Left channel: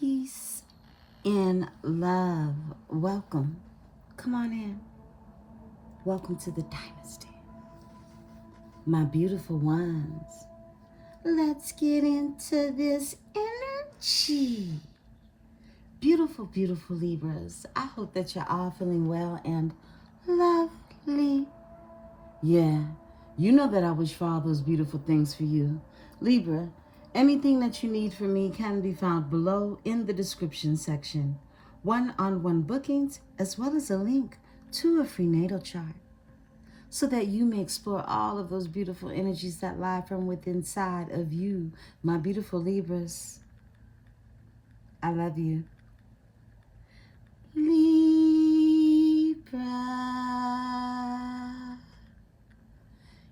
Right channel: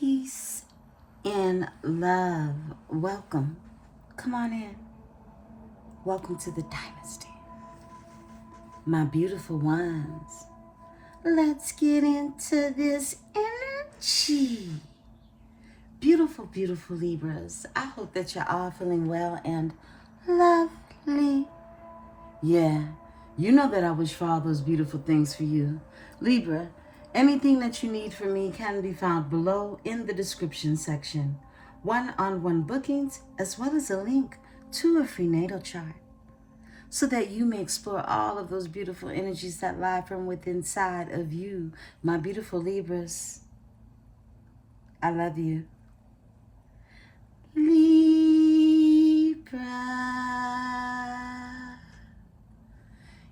Peace and love. Welcome. Come on in. Welcome to the dynasty. My beautiful ones. Let's get into this energy. Beautiful, beautiful Libras. I hope that you're all feeling well and lovely. Yeah, you know that I wish for all those beautiful things for you. Libra, anything that you need from me can be found below in the description section. One-on-one bookings, as well as a link to a free natal chart, so that you may explore all of those beautiful energies that lie from within inside of you, my beautiful Libras. I love you. Libra.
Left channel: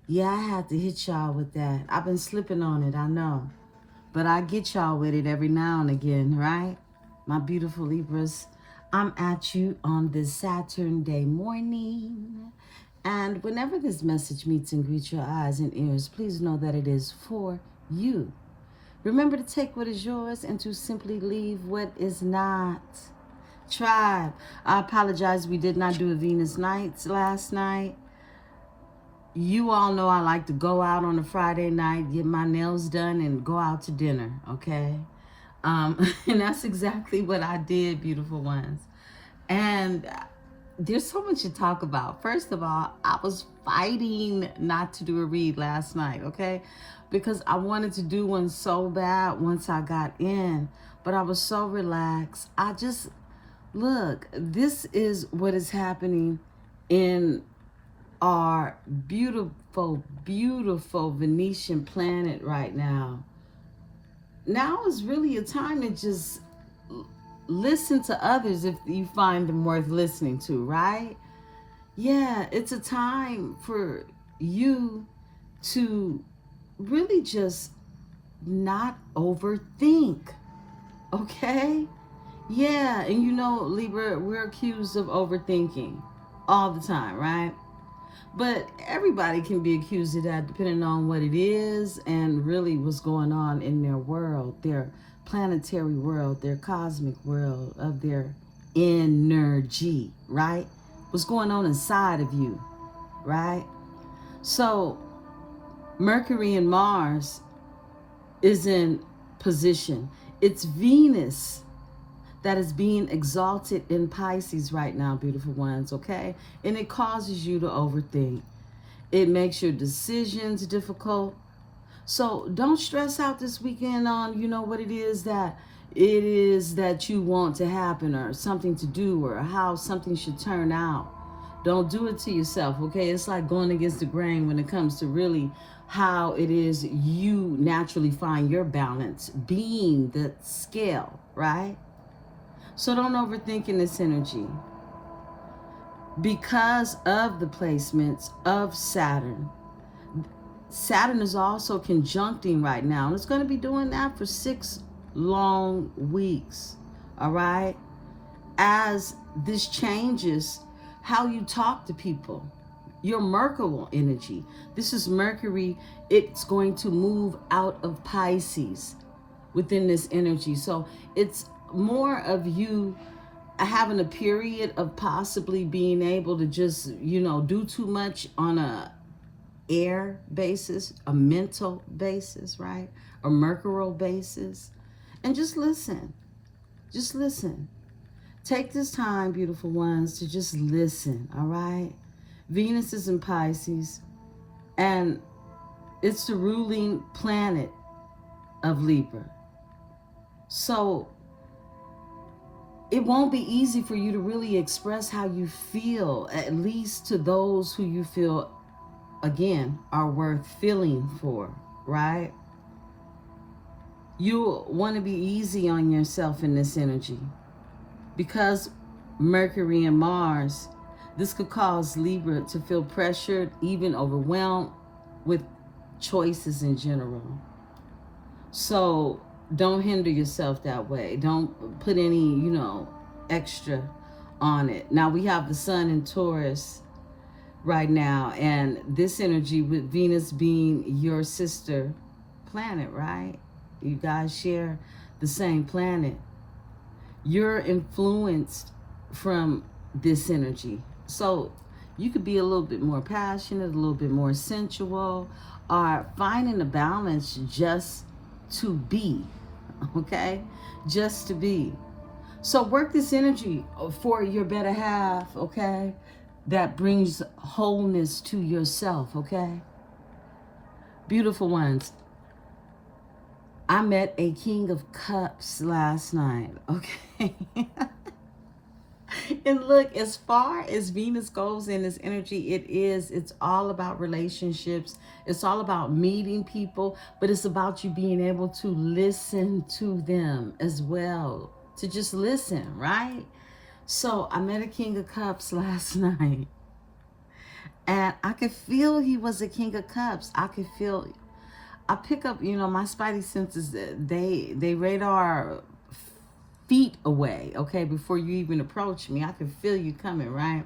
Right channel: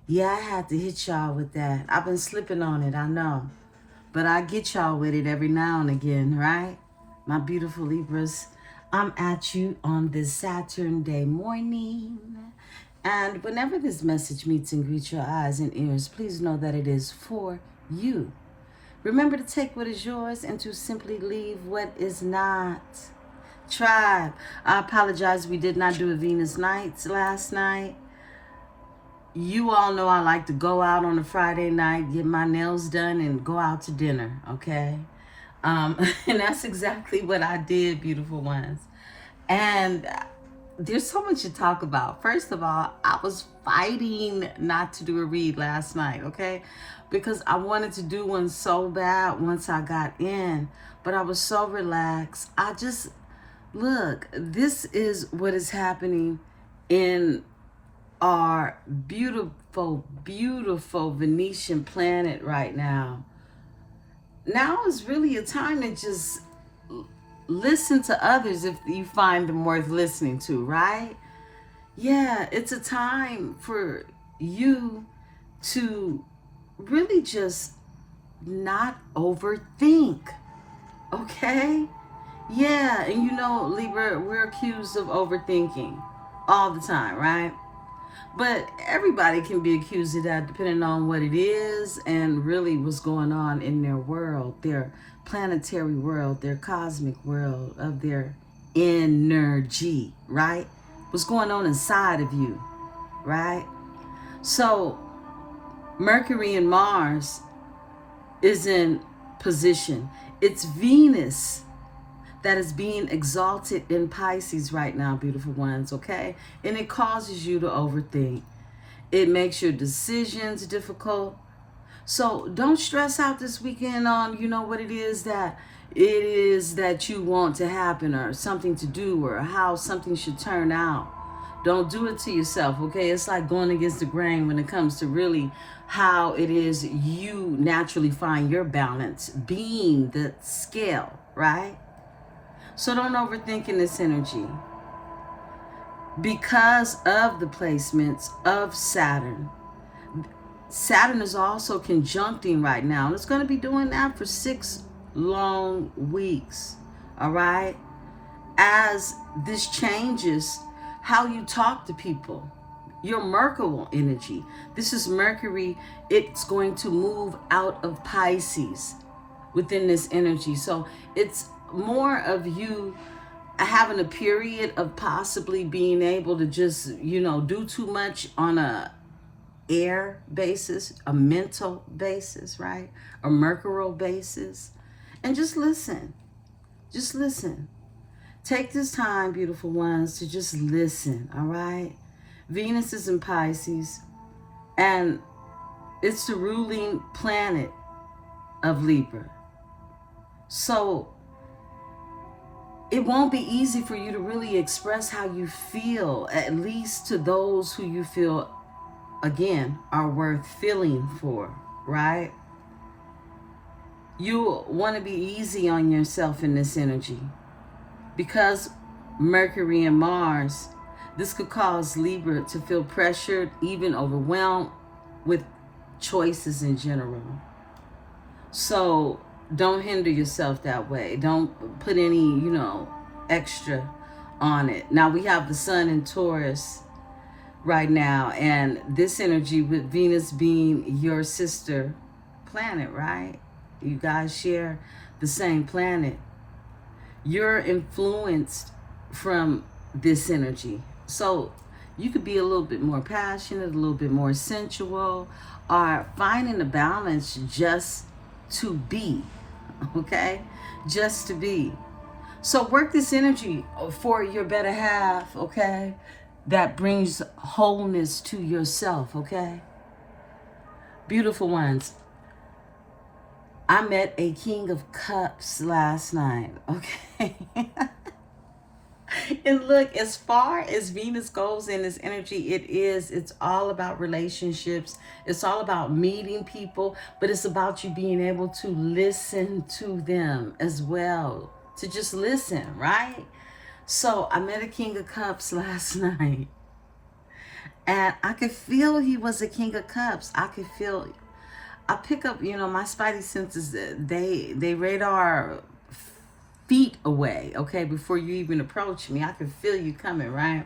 Yeah, I had to hit y'all with that. I've been slipping on it, I know. But I get y'all with it every now and again, right? My beautiful Libras, I'm at you on this Saturn day morning. And whenever this message meets and greets your eyes and ears, please know that it is for you. Remember to take what is yours and to simply leave what is not. Tribe, I apologize, we did not do a Venus Nights last night. You all know I like to go out on a Friday night, get my nails done, and go out to dinner, okay? And that's exactly what I did, beautiful ones. And there's so much to talk about. First of all, I was fighting not to do a read last night, okay? Because I wanted to do one so bad once I got in, but I was so relaxed. Look, this is what is happening in our beautiful, beautiful Venetian planet right now. Now is really a time to just listen to others if you find them worth listening to, right? Yeah, it's a time for you to really just not overthink, okay? Yeah, and you know, Libra, we're accused of overthinking all the time, right? But everybody can be accused of that depending on what it is and really what's going on in their world, their planetary world, their cosmic world of their energy, right? What's going on inside of you, right? So Mercury and Mars is in position. It's Venus that is being exalted in Pisces right now, beautiful ones, okay? And it causes you to overthink. It makes your decisions difficult. So don't stress out this weekend on, what it is that you want to happen or something to do or how something should turn out. Don't do it to yourself, okay? It's like going against the grain when it comes to really how it is you naturally find your balance, being the scale, right? So don't overthink in this energy. Because of the placements of Saturn, Saturn is also conjuncting right now. And it's going to be doing that for 6 long weeks, all right? As this changes how you talk to people, your Mercury energy. This is Mercury. It's going to move out of Pisces within this energy. So it's more of you having a period of possibly being able to just, do too much on a air basis, a mental basis, right? A mercurial basis. And just listen. Just listen. Take this time, beautiful ones, to just listen, all right? Venus is in Pisces, and it's the ruling planet of Libra. So it won't be easy for you to really express how you feel, at least to those who you feel, again, are worth feeling for, right? You want to be easy on yourself in this energy because Mercury and Mars, this could cause Libra to feel pressured, even overwhelmed with choices in general. So don't hinder yourself that way. Don't put any, extra on it. Now we have the Sun in Taurus right now, and this energy with Venus being your sister planet, right? You guys share the same planet. You're influenced from this energy. So you could be a little bit more passionate, a little bit more sensual, or finding a balance just to be, okay? Just to be. So work this energy for your better half, okay? That brings wholeness to yourself, okay? Beautiful ones. I met a King of Cups last night, okay? And look, as far as Venus goes in this energy, it's all about relationships. It's all about meeting people, but it's about you being able to listen to them as well. To just listen, right? So I met a King of Cups last night. And I could feel he was a King of Cups. I pick up, my spidey senses, they radar feet away, okay, before you even approach me. I can feel you coming, right?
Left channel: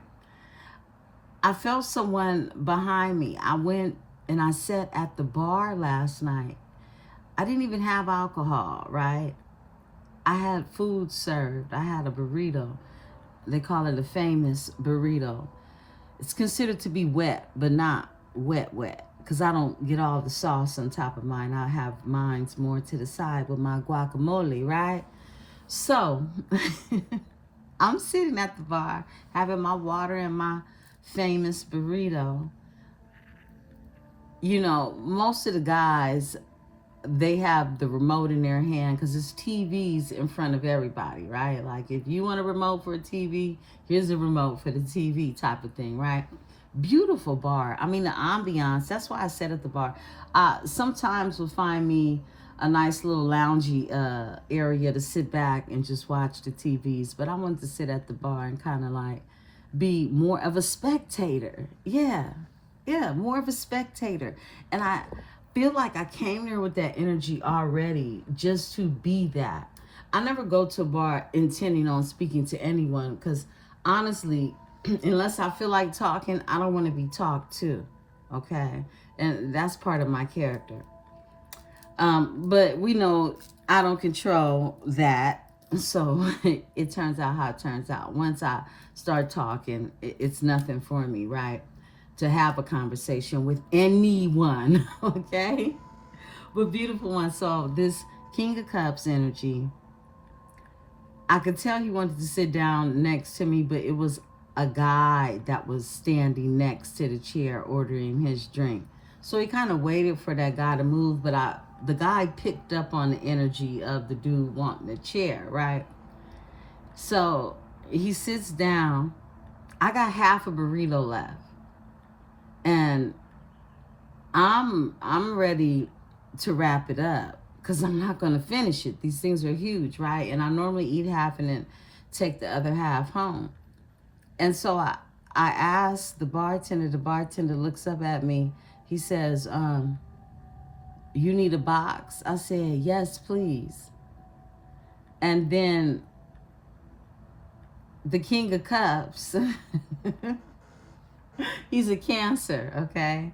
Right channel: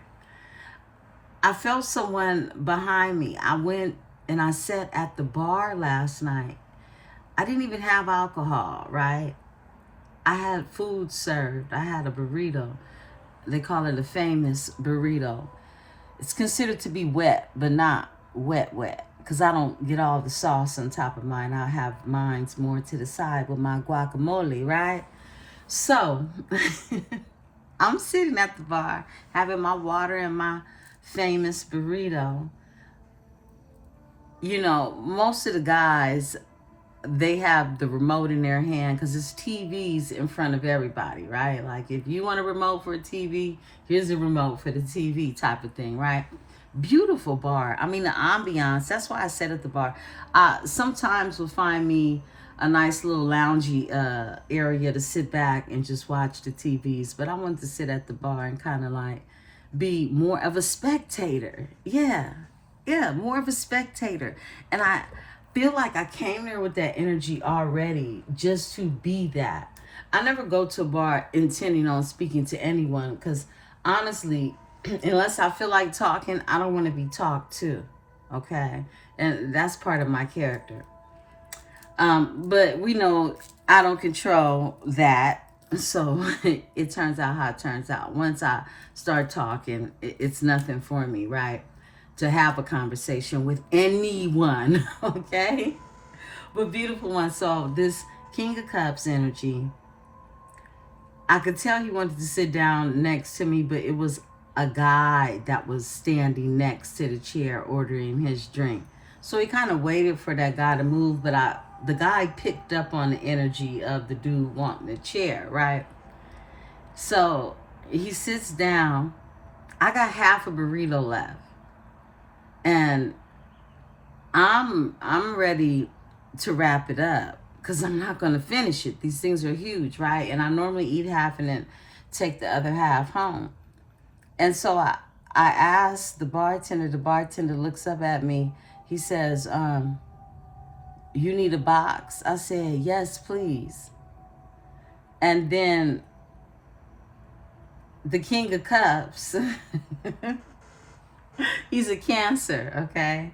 I felt someone behind me. I went and I sat at the bar last night. I didn't even have alcohol, right? I had food served. I had a burrito. They call it a famous burrito. It's considered to be wet, but not wet, because I don't get all the sauce on top of mine. I have mine's more to the side with my guacamole, right? So I'm sitting at the bar having my water and my famous burrito. Most of the guys, they have the remote in their hand because it's TVs in front of everybody, right? Like if you want a remote for a TV, here's a remote for the TV type of thing, right? Beautiful bar. I mean, the ambiance, that's why I sat at the bar. Sometimes you'll find me a nice little loungy area to sit back and just watch the TVs, but I wanted to sit at the bar and kind of like be more of a spectator. Yeah, more of a spectator. And I feel like I came there with that energy already just to be that. I never go to a bar intending on speaking to anyone because honestly, unless I feel like talking, I don't want to be talked to, okay? And that's part of my character. But we know I don't control that, so it turns out how it turns out. Once I start talking, it's nothing for me, right? To have a conversation with anyone, okay? But beautiful one, so this King of Cups energy, I could tell he wanted to sit down next to me, but it was a guy that was standing next to the chair ordering his drink. So he kind of waited for that guy to move, but the guy picked up on the energy of the dude wanting the chair, right? So he sits down. I got half a burrito left. And I'm ready to wrap it up because I'm not going to finish it. These things are huge, right? And I normally eat half and then take the other half home. And so I asked the bartender looks up at me. He says, you need a box? I said, yes, please. And then the King of Cups, he's a Cancer, okay?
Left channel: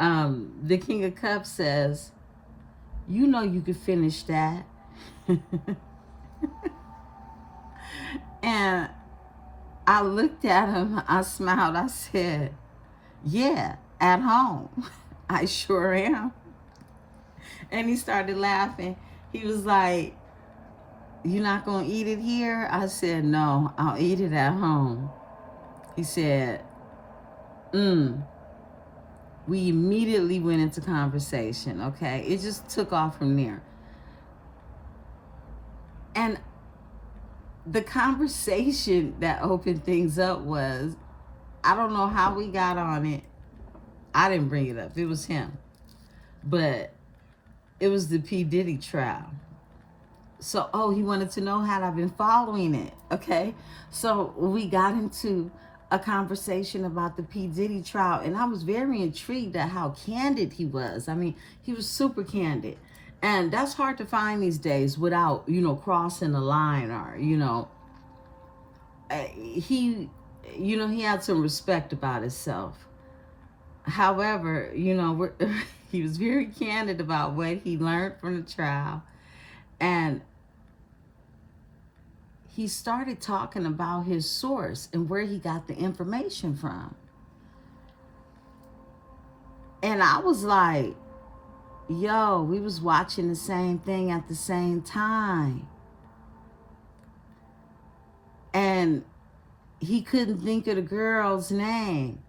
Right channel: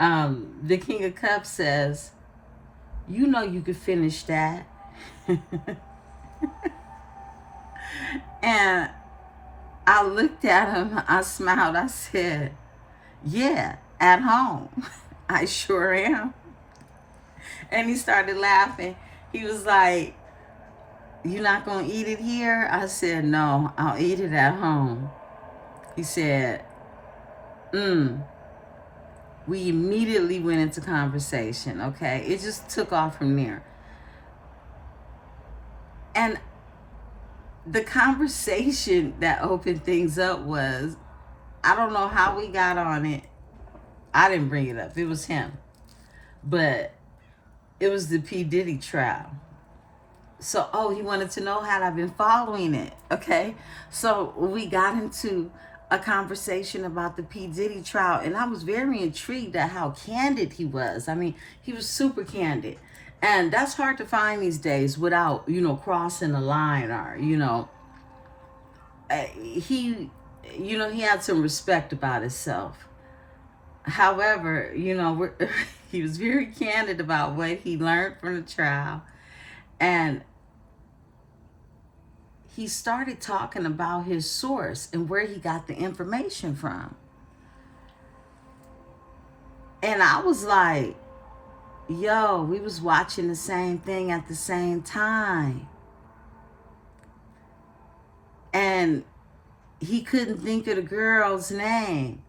The King of Cups says, you know you could finish that. And I looked at him, I smiled, I said, yeah, at home. I sure am. And he started laughing. He was like, you not gonna eat it here? I said, no, I'll eat it at home. He said, We immediately went into conversation, okay? It just took off from there. And the conversation that opened things up was, I don't know how we got on it. I didn't bring it up. It was him. But it was the P. Diddy trial. So, he wanted to know how I've been following it, okay? So we got into a conversation about the P. Diddy trial, and I was very intrigued at how candid he was. I mean, he was super candid. And that's hard to find these days without, crossing the line or, he had some respect about himself. However, he was very candid about what he learned from the trial. And he started talking about his source and where he got the information from. And I was like, yo, we was watching the same thing at the same time. And he couldn't think of the girl's name.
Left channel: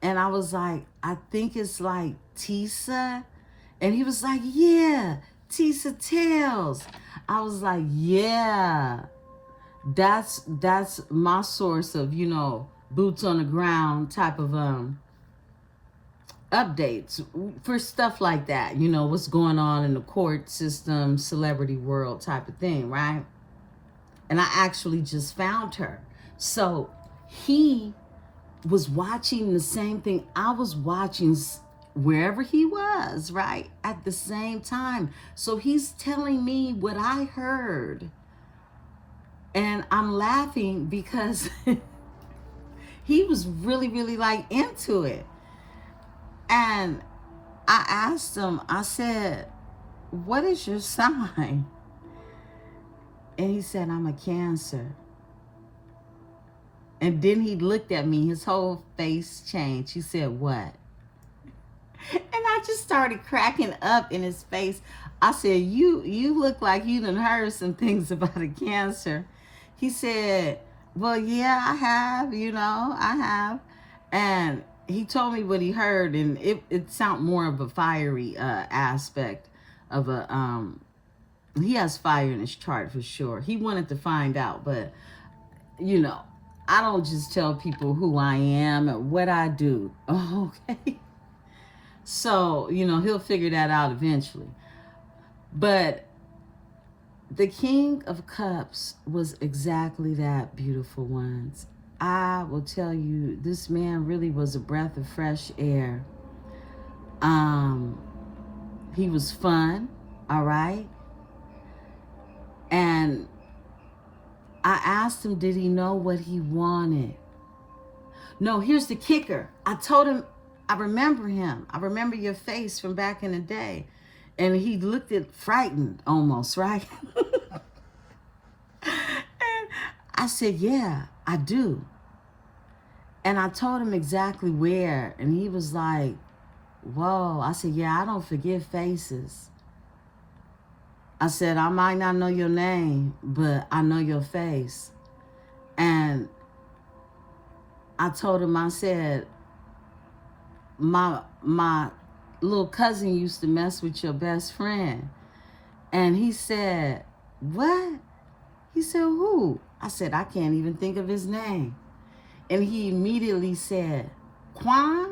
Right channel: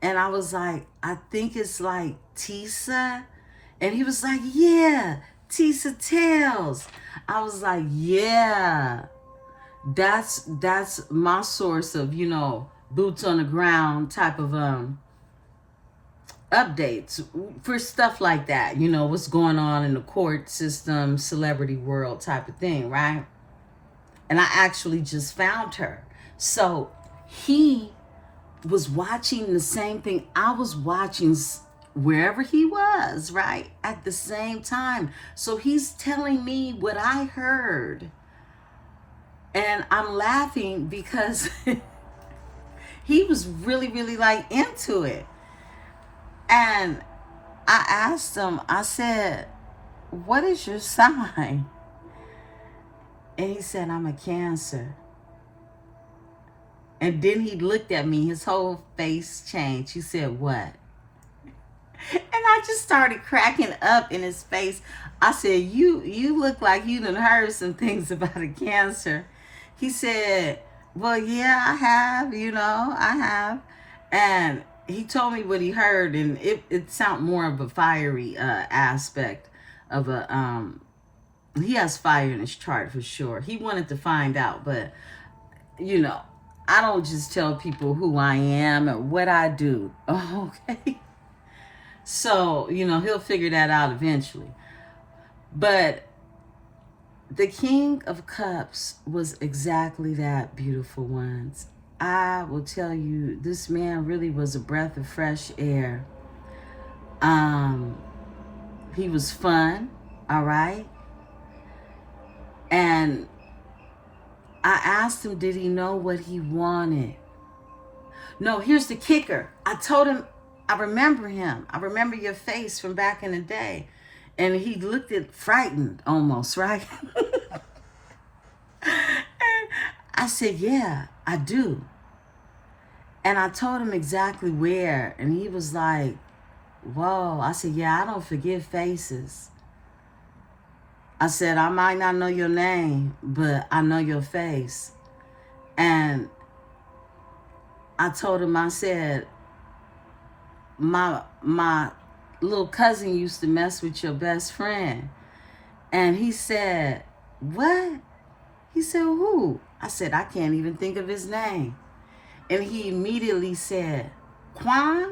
And I was like, I think it's like Tisa. And he was like, yeah, Tisa Tales. I was like, yeah, that's my source of, you know, boots on the ground type of updates for stuff like that, you know, what's going on in the court system, celebrity world type of thing, right? And I actually just found her. So he was watching the same thing I was watching wherever he was, right? At the same time. So he's telling me what I heard. And I'm laughing because he was really, really like into it. And I asked him, I said, what is your sign? And he said, I'm a Cancer. And then he looked at me, his whole face changed. He said, what? And I just started cracking up in his face. I said, you look like you done heard some things about a Cancer. He said, well, yeah, I have, you know, I have. And he told me what he heard, and it sounded more of a fiery aspect of a, he has fire in his chart for sure. He wanted to find out, but, you know, I don't just tell people who I am or what I do, okay? So, you know, he'll figure that out eventually. But the King of Cups was exactly that, beautiful ones. I will tell you, this man really was a breath of fresh air. He was fun, all right? And I asked him, did he know what he wanted? No, here's the kicker. I told him, I remember him. I remember your face from back in the day. And he looked at frightened almost, right? And I said, yeah, I do. And I told him exactly where. And he was like, whoa. I said, yeah, I don't forget faces. I said, I might not know your name, but I know your face. And I told him, I said, my little cousin used to mess with your best friend. And he said, what? He said, who? I said, I can't even think of his name. And he immediately said, Quan?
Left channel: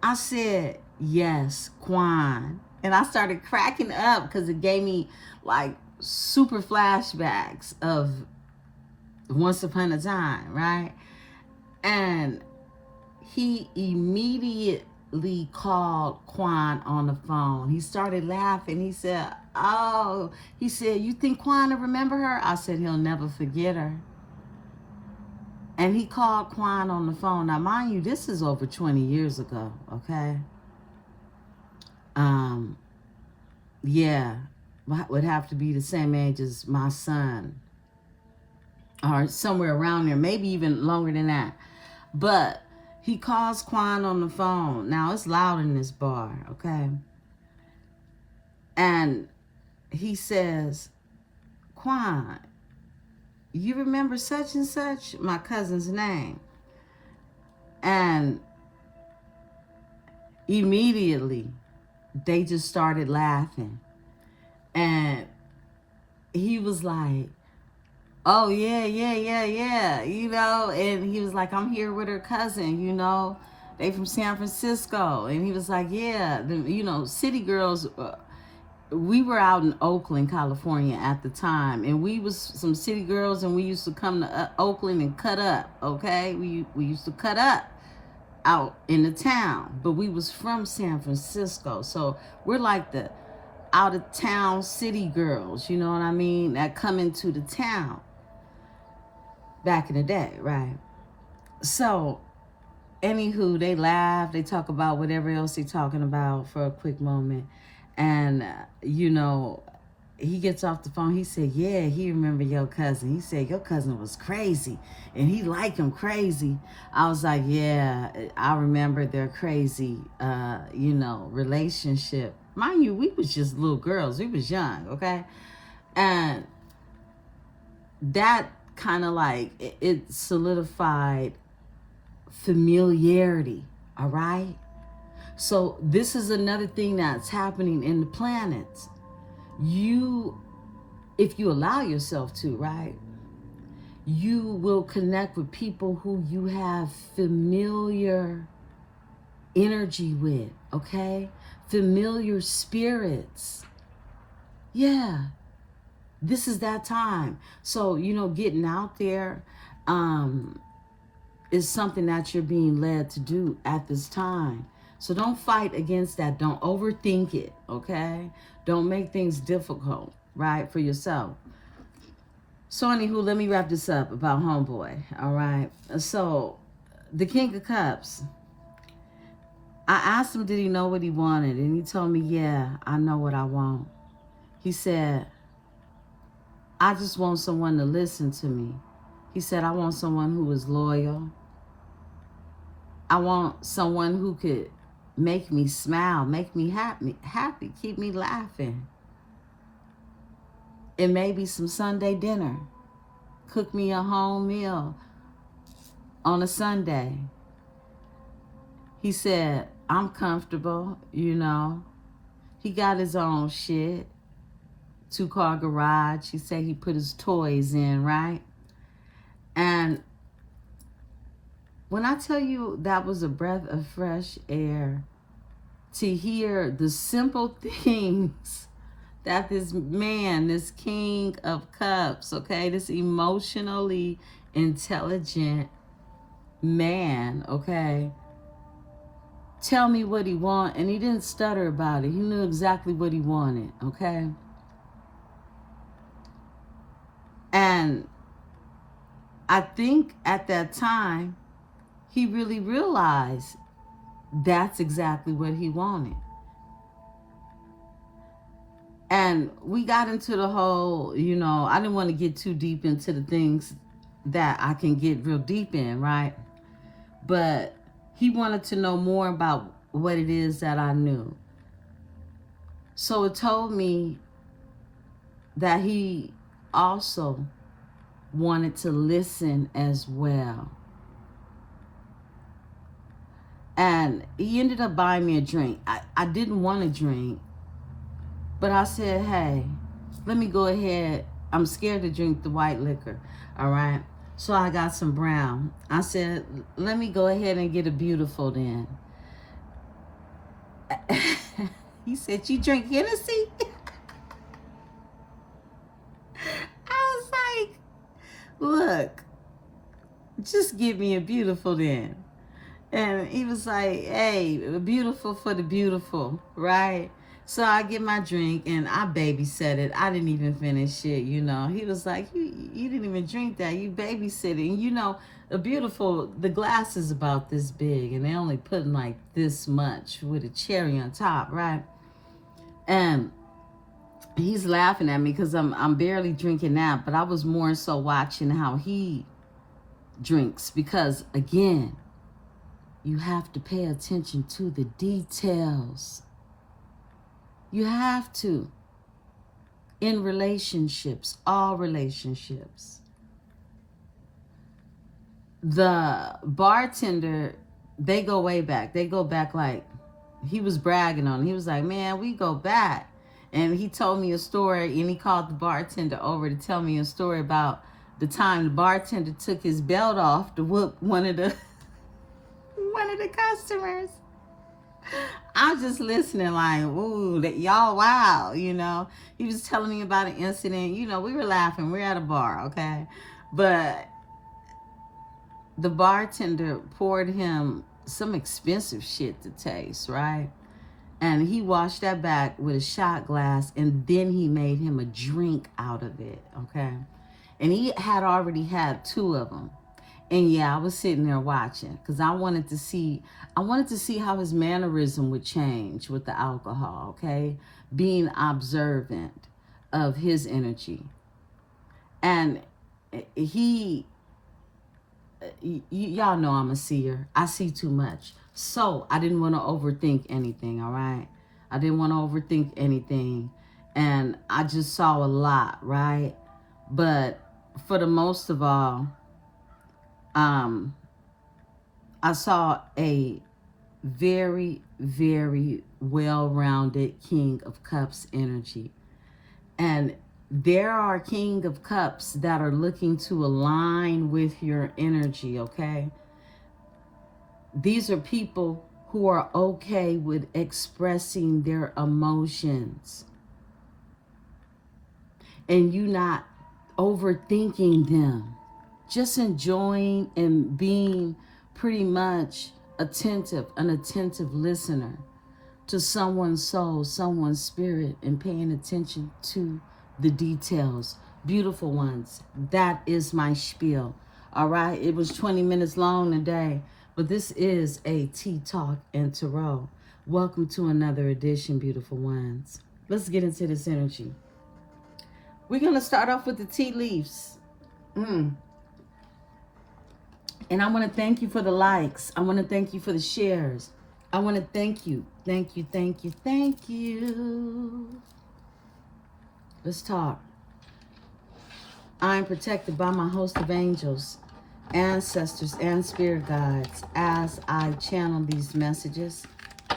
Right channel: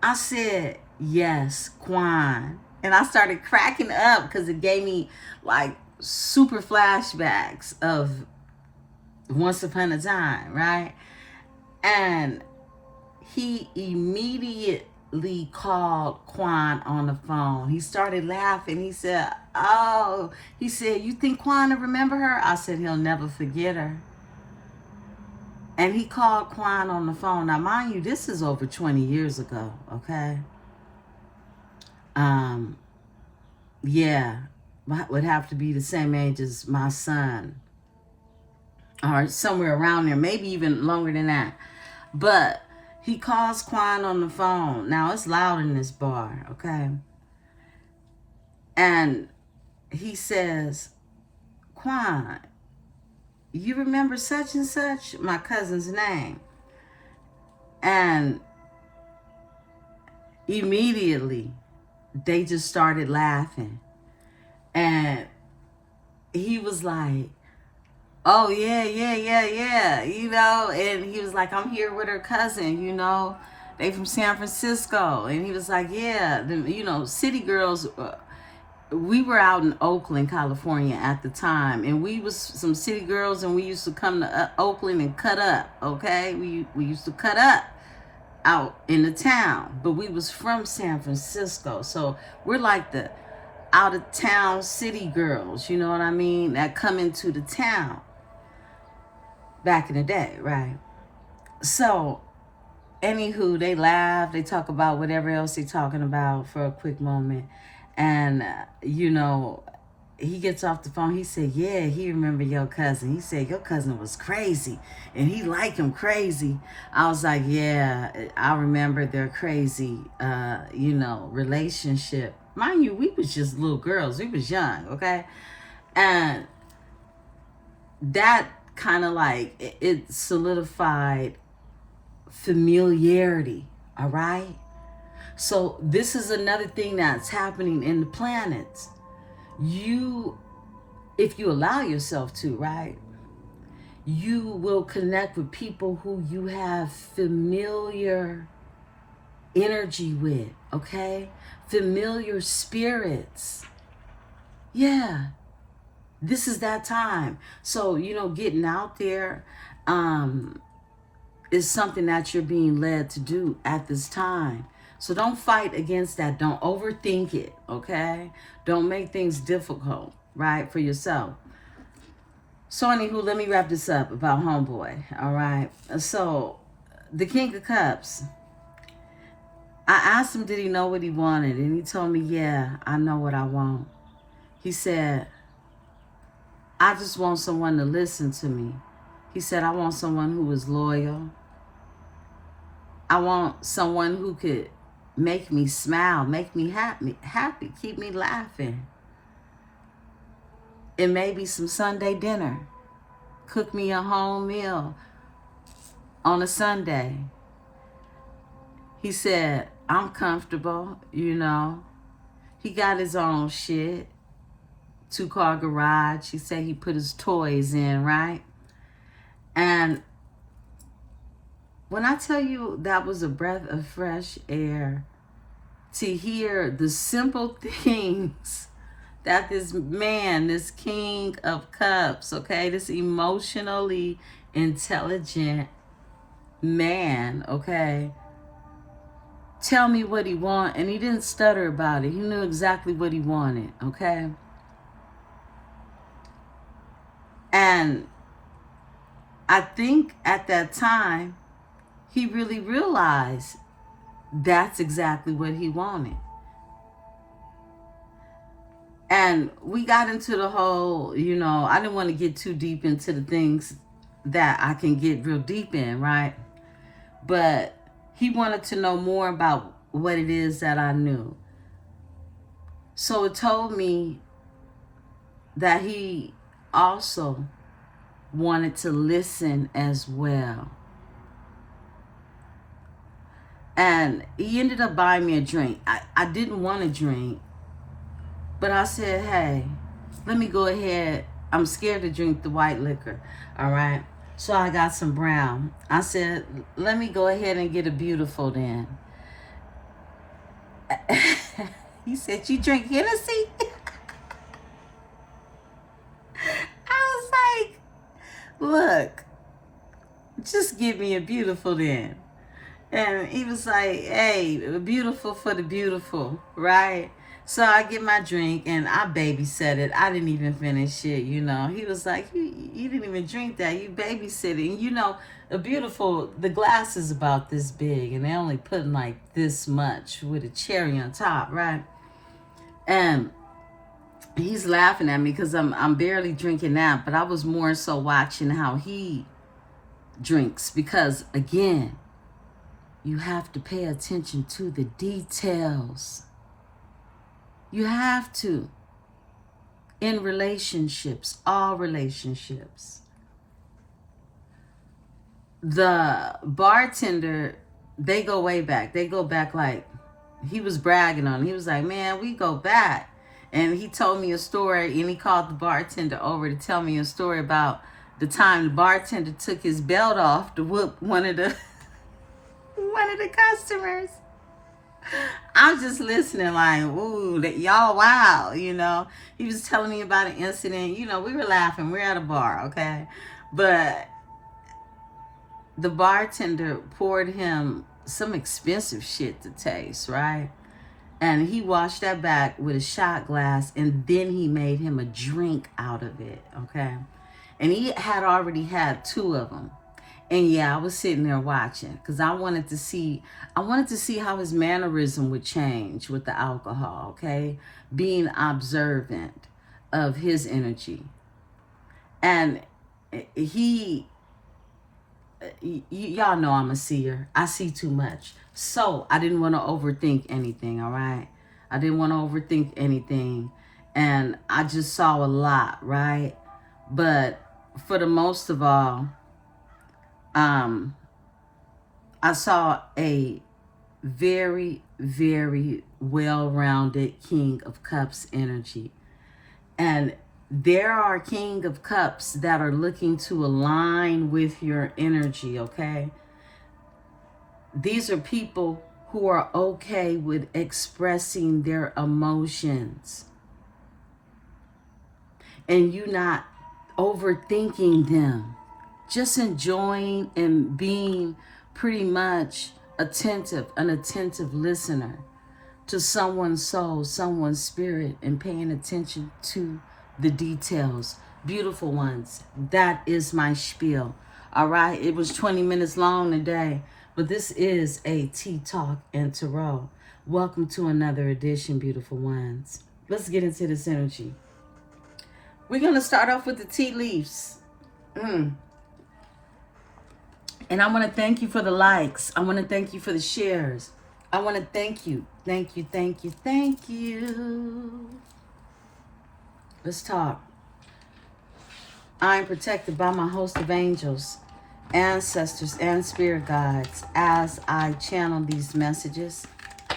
I said, yes, Quan. And I started cracking up because it gave me like super flashbacks of once upon a time, right? And he immediately called Quan on the phone. He started laughing. He said, oh, he said, you think Quan will remember her? I said, he'll never forget her. And he called Quan on the phone. Now, mind you, this is over 20 years ago, okay? Yeah, would have to be the same age as my son. Or somewhere around there, maybe even longer than that. But he calls Quan on the phone. Now, it's loud in this bar, okay? And he says, Quan, you remember such and such? My cousin's name. And immediately, they just started laughing. And he was like, oh, yeah, you know, and he was like, I'm here with her cousin, you know, they from San Francisco. And he was like, yeah, you know, city girls, we were out in Oakland, California at the time, and we was some city girls, and we used to come to Oakland and cut up, okay? We used to cut up out in the town, but we was from San Francisco, so we're like the out of town city girls, you know what I mean, that come into the town back in the day, right? So anywho, they laugh, they talk about whatever else they're talking about for a quick moment, and you know, he gets off the phone. He said, yeah, he remembered your cousin. He said, your cousin was crazy and he liked him crazy. I was like, yeah, I remember their crazy, relationship. Mind you, we was just little girls. We was young, okay? And that kind of like, it solidified familiarity, all right? So this is another thing that's happening in the planets. If you allow yourself to, right, you will connect with people who you have familiar energy with, okay? Familiar spirits. Yeah, this is that time. So, getting out there is something that you're being led to do at this time. So don't fight against that. Don't overthink it, okay? Don't make things difficult, right, for yourself. So anywho, let me wrap this up about homeboy, all right? So, the King of Cups, I asked him did he know what he wanted, and he told me, yeah, I know what I want. He said, I just want someone to listen to me. He said, I want someone who is loyal. I want someone who could make me smile, make me happy, keep me laughing. And maybe some Sunday dinner. Cook me a home meal on a Sunday. He said, I'm comfortable, He got his own shit. 2-car garage. He said he put his toys in, right? And when I tell you that was a breath of fresh air to hear the simple things that this man, this King of Cups, okay, this emotionally intelligent man, okay, tell me what he wanted, and he didn't stutter about it. He knew exactly what he wanted, okay? And I think at that time, he really realized that's exactly what he wanted. And we got into the whole, I didn't want to get too deep into the things that I can get real deep in, right? But he wanted to know more about what it is that I knew. So it told me that he also wanted to listen as well. And he ended up buying me a drink. I didn't want a drink, but I said, hey, let me go ahead. I'm scared to drink the white liquor, all right? So I got some brown. I said, let me go ahead and get a beautiful then. He said, you drink Hennessy? I was like, look, just give me a beautiful then. And he was like, hey, beautiful for the beautiful, right? So I get my drink and I babysat it. I didn't even finish it, He was like, you didn't even drink that. You babysit it. And the glass is about this big and they only put like this much with a cherry on top, right? And he's laughing at me because I'm barely drinking that, but I was more so watching how he drinks because, again, you have to pay attention to the details. You have to. In relationships, all relationships. The bartender, they go way back. They go back like, he was bragging on it. He was like, man, we go back. And he told me a story, and he called the bartender over to tell me a story about the time the bartender took his belt off to whoop one of the customers. I'm just listening like, ooh, y'all wow, He was telling me about an incident. We were laughing. We're at a bar, okay? But the bartender poured him some expensive shit to taste, right? And he washed that back with a shot glass, and then he made him a drink out of it, okay? And he had already had 2 of them. And yeah, I was sitting there watching because I wanted to see how his mannerism would change with the alcohol, okay? Being observant. of his energy. And y'all know I'm a seer. I see too much. So I didn't want to overthink anything, all right? I didn't want to overthink anything. And I just saw a lot, right? But for the most of all, I saw a very, very well-rounded King of Cups energy. And there are King of Cups that are looking to align with your energy, okay? These are people who are okay with expressing their emotions. And you not overthinking them. Just enjoying and being pretty much attentive, an attentive listener to someone's soul, someone's spirit, and paying attention to the details. Beautiful ones, that is my spiel. All right, it was 20 minutes long today, but this is a Tea Talk and Tarot. Welcome to another edition, beautiful ones. Let's get into this energy. We're going to start off with the tea leaves. And I want to thank you for the likes. I want to thank you for the shares. I want to thank you. Thank you, thank you, thank you. Let's talk. I am protected by my host of angels, ancestors, and spirit guides as I channel these messages. I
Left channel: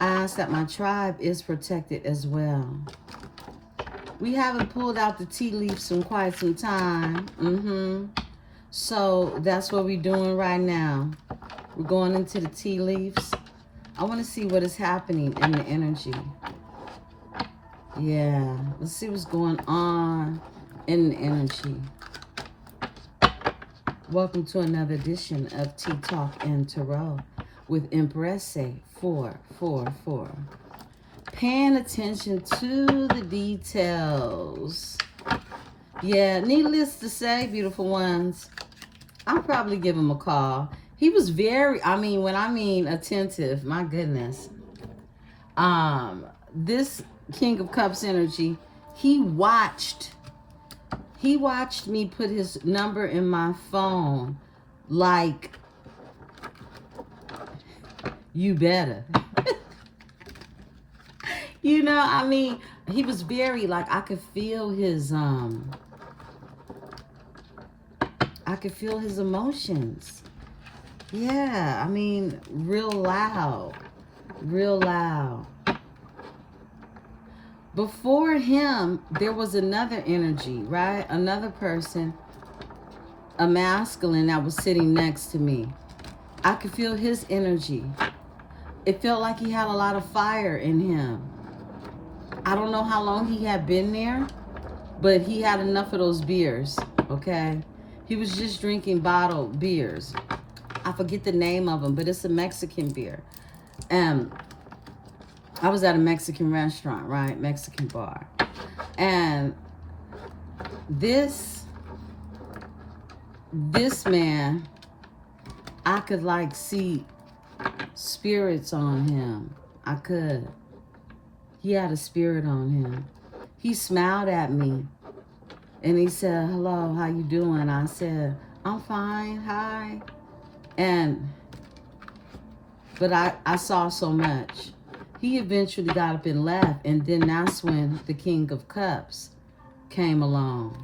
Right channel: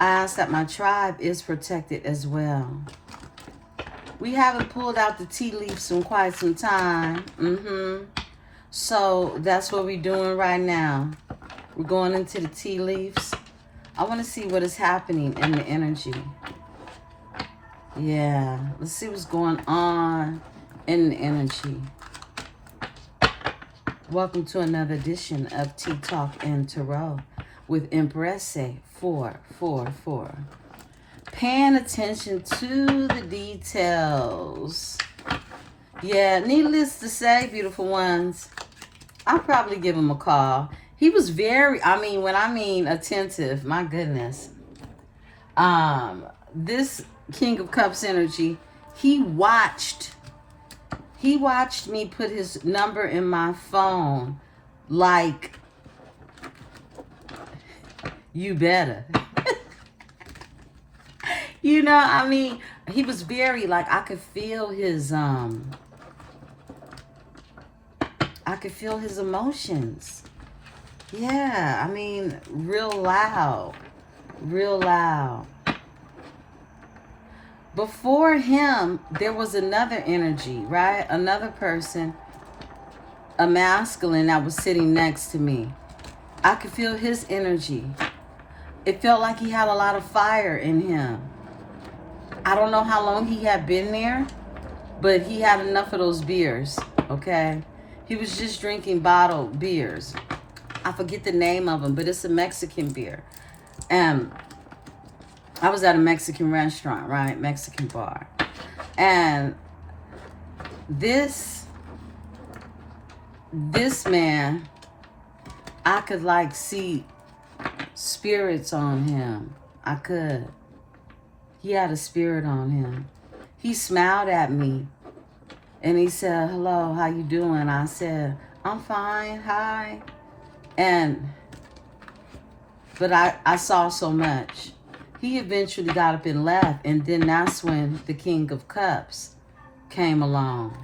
ask that my tribe is protected as well. We haven't pulled out the tea leaves in quite some time. So that's what we're doing right now. We're going into the tea leaves. I want to see what is happening in the energy. Yeah, let's see what's going on in the energy. Welcome to another edition of Tea Talk and Tarot with Emperesse 444. Paying attention to the details. Yeah, needless to say, beautiful ones, I'll probably give him a call. He was very, when I mean attentive, my goodness. This King of Cups energy, he watched me put his number in my phone like, you better. You know, he was very, like, I could feel his emotions. Yeah, real loud. Real loud. Before him, there was another energy, right? Another person, a masculine that was sitting next to me. I could feel his energy. It felt like he had a lot of fire in him. I don't know how long he had been there, but he had enough of those beers, okay? He was just drinking bottled beers. I forget the name of them, but it's a Mexican beer. And I was at a Mexican restaurant, right? Mexican bar. And this man, I could like see spirits on him. I could. He had a spirit on him. He smiled at me and he said, hello, how you doing? I said, I'm fine, hi. But I saw so much. He eventually got up and left, and then that's when the King of Cups came along.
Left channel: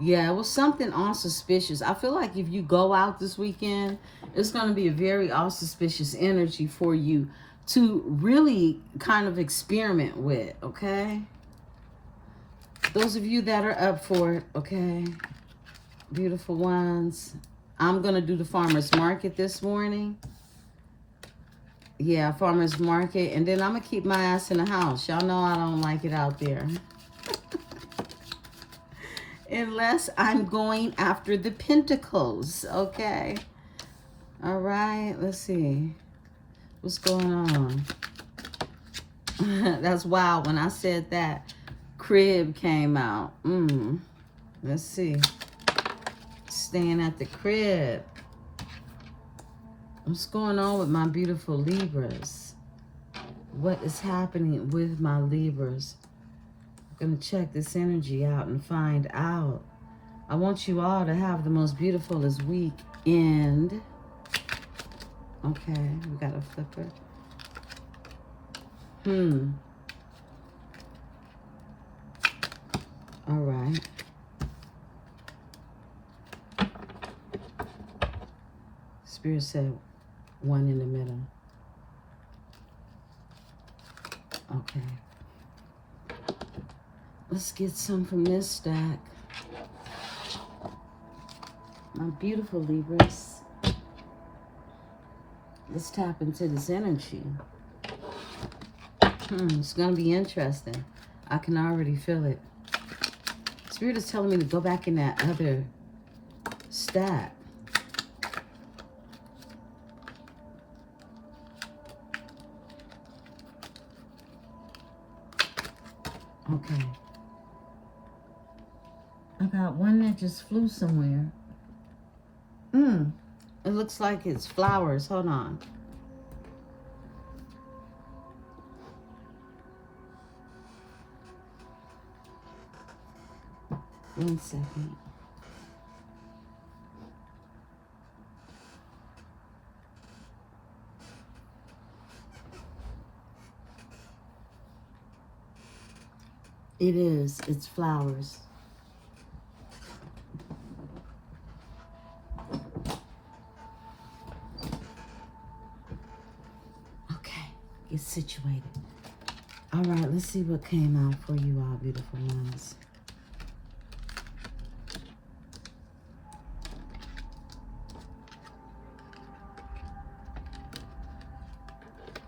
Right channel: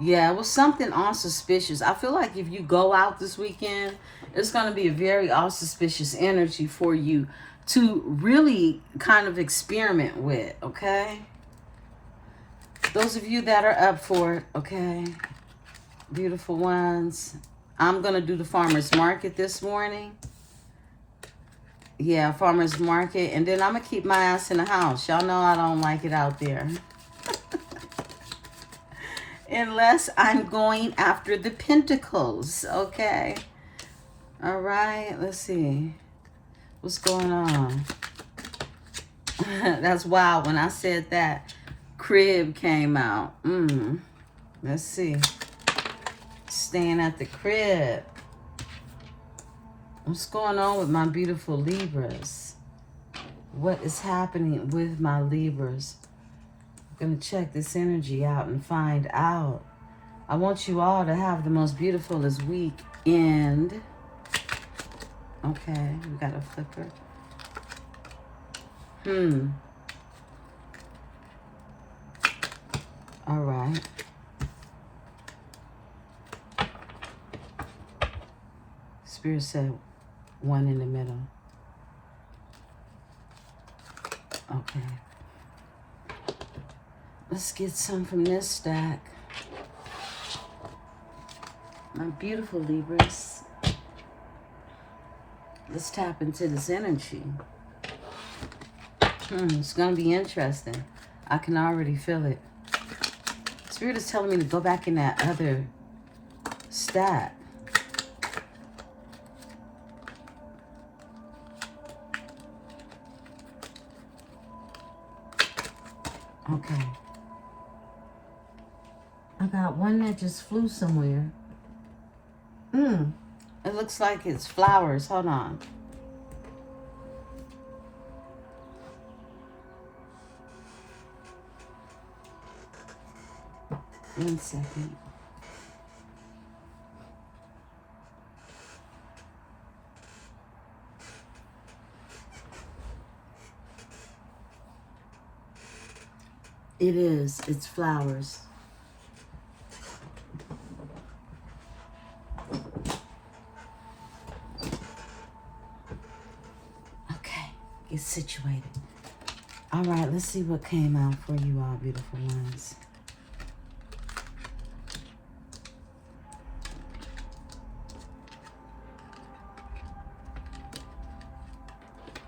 Yeah, it was something auspicious. I feel like if you go out this weekend, it's going to be a very auspicious energy for you to really kind of experiment with, okay? Those of you that are up for it, okay? Beautiful ones. I'm going to do the farmer's market this morning. Yeah, farmer's market. And then I'm going to keep my ass in the house. Y'all know I don't like it out there. Unless I'm going after the pentacles, okay? All right, let's see. What's going on? That's wild. When I said that, crib came out. Let's see. Staying at the crib. What's going on with my beautiful Libras? What is happening with my Libras? Gonna check this energy out and find out. I want you all to have the most beautifulest weekend. Okay, we got a flipper. All right. Spirit said 1 in the middle. Okay. Let's get some from this stack. My beautiful Libras. Let's tap into this energy. It's going to be interesting. I can already feel it. Spirit is telling me to go back in that other stack. Okay. I got one that just flew somewhere. It looks like it's flowers. Hold on. One second. It is. It's flowers. Okay. Get situated. All right. Let's see what came out for you all, beautiful ones.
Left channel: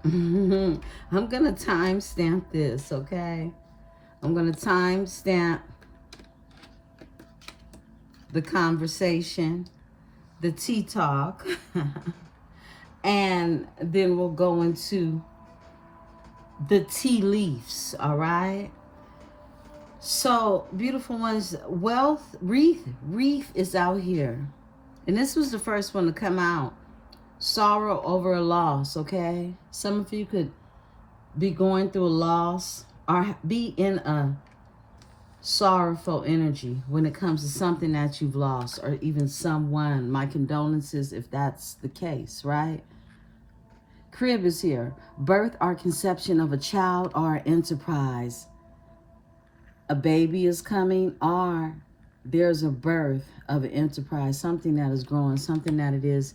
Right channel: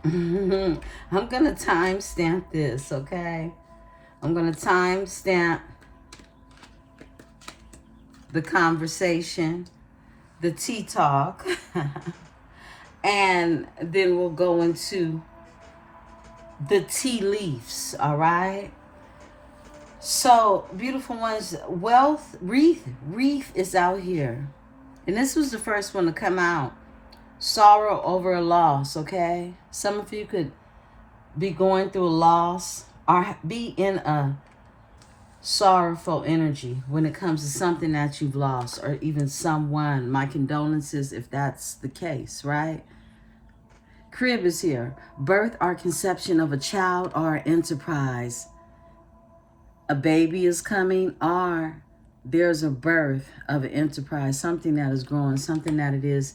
I'm going to timestamp this, okay? I'm going to timestamp the conversation, the tea talk, and then we'll go into the tea leaves, all right? So, beautiful ones, wealth, wreath is out here. And this was the first one to come out. Sorrow over a loss, okay? Some of you could be going through a loss or be in a sorrowful energy when it comes to something that you've lost or even someone. My condolences if that's the case, right? Crib is here. Birth or conception of a child or enterprise. A baby is coming or there's a birth of an enterprise, something that is growing, something that it is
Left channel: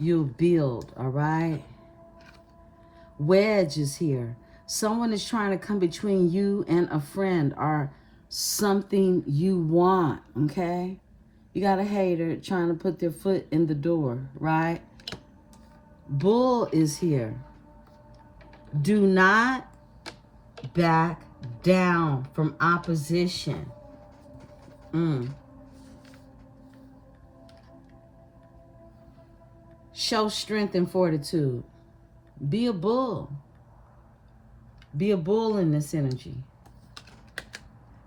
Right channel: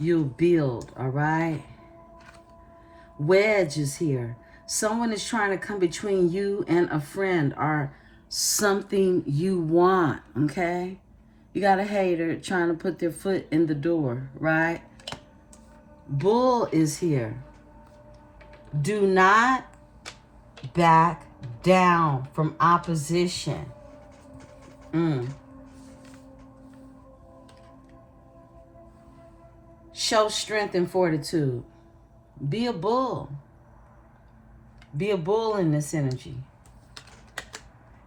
you'll build, all right? Wedge is here. Someone is trying to come between you and a friend or something you want, okay? You got a hater trying to put their foot in the door, right? Bull is here. Do not back down from opposition. Show strength and fortitude. Be a bull. Be a bull in this energy.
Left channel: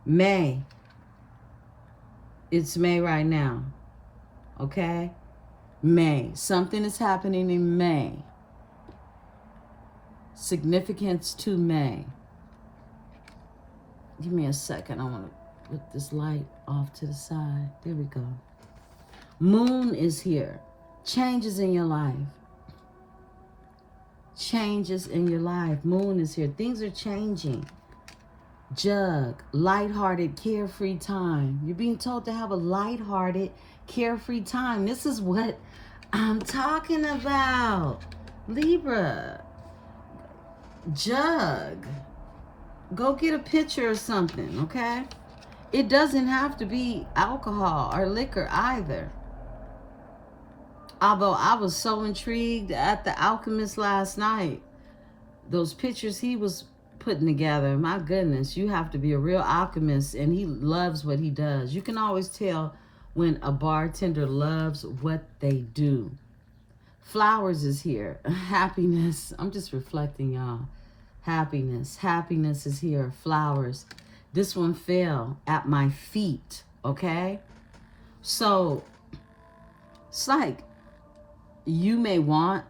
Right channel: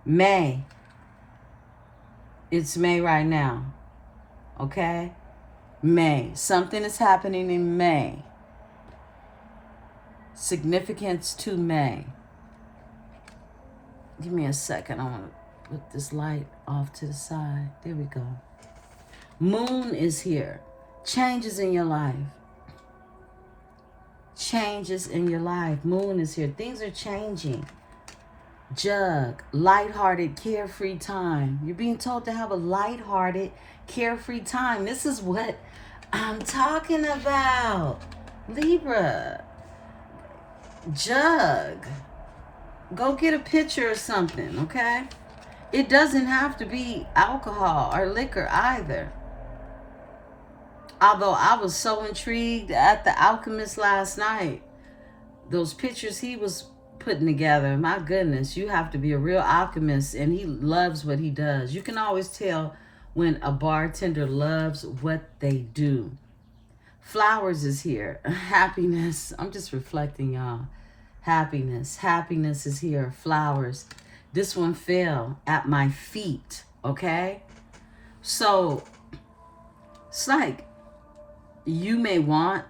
May. It's May right now. Okay? May. Something is happening in May. Significance to May. Give me a second. I want to put this light off to the side. There we go. Moon is here. Changes in your life. Changes in your life. Moon is here. Things are changing. Jug. Lighthearted, carefree time. You're being told to have a lighthearted, carefree time. This is what I'm talking about. Libra. Jug. Go get a picture of something, okay? It doesn't have to be alcohol or liquor either. Although I was so intrigued at the alchemist last night. Those pictures he was putting together, my goodness, you have to be a real alchemist, and he loves what he does. You can always tell when a bartender loves what they do. Flowers is here. Happiness. I'm just reflecting, y'all. Happiness. Happiness is here. Flowers. This one fell at my feet, okay? So, it's like you may want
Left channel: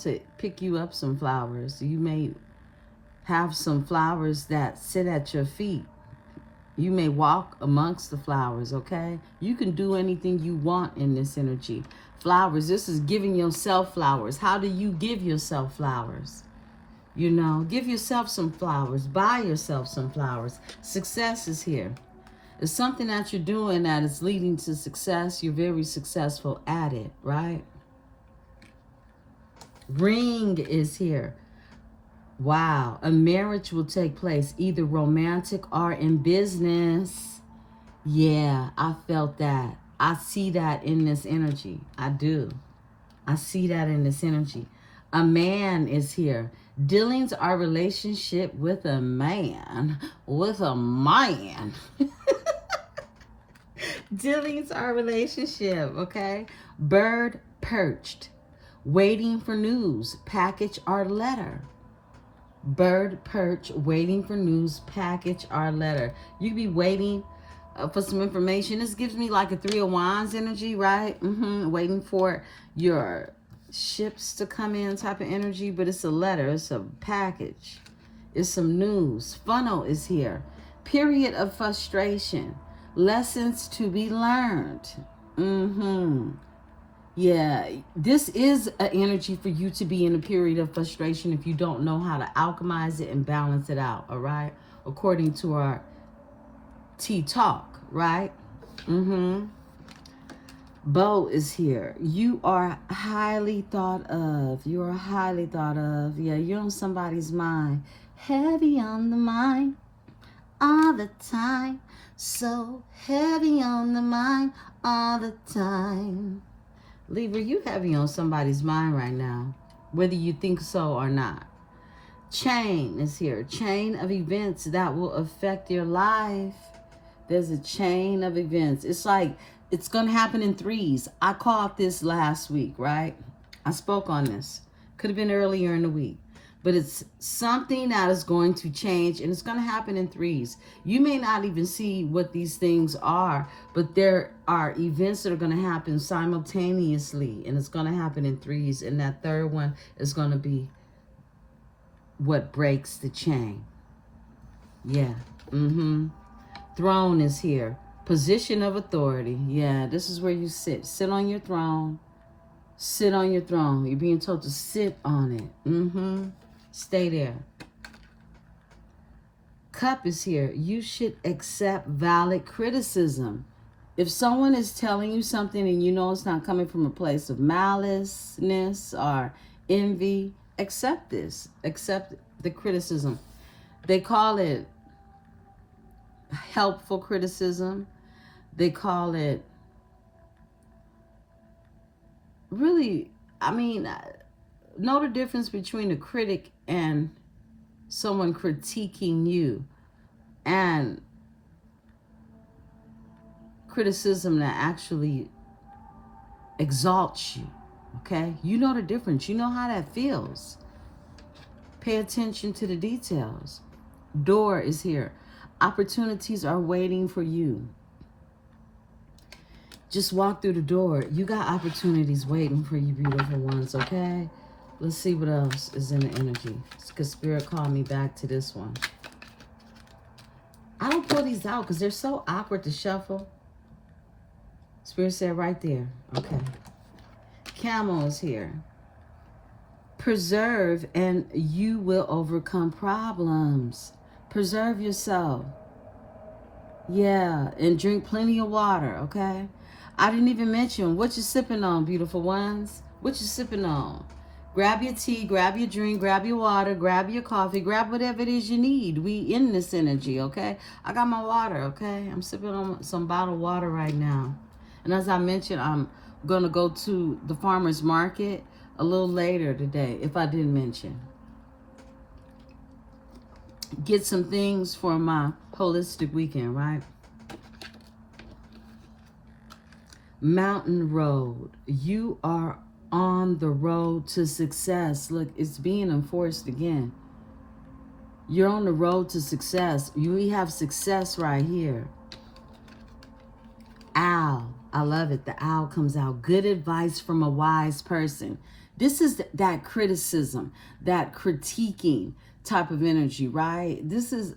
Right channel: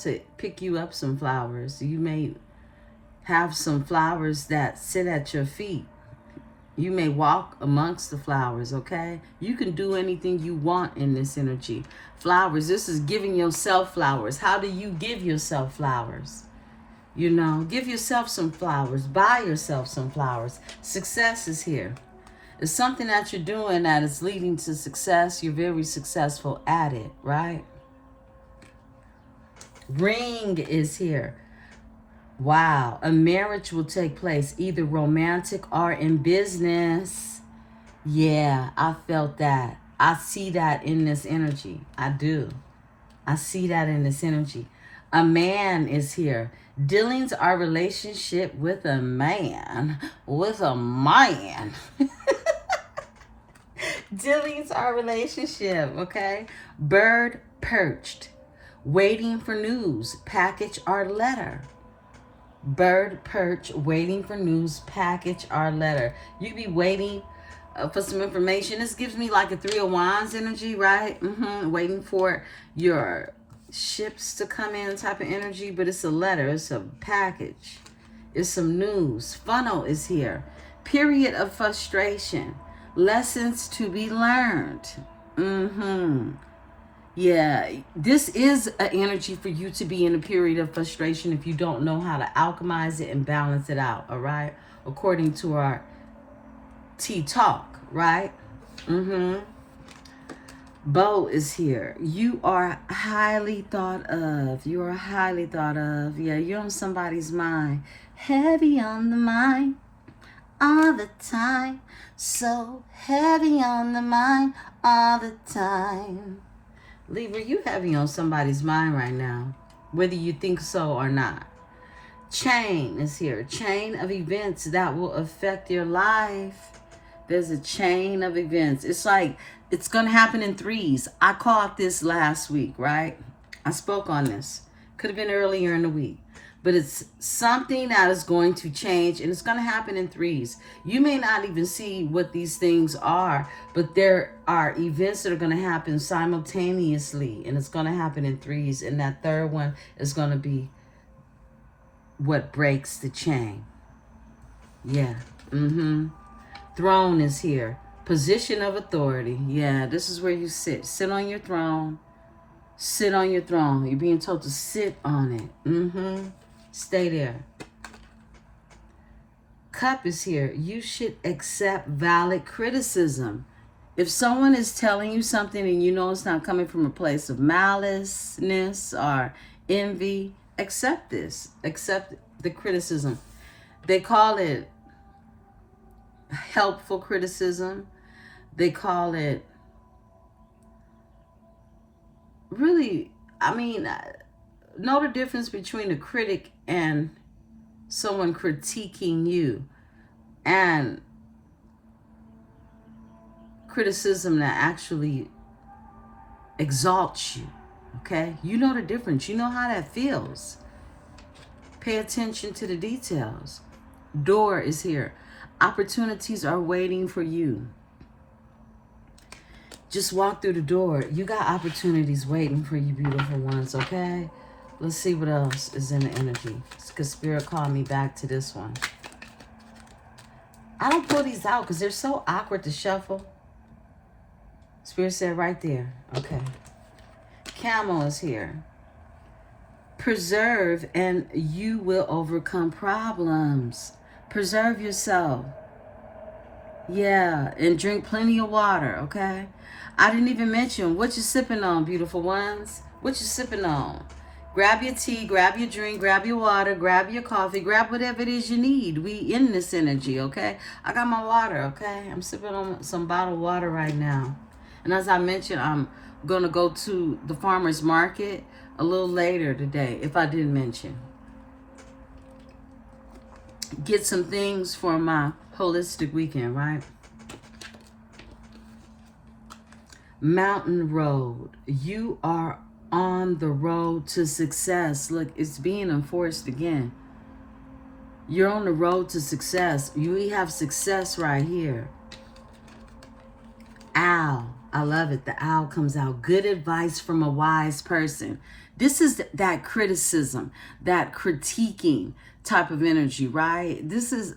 to pick you up some flowers. You may have some flowers that sit at your feet. You may walk amongst the flowers, okay? You can do anything you want in this energy. Flowers, this is giving yourself flowers. How do you give yourself flowers? You know, give yourself some flowers. Buy yourself some flowers. Success is here. It's something that you're doing that is leading to success. You're very successful at it, right? Ring is here. Wow, a marriage will take place, either romantic or in business. Yeah, I felt that. I see that in this energy. I do. I see that in this energy. A man is here. Dealings our relationship with a man. With a man. Dealings our relationship, okay? Bird perched. Waiting for news. Package our letter. Bird perch, waiting for news, package our letter. You be waiting for some information. This gives me like a 3 of Wands energy, right? Waiting for your ships to come in type of energy, but it's a letter, it's a package, it's some news. Funnel is here. Period of frustration. Lessons to be learned. Yeah, this is an energy for you to be in a period of frustration if you don't know how to alchemize it and balance it out, all right? According to our tea talk, right? Bo is here. You are highly thought of. You are highly thought of. Yeah, you're on somebody's mind. Heavy on the mind all the time. So heavy on the mind all the time. Libra, you heavy on somebody's mind right now, whether you think so or not. Chain is here. Chain of events that will affect your life. There's a chain of events. It's like it's going to happen in threes. I caught this last week, right? I spoke on this. Could have been earlier in the week. But it's something that is going to change, and it's going to happen in threes. You may not even see what these things are, but there are events that are going to happen simultaneously, and it's going to happen in threes, and that third one is going to be what breaks the chain. Yeah. Throne is here. Position of authority. Yeah, this is where you sit. Sit on your throne. Sit on your throne. You're being told to sit on it. Stay there. Cup is here. You should accept valid criticism. If someone is telling you something and you know it's not coming from a place of maliceness or envy, accept this. Accept the criticism. They call it helpful criticism. They call it really, I mean, know the difference between a critic and someone critiquing you, and criticism that actually exalts you, okay? You know the difference. You know how that feels. Pay attention to the details. Door is here. Opportunities are waiting for you. Just walk through the door. You got opportunities waiting for you, beautiful ones, okay? Let's see what else is in the energy. Because Spirit called me back to this one. I don't pull these out because they're so awkward to shuffle. Spirit said right there. Okay. Camel is here. Preserve and you will overcome problems. Preserve yourself. Yeah, and drink plenty of water, okay? I didn't even mention what you're sipping on, beautiful ones. What you sipping on? Grab your tea, grab your drink, grab your water, grab your coffee, grab whatever it is you need. We in this energy, okay? I got my water, okay? I'm sipping on some bottled water right now. And as I mentioned, I'm going to go to the farmer's market a little later today, if I didn't mention. Get some things for my holistic weekend, right? Mountain road. You are on the road to success. Look, it's being enforced again. You're on the road to success. We have success right here. Owl. I love it. The owl comes out. Good advice from a wise person. This is that criticism, that critiquing type of energy, right? This is,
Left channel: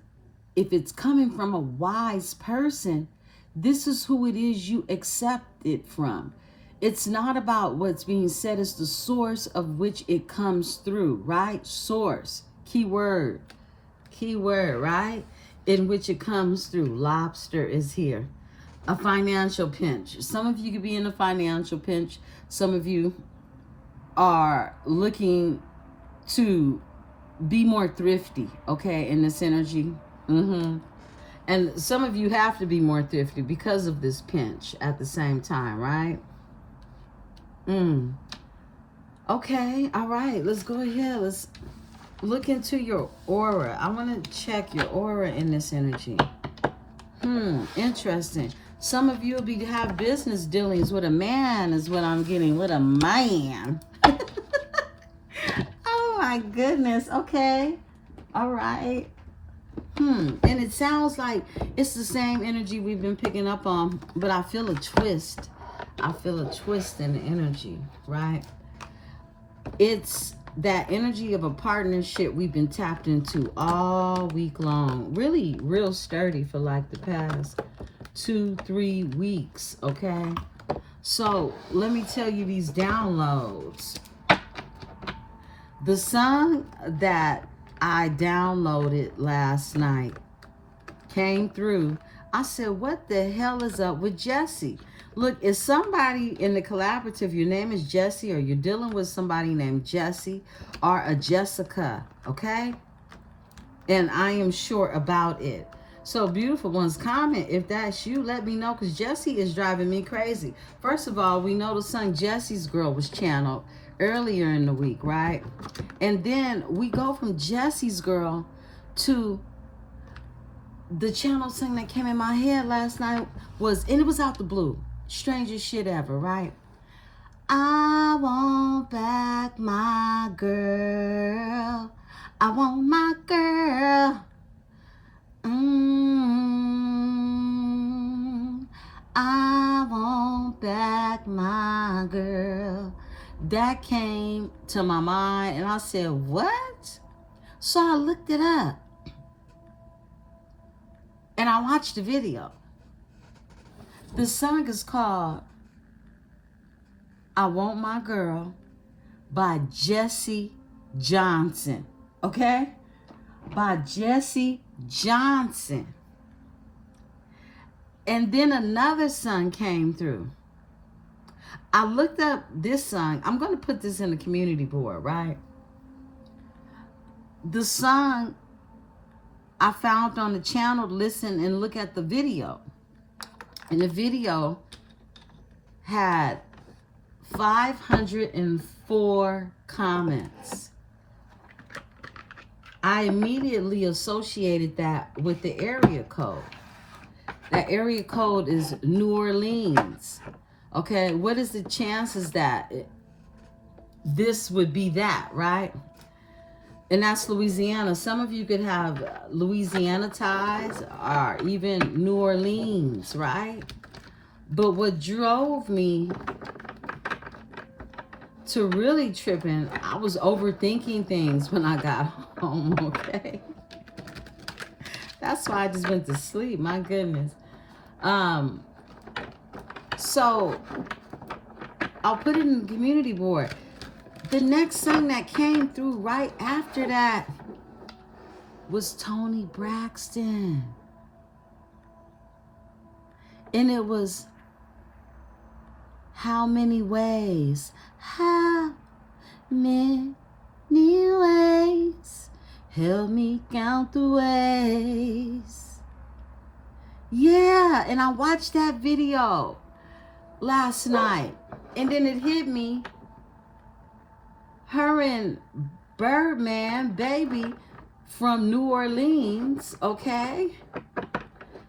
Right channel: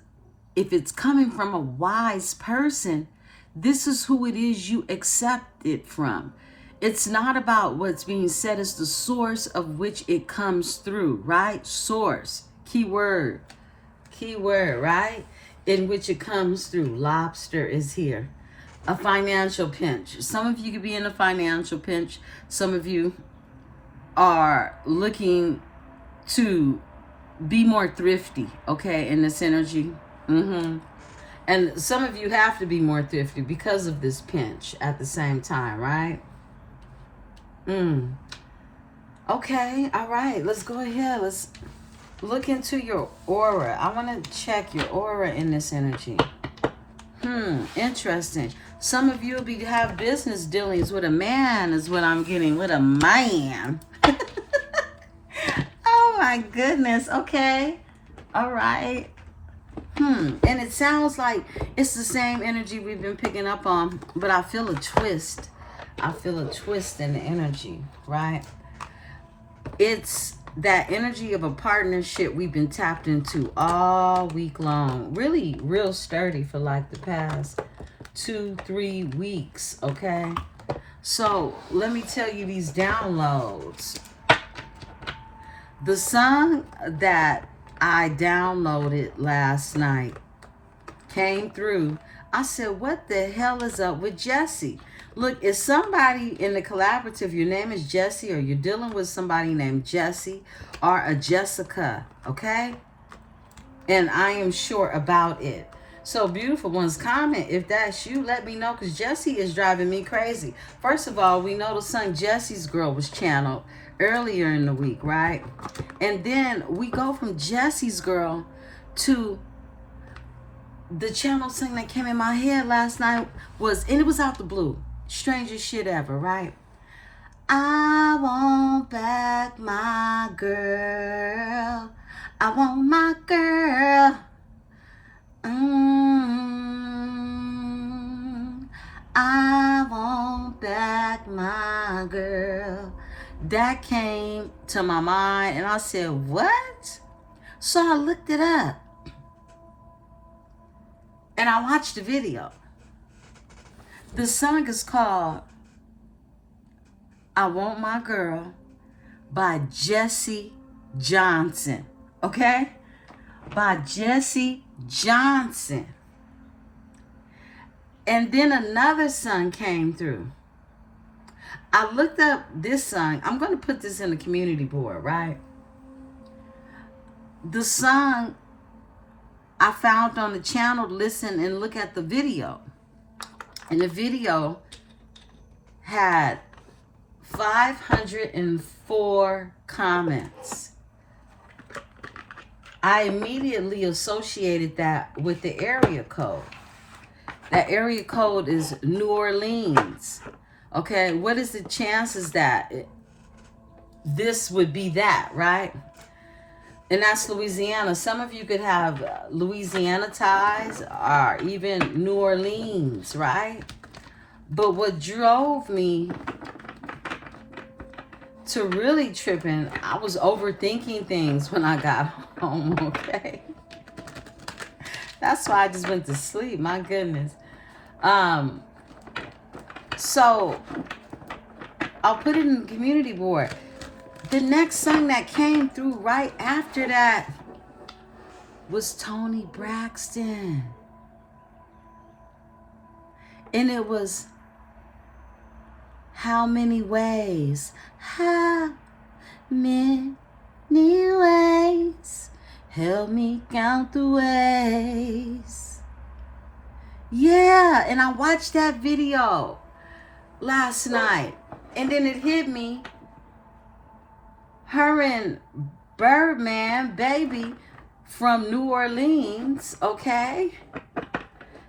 if it's coming from a wise person, this is who it is you accept it from. It's not about what's being said, it's the source of which it comes through, right? Source, keyword, right? In which it comes through. Lobster is here. A financial pinch. Some of you could be in a financial pinch. Some of you are looking to be more thrifty, okay, in this energy. And some of you have to be more thrifty because of this pinch at the same time, right? Okay, all right, let's go ahead. Let's look into your aura. I want to check your aura in this energy. Interesting. Some of you will have business dealings with a man is what I'm getting. With a man. Oh my goodness. Okay. All right. And it sounds like it's the same energy we've been picking up on, but I feel a twist. I feel a twist in the energy, right? It's that energy of a partnership we've been tapped into all week long. Really, real sturdy for like the past 2-3 weeks, okay? So let me tell you these downloads. The song that I downloaded last night came through. I said, what the hell is up with Jesse? Look, if somebody in the collaborative, your name is Jesse, or you're dealing with somebody named Jesse or a Jessica, okay? And I am sure about it. So, beautiful ones, comment if that's you. Let me know, because Jesse is driving me crazy. First of all, we know the song Jesse's Girl was channeled earlier in the week, right? And then we go from Jesse's Girl to the channel song that came in my head last night was, and it was out the blue. Strangest shit ever, right? I want back my girl. I want my girl. I want back my girl. That came to my mind, and I said, what? So I looked it up, and I watched the video. The song is called I Want My Girl by Jesse Johnson, okay? By Jesse Johnson. And then another song came through. I looked up this song. I'm going to put this in the community board, right? The song I found on the channel, listen and look at the video. And the video had 504 comments. I immediately associated that with the area code. That area code is New Orleans. Okay, what is the chances that this would be that, right? And that's Louisiana. Some of you could have Louisiana ties or even New Orleans, right? But what drove me to really tripping, I was overthinking things when I got home, okay? That's why I just went to sleep, my goodness. So I'll put it in the community board. The next song that came through right after that was Toni Braxton. And it was How Many Ways? How many ways? Help me count the ways. Yeah, and I watched that video last night. And then it hit me. Her and Birdman, baby, from New Orleans, okay,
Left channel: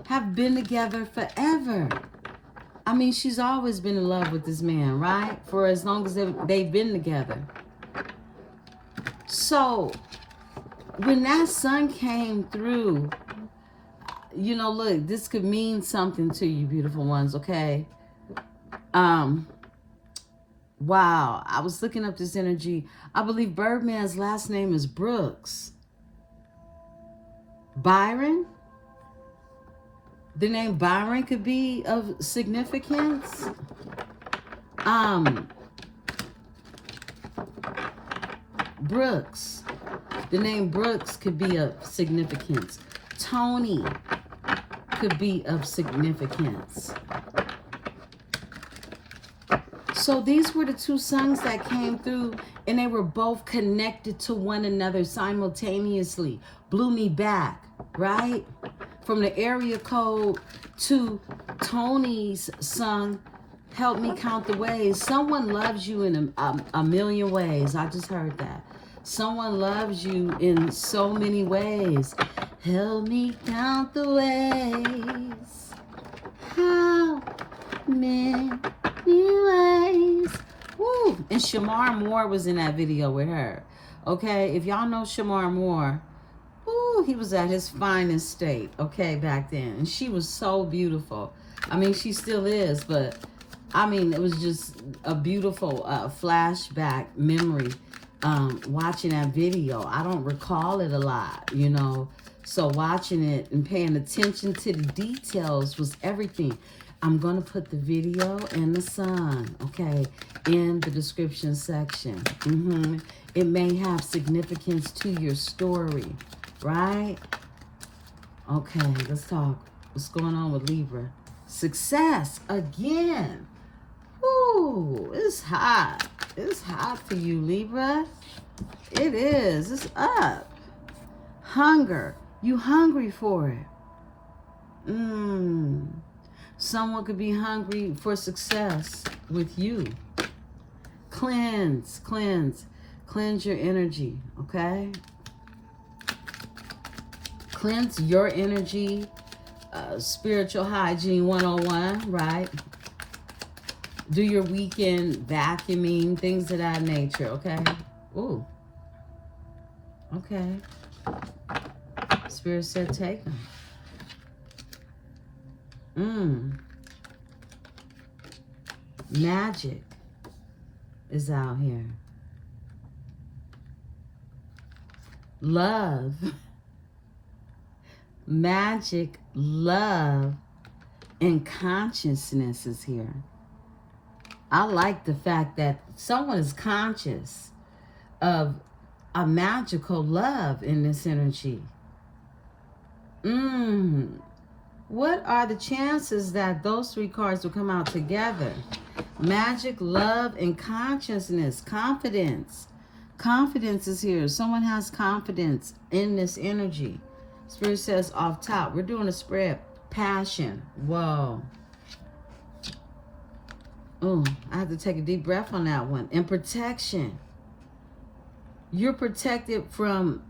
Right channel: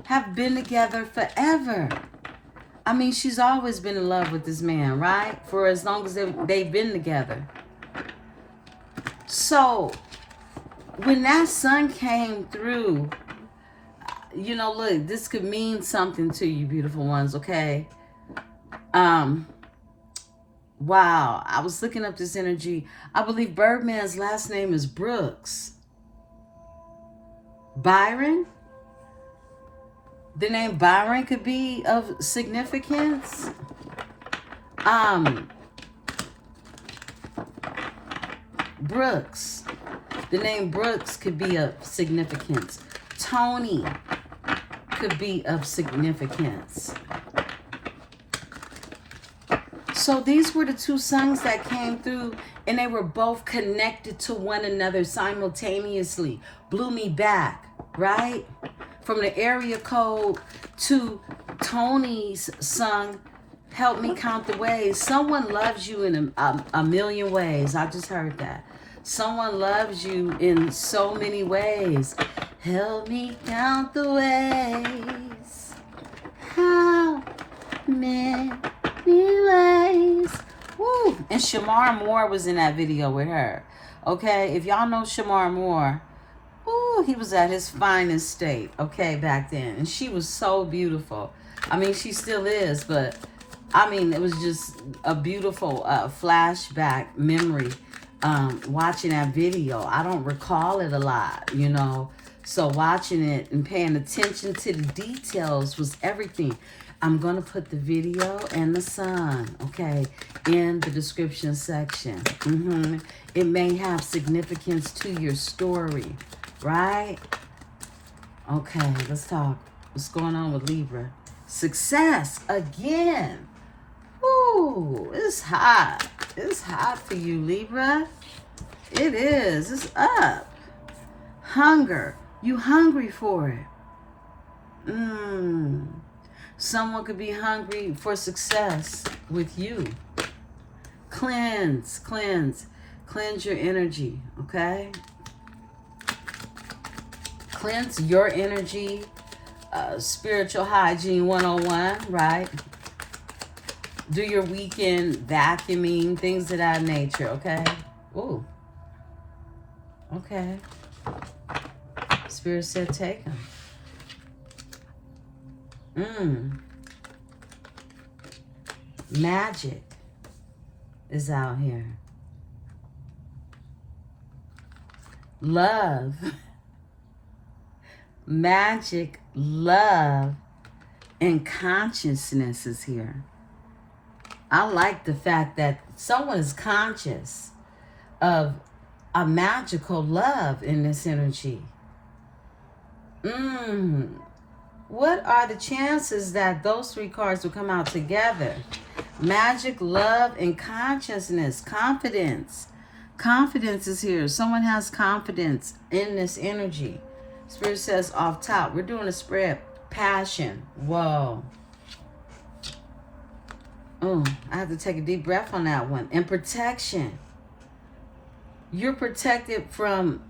have been together forever. I mean, she's always been in love with this man, right? For as long as they've been together. So, when that song came through, you know, look, this could mean something to you, beautiful ones, okay? Wow, I was looking up this energy. I believe Birdman's last name is Brooks. Byron? The name Byron could be of significance. Brooks. The name Brooks could be of significance. Tony could be of significance. So these were the two songs that came through, and they were both connected to one another simultaneously. Blew me back, right? From the area code to Tony's song, Help Me Count the Ways. Someone loves you in a million ways. I just heard that. Someone loves you in so many ways. Help me count the ways. How many ways? Woo. And Shamar Moore was in that video with her. Okay, if y'all know Shamar Moore, ooh, he was at his finest state, okay, back then. And she was so beautiful. I mean, she still is, but I mean, it was just a beautiful flashback memory. Watching that video, I don't recall it a lot, you know, so watching it and paying attention to the details was everything. I'm gonna put the video and the song, okay, in the description section. It may have significance to your story, right? Okay, let's talk. What's going on with Libra? Success again. Ooh, it's hot. It's hot for you, Libra. It is. It's up. Hunger. You hungry for it. Someone could be hungry for success with you. Cleanse, cleanse. Cleanse your energy, okay? Cleanse your energy. Spiritual hygiene 101, right? Do your weekend vacuuming, things of that nature, okay? Ooh. Okay. Spirit said take them. Magic is out here. Love. Magic, love, and consciousness is here. I like the fact that someone is conscious of a magical love in this energy. What are the chances that those three cards will come out together? Magic, love, and consciousness. Confidence. Confidence is here. Someone has confidence in this energy. Spirit says off top. We're doing a spread. Passion. Whoa. Oh, I have to take a deep breath on that one. And protection. You're protected from,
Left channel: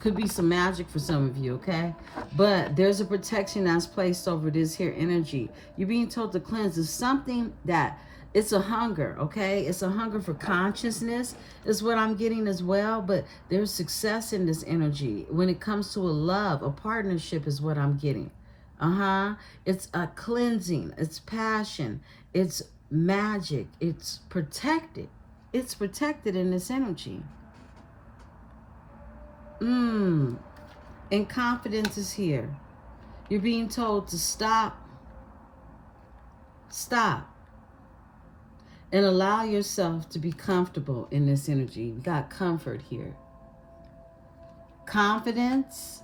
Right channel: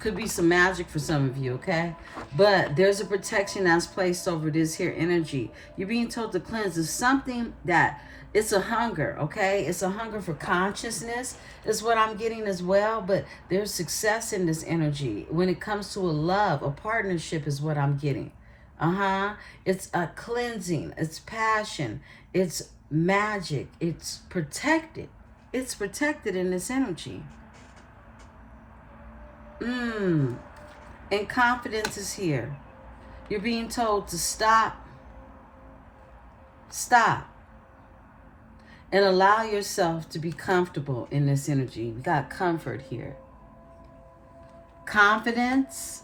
could be some magic for some of you, okay? But there's a protection that's placed over this here energy. You're being told to cleanse. It's something that, it's a hunger, okay? It's a hunger for consciousness is what I'm getting as well. But there's success in this energy. When it comes to a love, a partnership is what I'm getting. It's a cleansing. It's passion. It's magic. It's protected. It's protected in this energy. And confidence is here. You're being told to stop. Stop. And allow yourself to be comfortable in this energy. We got comfort here. Confidence.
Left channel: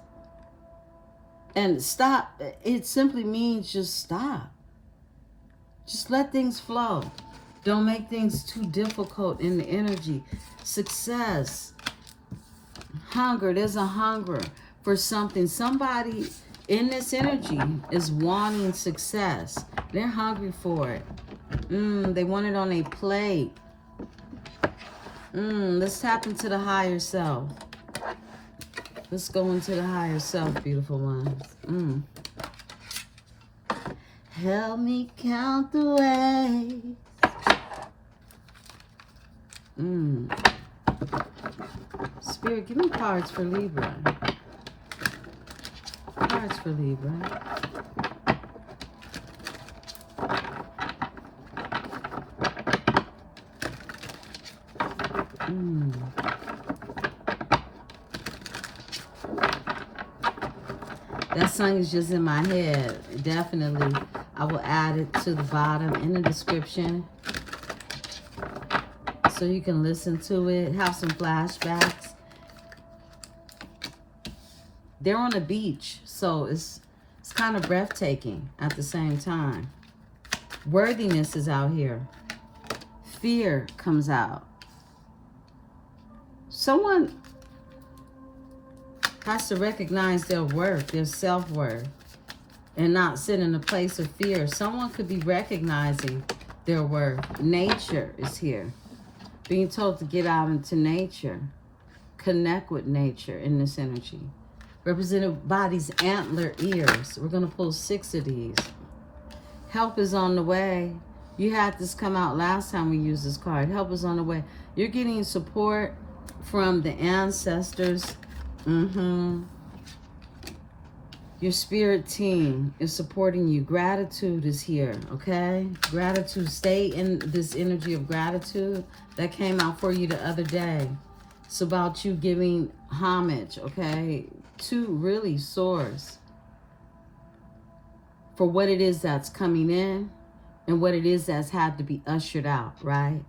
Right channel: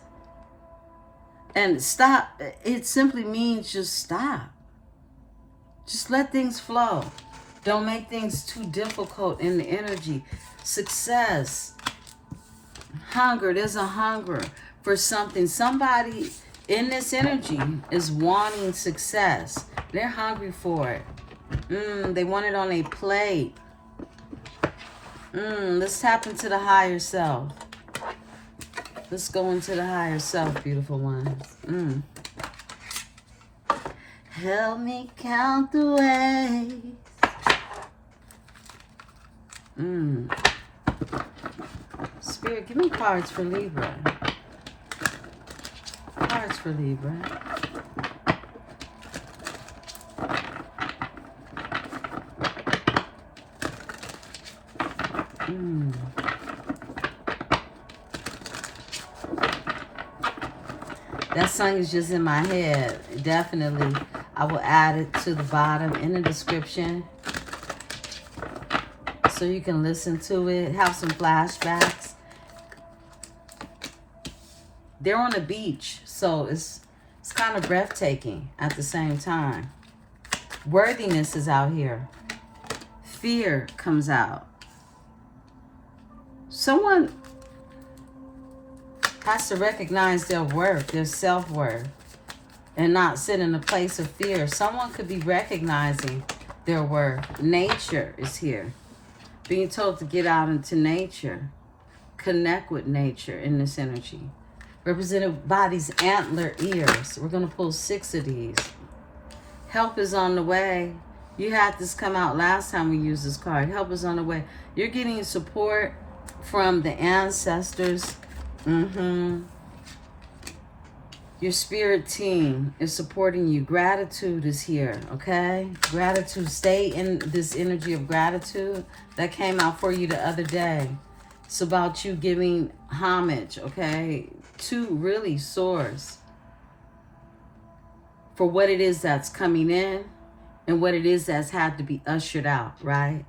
And stop. It simply means just stop. Just let things flow. Don't make things too difficult in the energy. Success. Hunger. There's a hunger for something. Somebody in this energy is wanting success. They're hungry for it. They want it on a plate. Let's tap into the higher self. Let's go into the higher self, beautiful ones. Help me count the ways. Spirit, give me cards for Libra. Cards for Libra. song is just in my head. Definitely, I will add it to the bottom in the description so you can listen to it, have some flashbacks. They're on the beach, so it's kind of breathtaking at the same time. Worthiness is out here. Fear comes out. Someone has to recognize their worth, their self-worth, and not sit in a place of fear. Someone could be recognizing their worth. Nature is here. Being told to get out into nature. Connect with nature in this energy. Represented by these antler ears. We're going to pull 6 of these. Help is on the way. You had this come out last time we used this card. Help is on the way. You're getting support from the ancestors. Your spirit team is supporting you. Gratitude is here, okay? Gratitude. Stay in this energy of gratitude that came out for you the other day. It's about you giving homage, okay, to really source for what it is that's coming in and what it is that's had to be ushered out, right?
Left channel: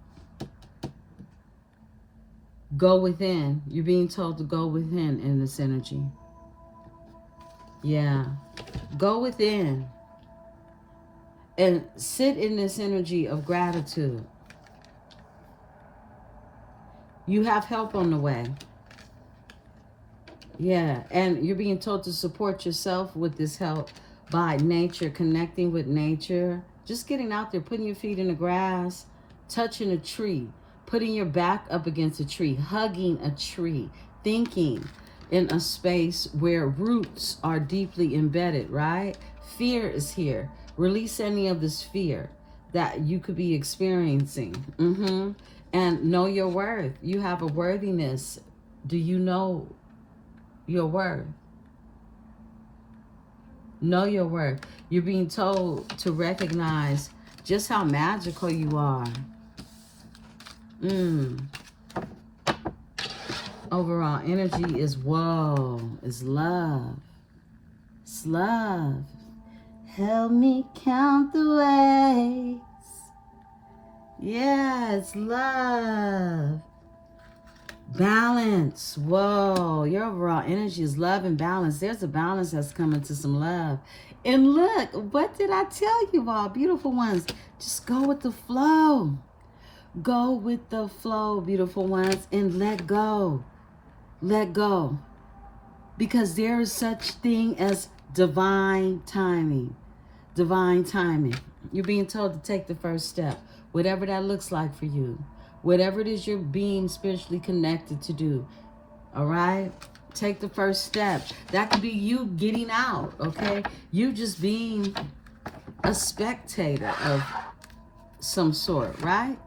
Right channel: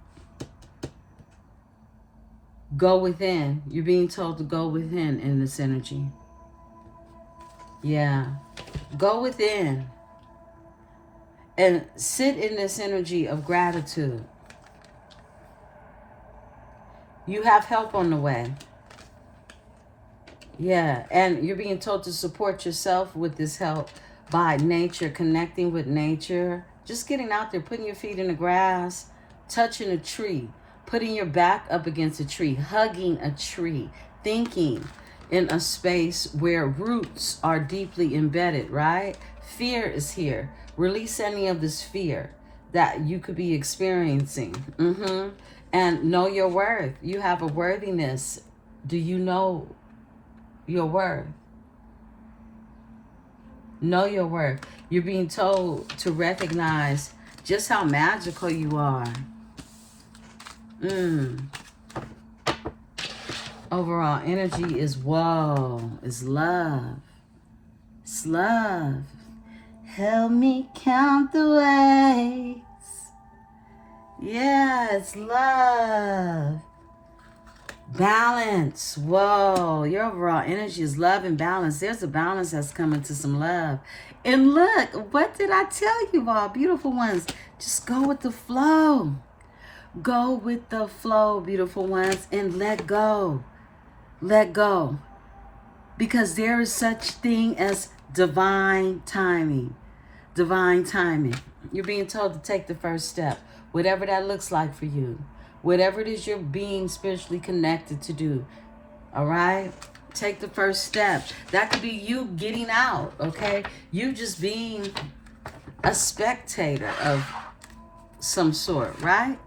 Go within. You're being told to go within in this energy. Yeah. Go within and sit in this energy of gratitude. You have help on the way. Yeah, and you're being told to support yourself with this help by nature, connecting with nature, just getting out there, putting your feet in the grass, touching a tree, putting your back up against a tree, hugging a tree, thinking in a space where roots are deeply embedded, right? Fear is here. Release any of this fear that you could be experiencing. And know your worth. You have a worthiness. Do you know your worth? Know your worth. You're being told to recognize just how magical you are. Overall energy is whoa, is love. It's love. Help me count the ways. Yeah, it's love. Balance. Whoa, your overall energy is love and balance. There's a balance that's coming to some love. And look, what did I tell you all, beautiful ones? Just go with the flow. Go with the flow, beautiful ones, and let go. Let go. Because there is such thing as divine timing. Divine timing. You're being told to take the first step. Whatever that looks like for you. Whatever it is you're being spiritually connected to do. All right? Take the first step. That could be you getting out, okay? You just being a spectator of some sort, right?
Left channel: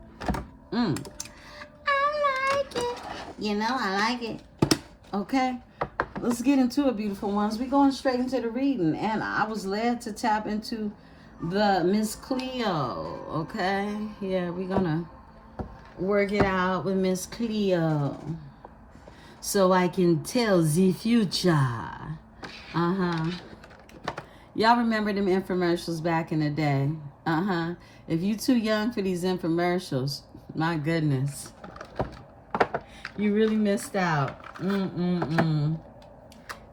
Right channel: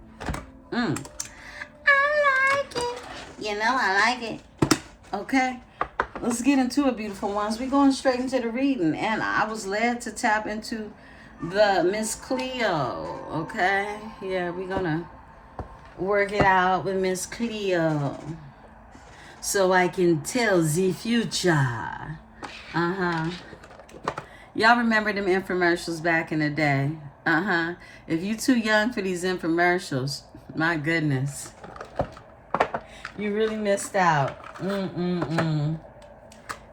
I like it. You know, I like it. Okay? Let's get into it, beautiful ones. We're going straight into the reading. And I was led to tap into the Miss Cleo, okay? Yeah, we're going to work it out with Miss Cleo so I can tell the future. Y'all remember them infomercials back in the day? If you too young for these infomercials, my goodness, you really missed out.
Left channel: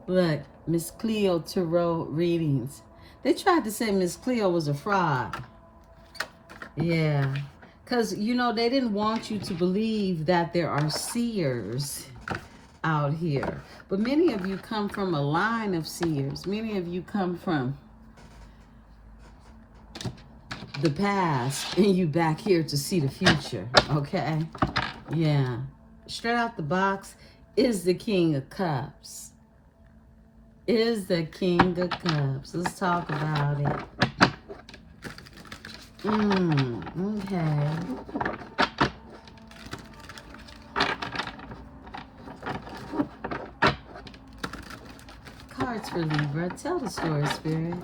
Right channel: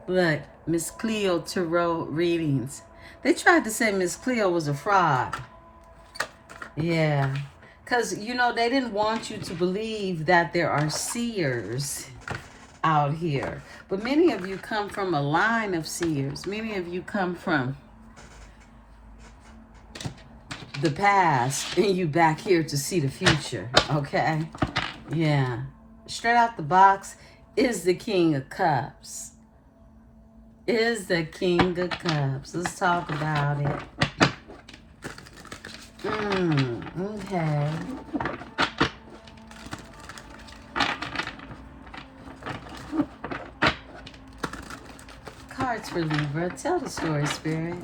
Look, Miss Cleo Tarot readings. They tried to say Miss Cleo was a fraud. Yeah. Because, you know, they didn't want you to believe that there are seers out here. But many of you come from a line of seers. Many of you come from the past and you back here to see the future. Okay? Yeah. Straight out the box is the King of Cups. Is the King of Cups. Let's talk about it. Okay. Cards for Libra. Tell the story, Spirit.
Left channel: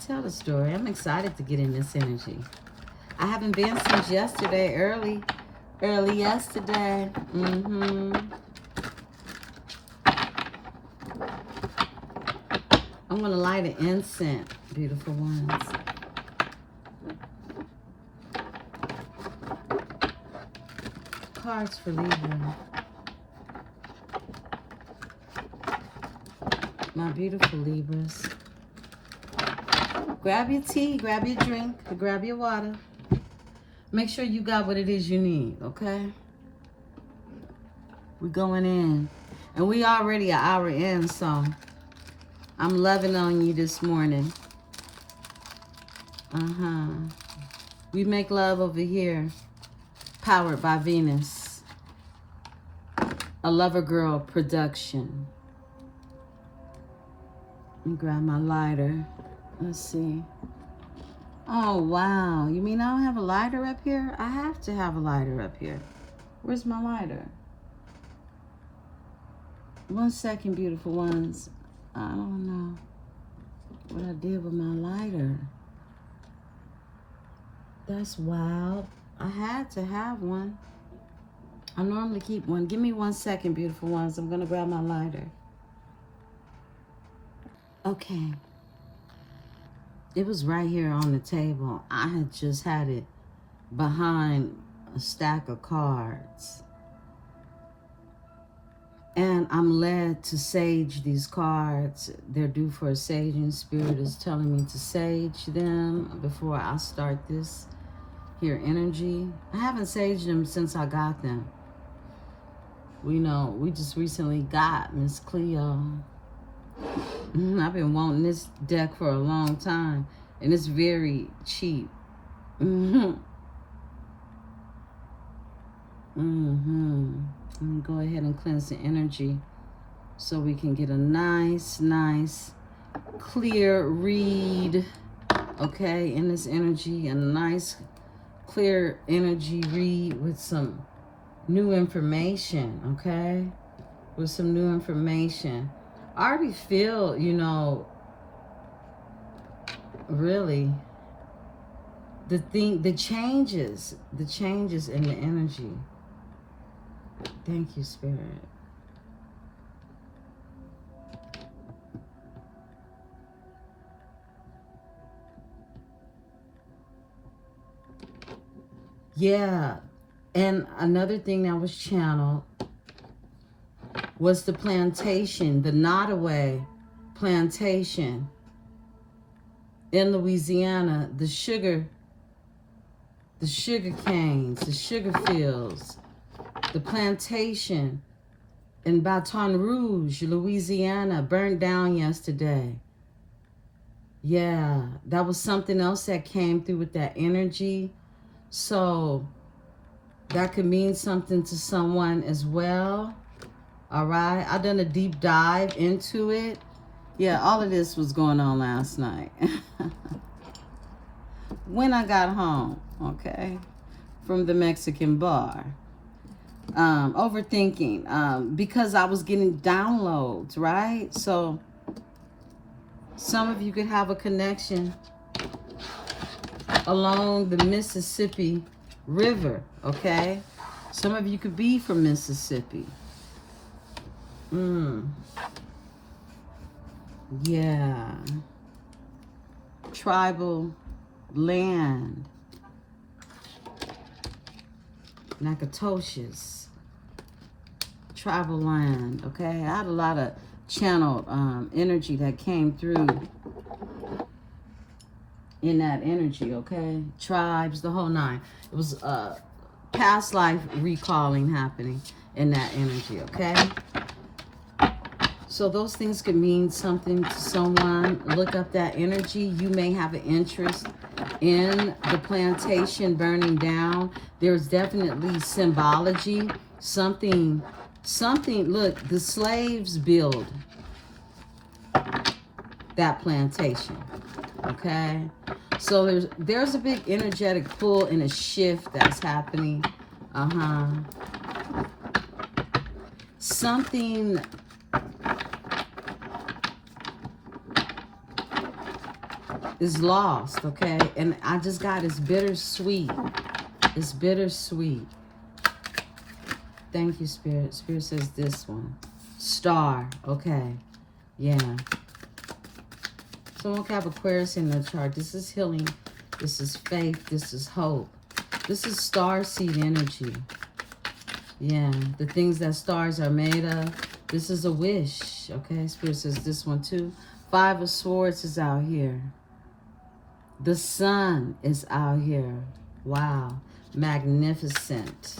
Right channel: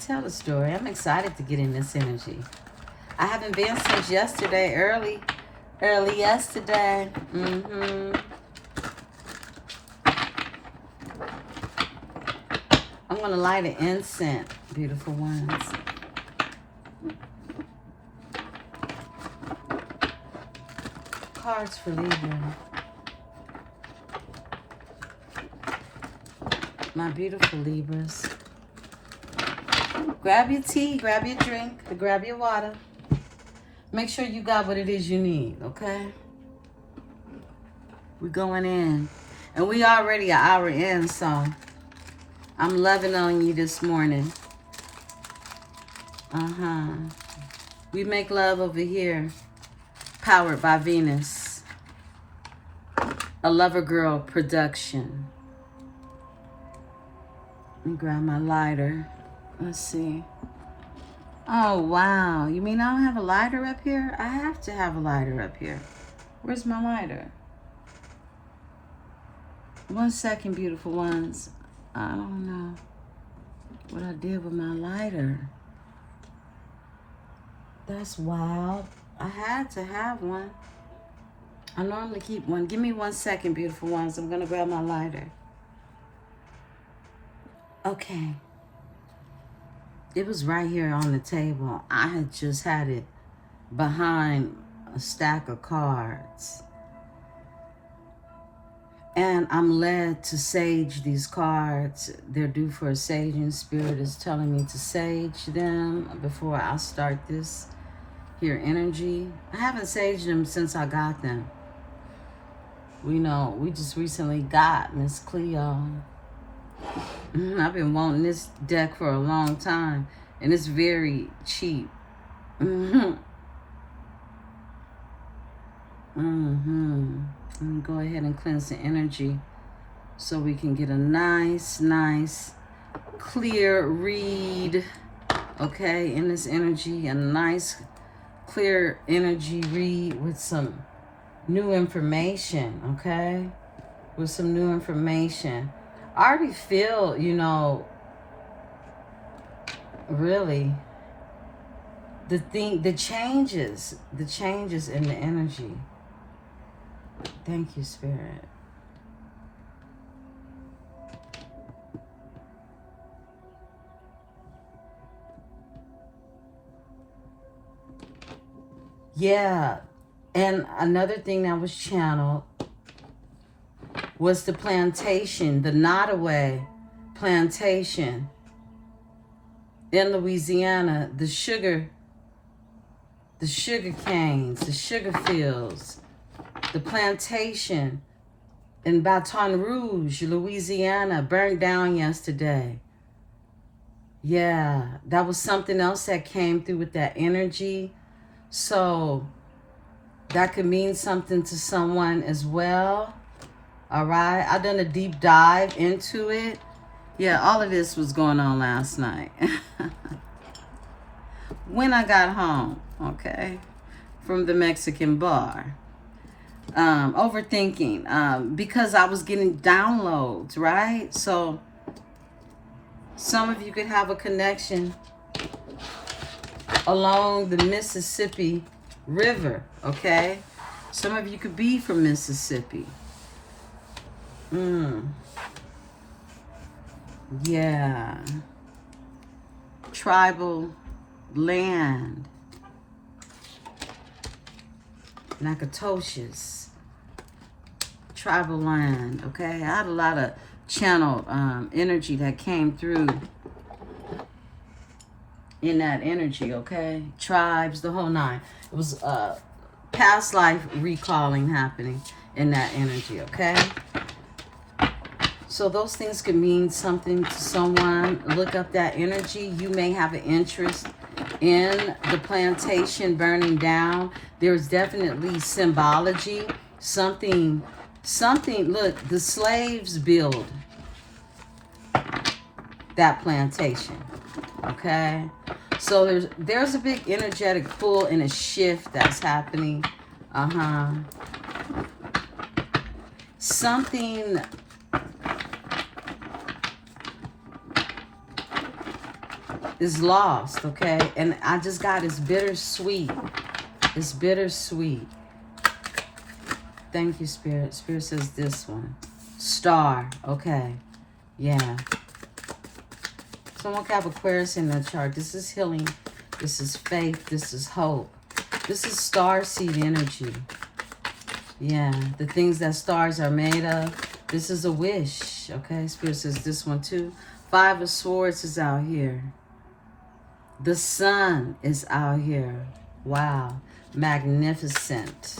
Tell the story. I'm excited to get in this energy. I haven't been since yesterday, early yesterday. I'm going to light an incense, beautiful ones. Cards for Libra. My beautiful Libras. Grab your tea, grab your drink, or grab your water. Make sure you got what it is you need, okay? We're going in. And we already an hour in, so I'm loving on you this morning. We make love over here. Powered by Venus. A Lover Girl production. Let me grab my lighter. Let's see. Oh, wow. You mean I don't have a lighter up here? I have to have a lighter up here. Where's my lighter? 1 second, beautiful ones. I don't know what I did with my lighter. That's wild. I had to have one. I normally keep one. Give me 1 second, beautiful ones. I'm going to grab my lighter. Okay. It was right here on the table. I had just had it behind a stack of cards. And I'm led to sage these cards. They're due for a saging. Spirit is telling me to sage them before I start this here energy. I haven't saged them since I got them. We just recently got Miss Cleo. I've been wanting this deck for a long time, and it's very cheap. Let me go ahead and cleanse the energy so we can get a nice clear read, okay, in this energy. A nice clear energy read with some new information, okay? With some new information. I already feel, really the changes in the energy. Thank you, Spirit. Yeah, and another thing that was channeled was the plantation, the Nottoway plantation in Louisiana, the sugar canes, the sugar fields, the plantation in Baton Rouge, Louisiana, burnt down yesterday. Yeah, that was something else that came through with that energy. So that could mean something to someone as well. All right, I done a deep dive into it. Yeah, all of this was going on last night. When I got home, okay, from the Mexican bar. Overthinking, because I was getting downloads, right? So some of you could have a connection along the Mississippi River, okay? Some of you could be from Mississippi. Yeah. Tribal land. Natchitoches. Tribal land, okay? I had a lot of channeled energy that came through in that energy, okay? Tribes, the whole nine. It was past life recalling happening in that energy, okay? So those things could mean something to someone. Look up that energy. You may have an interest in the plantation burning down. There's definitely symbology. Something, look, the slaves build that plantation, okay? So there's a big energetic pull and a shift that's happening. Something is lost, okay? And I just got it's bittersweet. It's bittersweet. Thank you, Spirit. Spirit says this one. Star, okay. Yeah. Someone could have Aquarius in their chart. This is healing. This is faith. This is hope. This is star seed energy. Yeah, the things that stars are made of. This is a wish. Okay, Spirit says this one too. 5 of Swords is out here. The sun is out here. Wow, magnificent.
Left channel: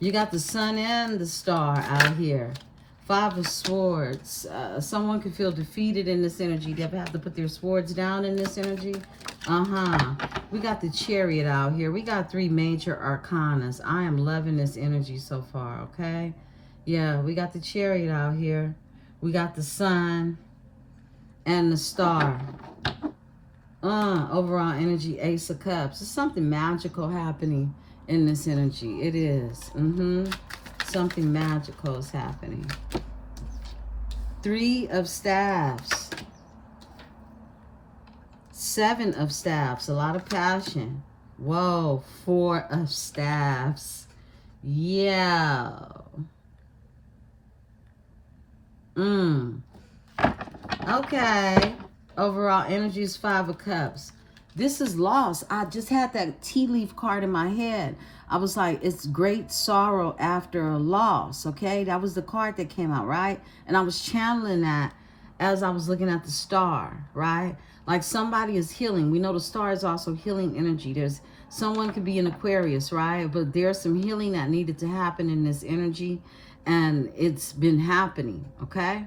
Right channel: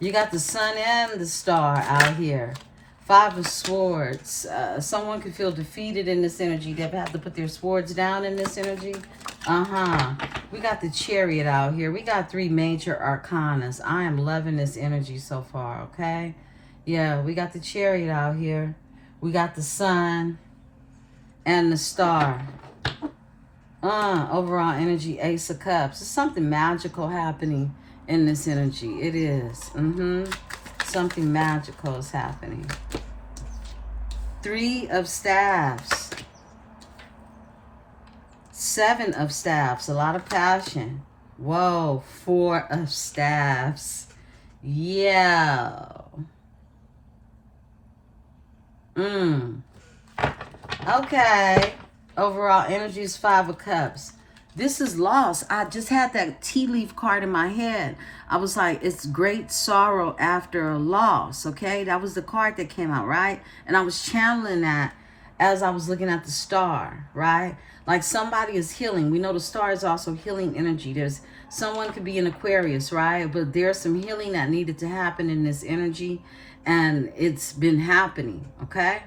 You got the sun and the star out here. 5 of Swords. Someone could feel defeated in this energy. They've had to put their swords down in this energy. We got the Chariot out here. We got 3 major arcanas. I am loving this energy so far, okay? Yeah, we got the Chariot out here. We got the sun and the star. Overall energy, Ace of Cups. There's something magical happening in this energy. It is. Something magical is happening. 3 of Staffs. 7 of Staffs. A lot of passion. Whoa. 4 of Staffs. Yeah. Okay. Overall energy is 5 of Cups. This is loss. I just had that tea leaf card in my head. I was like, it's great sorrow after a loss, okay? That was the card that came out, right? And I was channeling that as I was looking at the star, right? Like somebody is healing. We know the star is also healing energy. There's someone could be an Aquarius, right? But there's some healing that needed to happen in this energy, and it's been happening, okay?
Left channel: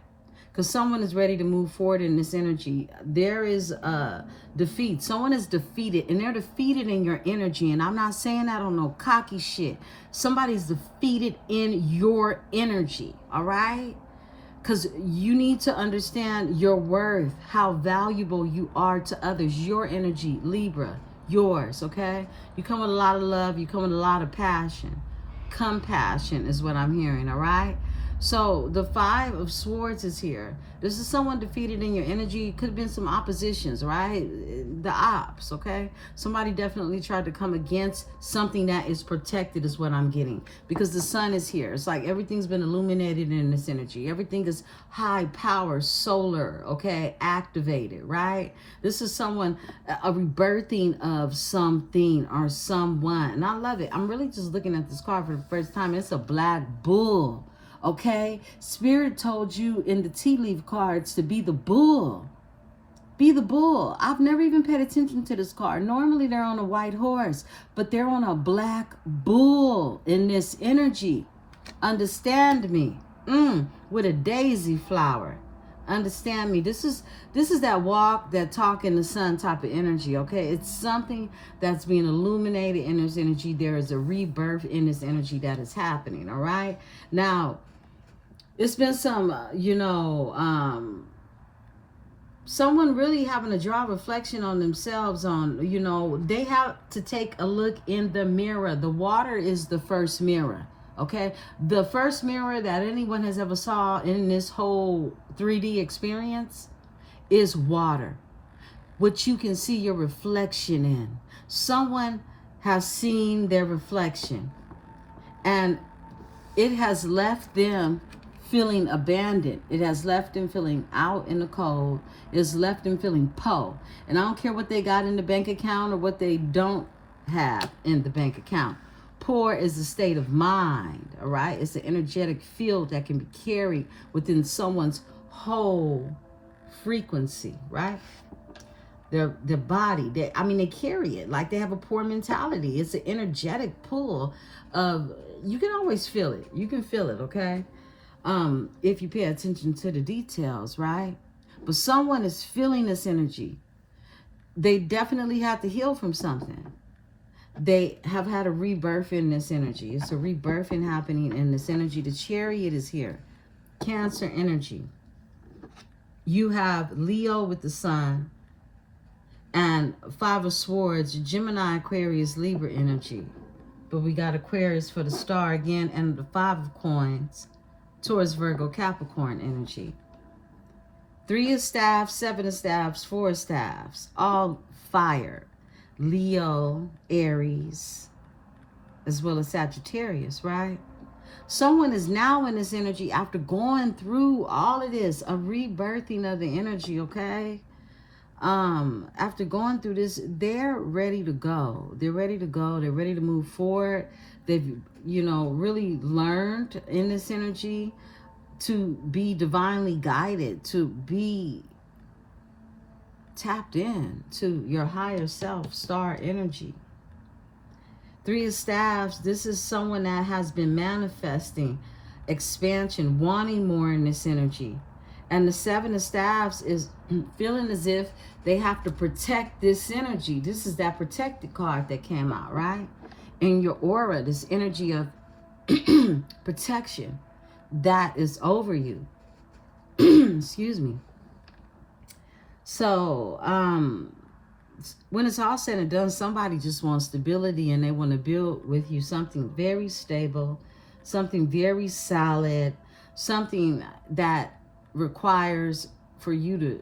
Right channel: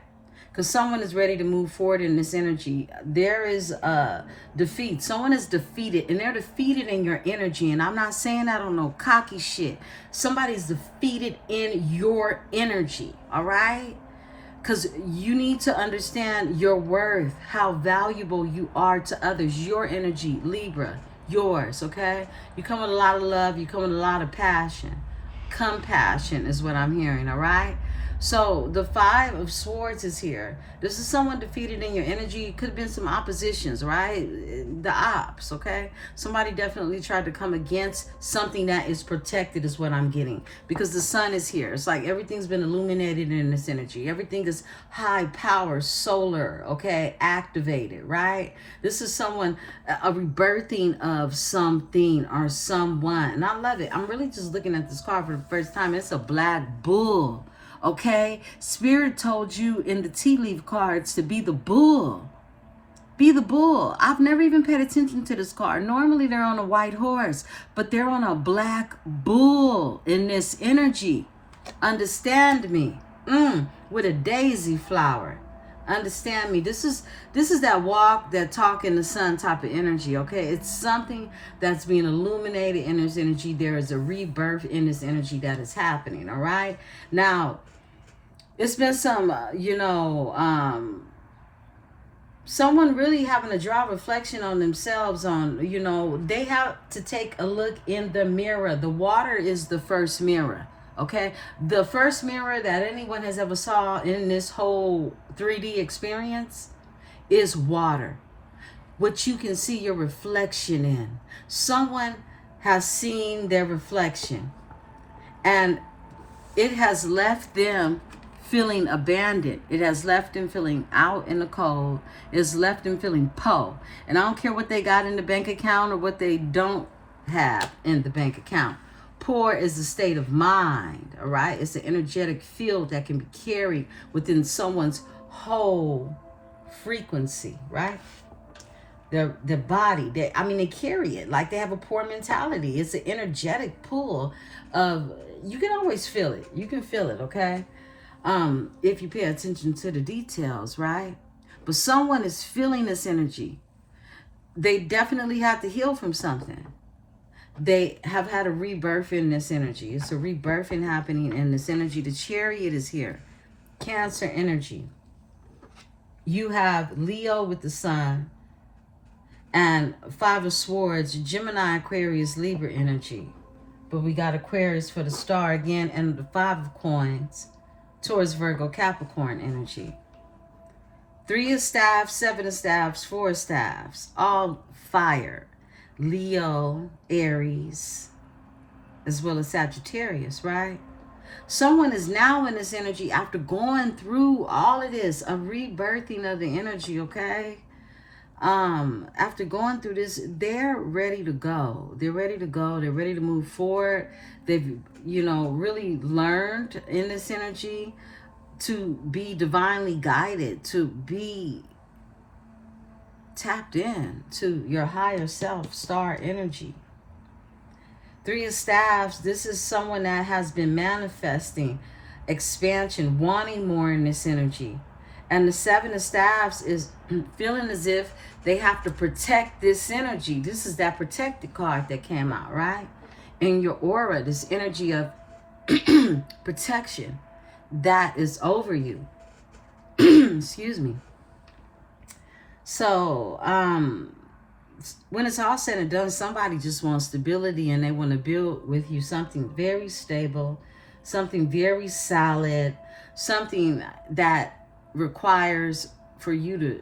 Because someone is ready to move forward in this energy. There is a defeat. Someone is defeated, and they're defeated in your energy. And I'm not saying that on no cocky shit. Somebody's defeated in your energy, all right? Because you need to understand your worth, how valuable you are to others. Your energy, Libra, yours, okay? You come with a lot of love. You come with a lot of passion. Compassion is what I'm hearing, all right? So the 5 of Swords is here. This is someone defeated in your energy. It could have been some oppositions, right? The ops, okay? Somebody definitely tried to come against something that is protected is what I'm getting. Because the sun is here. It's like everything's been illuminated in this energy. Everything is high power, solar, okay? Activated, right? This is someone, a rebirthing of something or someone. And I love it. I'm really just looking at this card for the first time. It's a black bull. Okay, Spirit told you in the tea leaf cards to be the bull. Be the bull. I've never even paid attention to this card. Normally they're on a white horse, but they're on a black bull in this energy. Understand me? With a daisy flower. Understand me? This is that walk, that talk in the sun type of energy, okay? It's something that's being illuminated in this energy. There is a rebirth in this energy that is happening, all right? Now, it's been some, someone really having to draw reflection on themselves on, they have to take a look in the mirror. The water is the first mirror, okay? The first mirror that anyone has ever saw in this whole 3D experience is water. What you can see your reflection in. Someone has seen their reflection, and it has left them feeling abandoned. It has left them feeling out in the cold. It has left them feeling poor. And I don't care what they got in the bank account or what they don't have in the bank account. Poor is a state of mind, all right? It's an energetic field that can be carried within someone's whole frequency, right? Their body, they carry it like they have a poor mentality. It's an energetic pull of, you can always feel it. You can feel it, okay? If you pay attention to the details, right? But someone is feeling this energy. They definitely have to heal from something. They have had a rebirth in this energy. It's a rebirthing happening in this energy. The Chariot is here. Cancer energy. You have Leo with the sun and 5 of Swords, Gemini, Aquarius, Libra energy. But we got Aquarius for the star again, and the 5 of Coins, Taurus, Virgo, Capricorn energy. 3 of Staffs, 7 of Staffs, 4 of Staffs, all fire. Leo, Aries, as well as Sagittarius, right? Someone is now in this energy after going through all of this, a rebirthing of the energy, okay? after going through this, they're ready to go. They're ready to go. They're ready to move forward. They've, you know, really learned in this energy to be divinely guided, to be tapped in to your higher self, star energy. Three of Staffs, this is someone that has been manifesting expansion, wanting more in this energy. And the Seven of Staffs is feeling as if they have to protect this energy. This is that protected card that came out, right? In your aura, this energy of protection that is over you. Excuse me. So, when it's all said and done, somebody just wants stability and they want to build with you something very stable, something very solid, something that requires for you to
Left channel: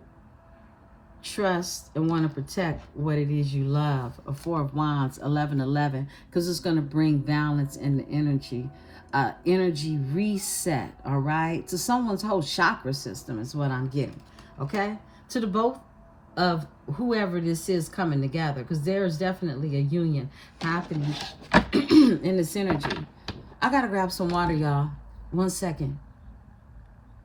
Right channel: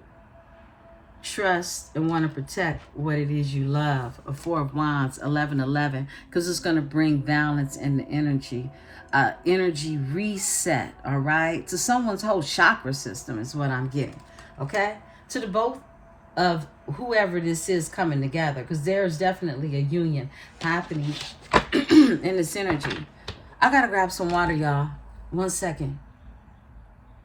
trust and want to protect what it is you love. A Four of Wands, 1111, because it's going to bring balance in the energy. Energy reset, all right? To someone's whole chakra system is what I'm getting, okay? To the both of whoever this is coming together, because there's definitely a union happening in this energy. I gotta grab some water, y'all. 1 second.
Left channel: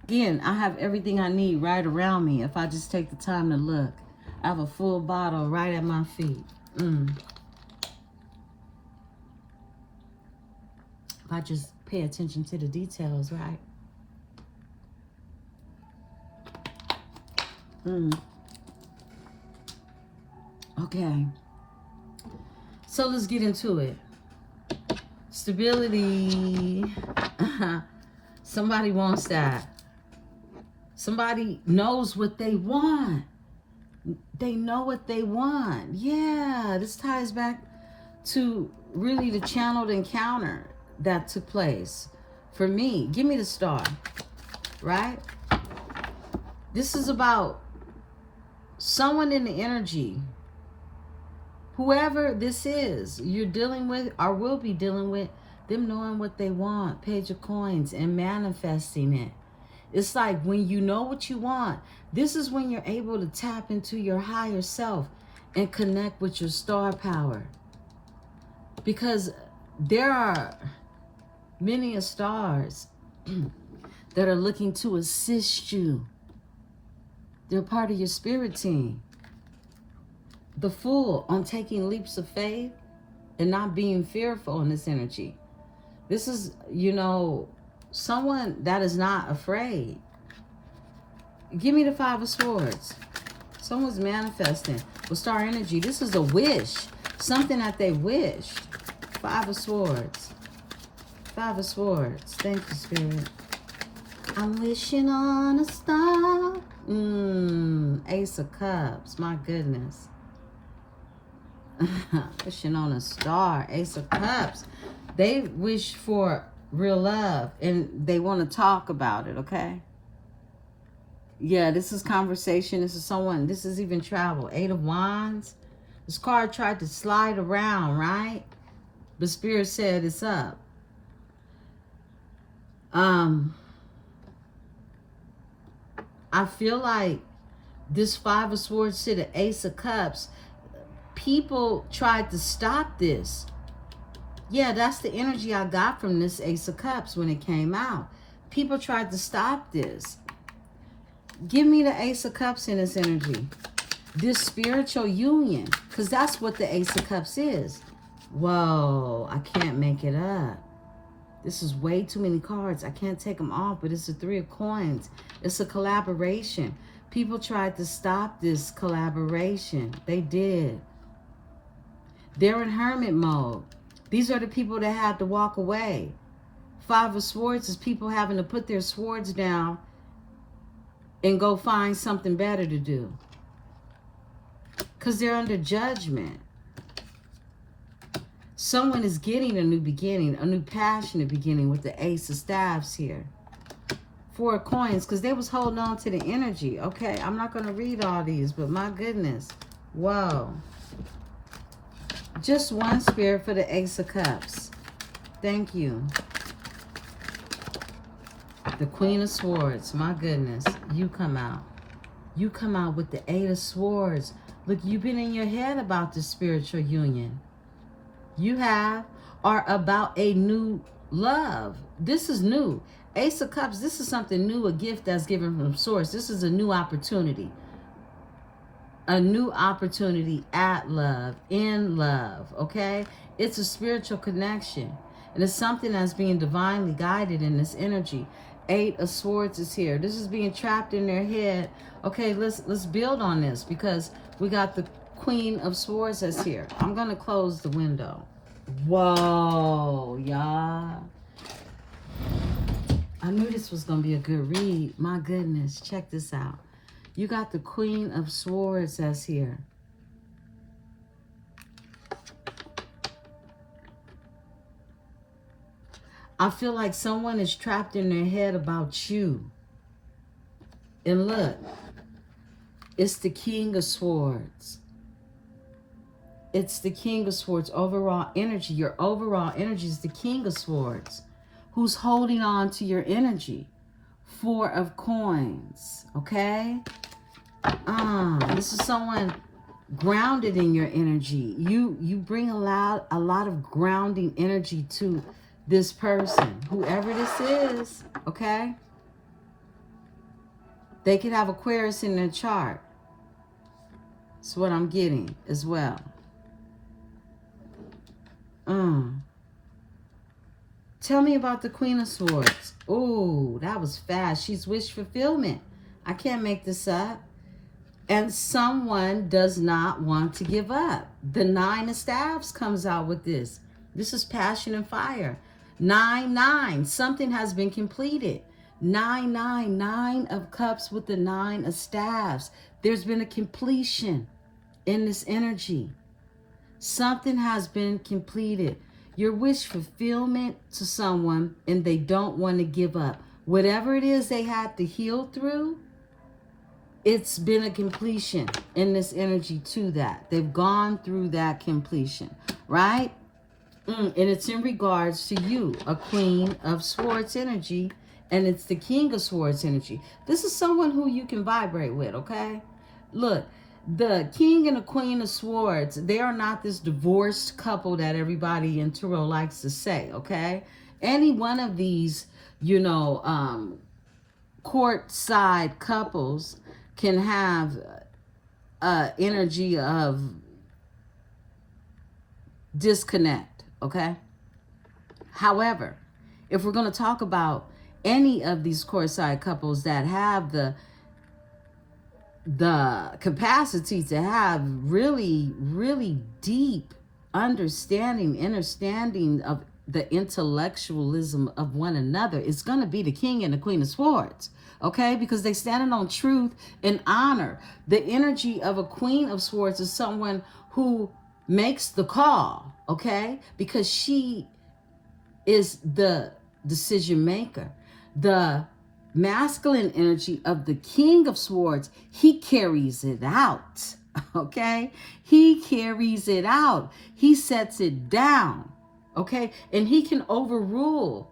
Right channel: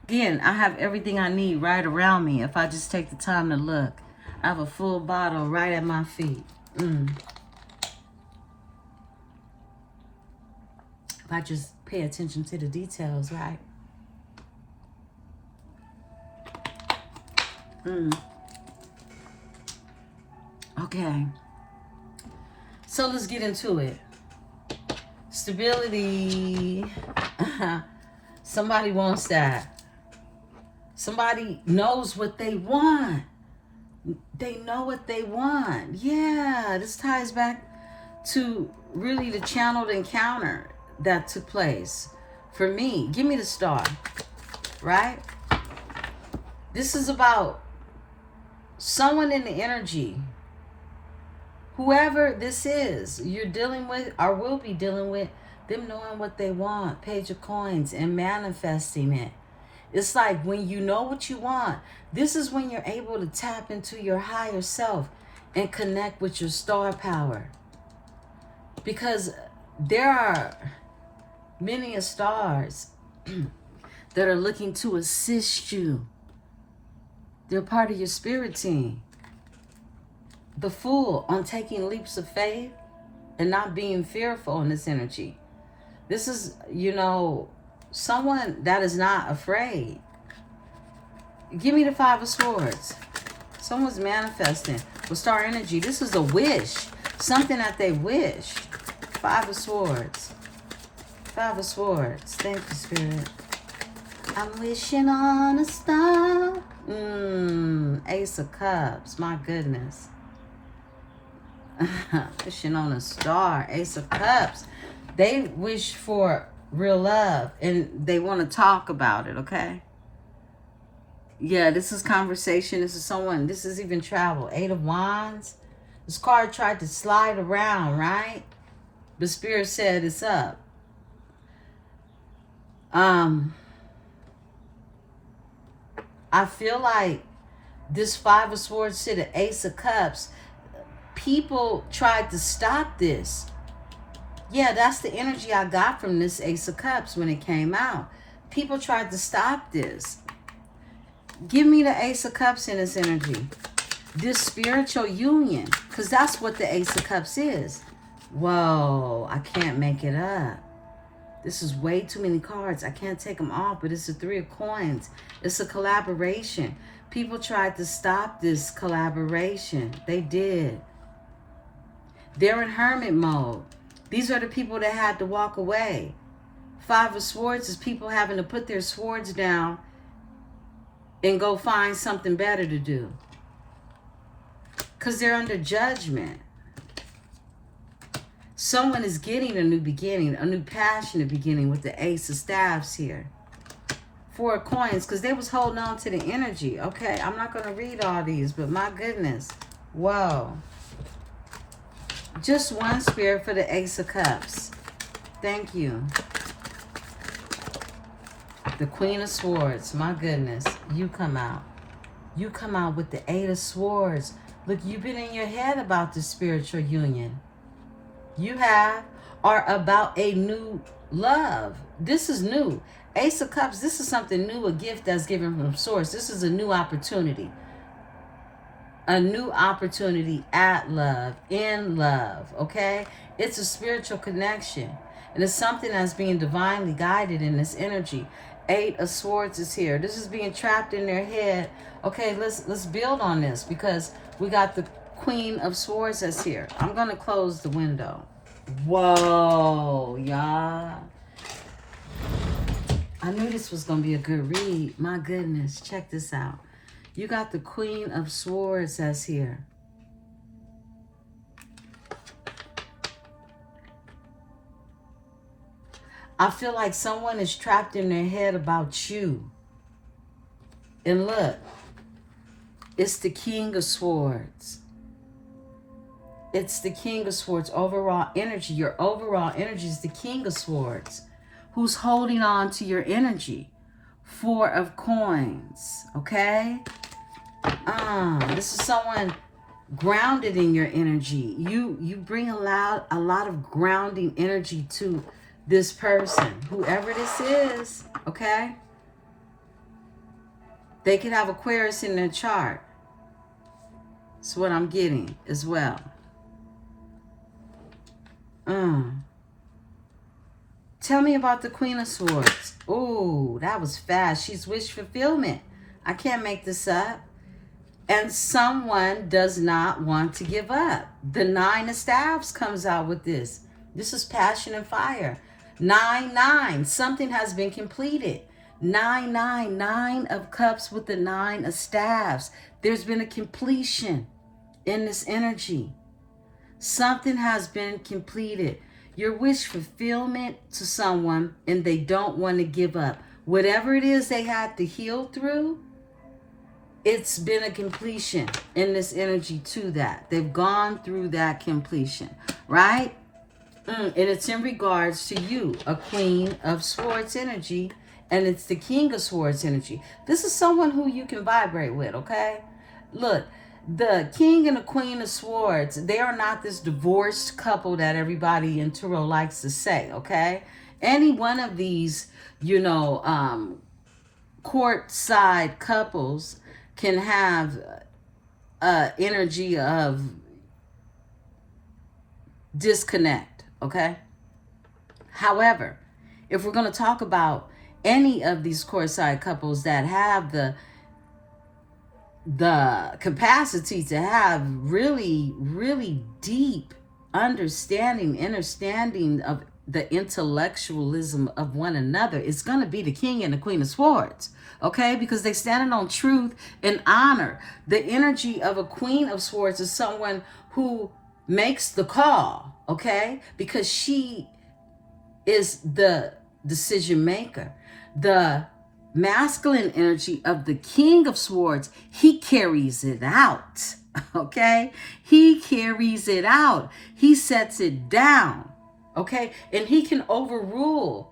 Again, I have everything I need right around me if I just take the time to look. I have a full bottle right at my feet. If I just pay attention to the details, right? Okay. So let's get into it. Stability. Somebody wants that. Somebody knows what they want. They know what they want. Yeah, this ties back to really the channeled encounter that took place for me. Give me the star, right? This is about someone in the energy. Whoever this is you're dealing with or will be dealing with, them knowing what they want, Page of Coins, and manifesting it. It's like when you know what you want, this is when you're able to tap into your higher self and connect with your star power. Because there are many stars that are looking to assist you. They're part of your spirit team. The Fool, on taking leaps of faith and not being fearful in this energy. This is, you know, someone that is not afraid. Give me the Five of Swords. Someone's manifesting with star energy. This is a wish. Something that they wish. Five of Swords. Five of Swords. Thank you, Spirit. I'm wishing on a star. Ace of Cups. My goodness. Wishing on a star. Ace of Cups. They wish for real love and they want to talk about it, okay? Yeah, this is conversation. This is someone. This is even travel. Eight of Wands. This card tried to slide around, right? But Spirit said it's up. I feel like this Five of Swords to the Ace of Cups, people tried to stop this. Yeah, that's the energy I got from this Ace of Cups when it came out. People tried to stop this. Give me the Ace of Cups in this energy. This spiritual union, because that's what the Ace of Cups is. Whoa, I can't make it up. This is way too many cards. I can't take them off, but it's a Three of Coins. It's a collaboration. People tried to stop this collaboration. They did. They're in hermit mode. These are the people that had to walk away. Five of Swords is people having to put their swords down and go find something better to do. Because they're under judgment. Someone is getting a new beginning, a new passionate beginning with the Ace of Staffs here. Four of Coins, because they was holding on to the energy. Okay, I'm not going to read all these, but my goodness. Whoa. Just one, Spirit, for the Ace of Cups. Thank you. The Queen of Swords. My goodness. You come out. You come out with the Eight of Swords. Look, you've been in your head about the spiritual union. You have, or about a new love. This is new. Ace of Cups, this is something new, a gift that's given from source. This is a new opportunity. A new opportunity at love, in love, okay? It's a spiritual connection. And it's something that's being divinely guided in this energy. Eight of Swords is here. This is being trapped in their head. Okay, let's build on this because we got the Queen of Swords that's here. I'm going to close the window. Whoa, y'all. I knew this was going to be a good read. My goodness, check this out. You got the Queen of Swords that's here. I feel like someone is trapped in their head about you. And look, it's the King of Swords. It's the King of Swords. Overall energy. Your overall energy is the King of Swords. Who's holding on to your energy. Four of Coins. Okay? This is someone grounded in your energy. You bring a lot of grounding energy to this person, whoever this is, okay? They could have Aquarius in their chart. That's what I'm getting as well. Tell me about the Queen of Swords. Oh, that was fast. She's wish fulfillment. I can't make this up. And someone does not want to give up. The Nine of Staves comes out with this. This is passion and fire. 9-9. Something has been completed. 9-9. 9 of Cups with the 9 of Staves. There's been a completion in this energy. Something has been completed. Your wish fulfillment to someone and they don't want to give up. Whatever it is they had to heal through, it's been a completion in this energy to that. They've gone through that completion, right? And it's in regards to you, a Queen of Swords energy, and it's the King of Swords energy. This is someone who you can vibrate with, okay? Look, the King and the Queen of Swords, they are not this divorced couple that everybody in Tarot likes to say, okay? Any one of these, you know, court-side couples can have energy of disconnect, okay? However, if we're going to talk about any of these court-side couples that have the capacity to have really, really deep understanding of the intellectualism of one another, it's going to be the King and the Queen of Swords. Okay, because they stand on truth and honor. The energy of a Queen of Swords is someone who makes the call, okay? Because she is the decision maker. The masculine energy of the King of Swords, he carries it out, okay? He carries it out. He sets it down, okay? And he can overrule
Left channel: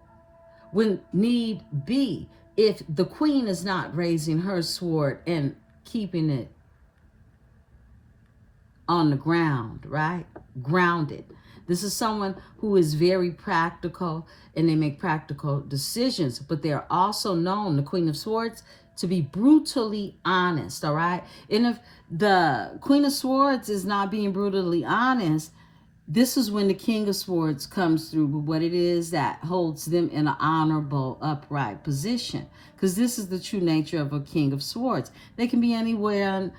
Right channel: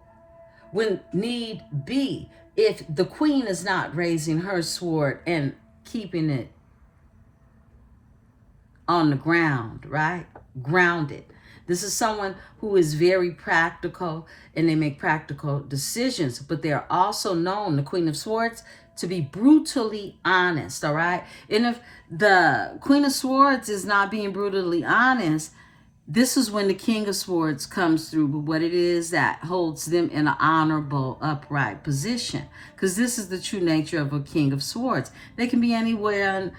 when need be. If the Queen is not raising her sword and keeping it on the ground, right? Grounded. This is someone who is very practical and they make practical decisions, but they're also known, the Queen of Swords, to be brutally honest, all right? And if the Queen of Swords is not being brutally honest, this is when the King of Swords comes through with what it is that holds them in an honorable, upright position. Because this is the true nature of a King of Swords. They can be anywhere,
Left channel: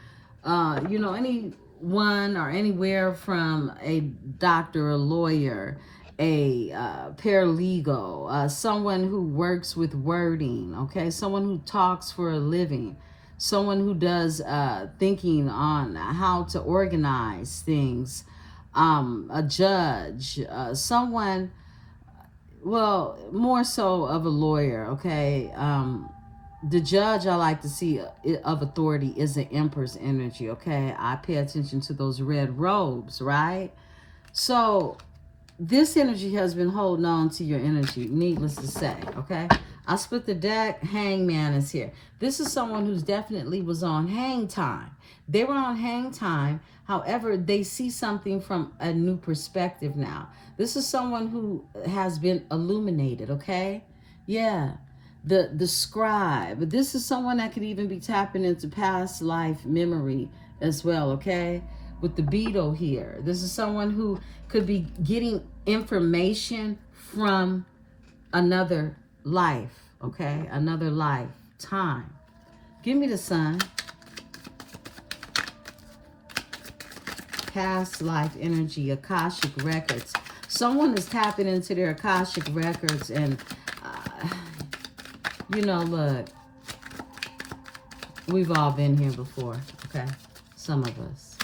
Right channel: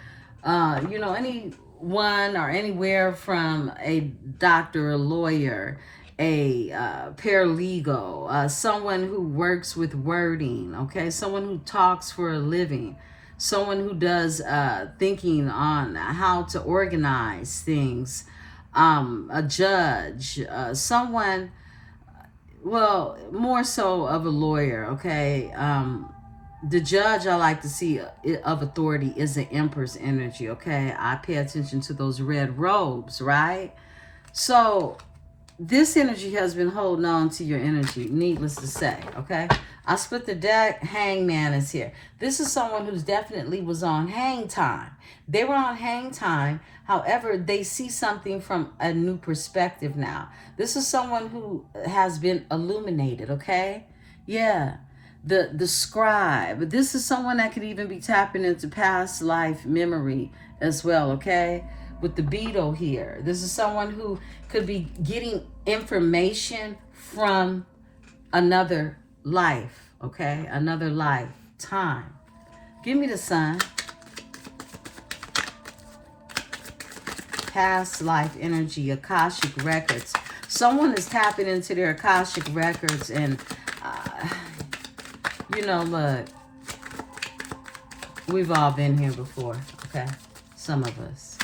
you know, anyone or anywhere from a doctor, a lawyer, a paralegal, someone who works with wording, okay? Someone who talks for a living. Someone who does thinking on how to organize things. A judge, someone, well, more so of a lawyer, okay? The judge I like to see of authority is the Emperor's energy, okay? I pay attention to those red robes, right? So this energy has been holding on to your energy, needless to say, okay? I split the deck. Hangman is here. This is someone who's definitely was on hang time. They were on hang time. However, they see something from a new perspective now. This is someone who has been illuminated, okay? Yeah. The scribe. This is someone that could even be tapping into past life memory as well, okay? With the beetle here. This is someone who could be getting information from another life, okay? Another lifetime. Give me the sun. Past life energy, Akashic records. Someone is tapping into their Akashic records and, you know, look, we've all been here before, okay? Some of us.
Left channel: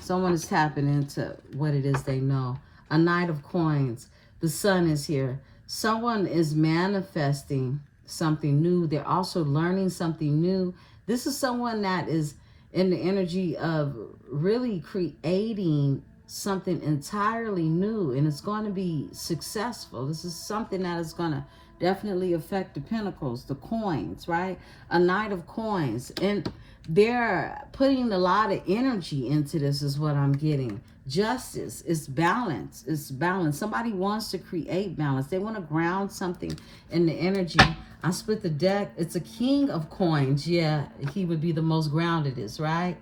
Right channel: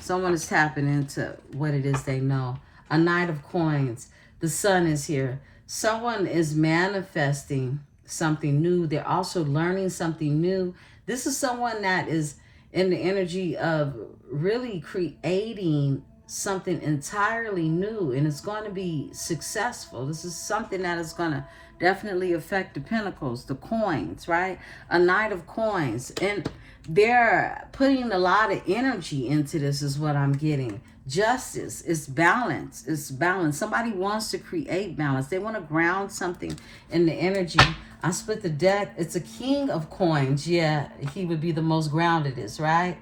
Someone is tapping into what it is they know. A Knight of Coins. The sun is here. Someone is manifesting something new. They're also learning something new. This is someone that is in the energy of really creating something entirely new, and it's going to be successful. This is something that is going to definitely affect the pentacles, the coins, right? A Knight of Coins. And they're putting a lot of energy into this is what I'm getting. Justice, it's balance. It's balance. Somebody wants to create balance. They want to ground something in the energy. I split the deck. It's a King of Coins. Yeah, he would be the most groundedest, right?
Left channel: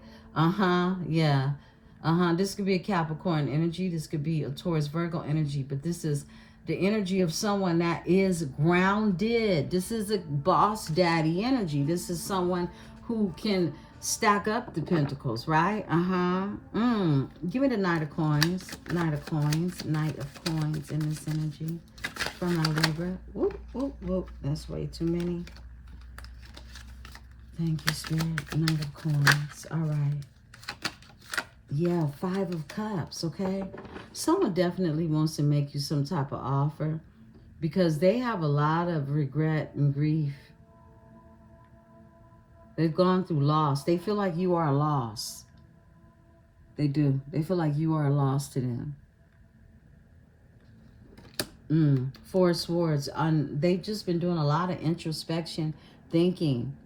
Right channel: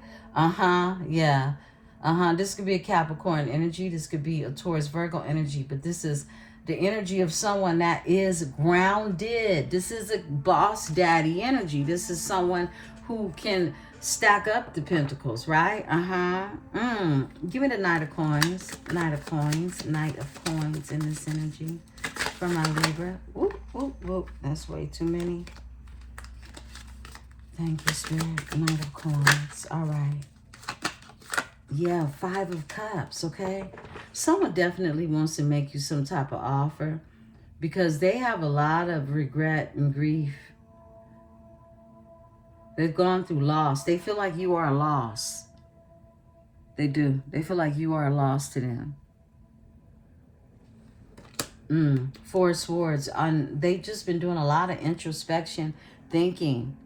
Yeah. This could be a Capricorn energy. This could be a Taurus Virgo energy. But this is the energy of someone that is grounded. This is a boss daddy energy. This is someone who can stack up the pentacles, right? Give me the Knight of Coins. Knight of Coins. Knight of Coins in this energy for my Libra. Whoop, whoop, whoop. That's way too many. Thank you, Spirit. Knight of Coins. All right. Yeah, Five of Cups, okay? Someone definitely wants to make you some type of offer because they have a lot of regret and grief. They've gone through loss. They feel like you are a loss. They do. They feel like you are a loss to them. Four of Swords. They've just been doing a lot of introspection, thinking.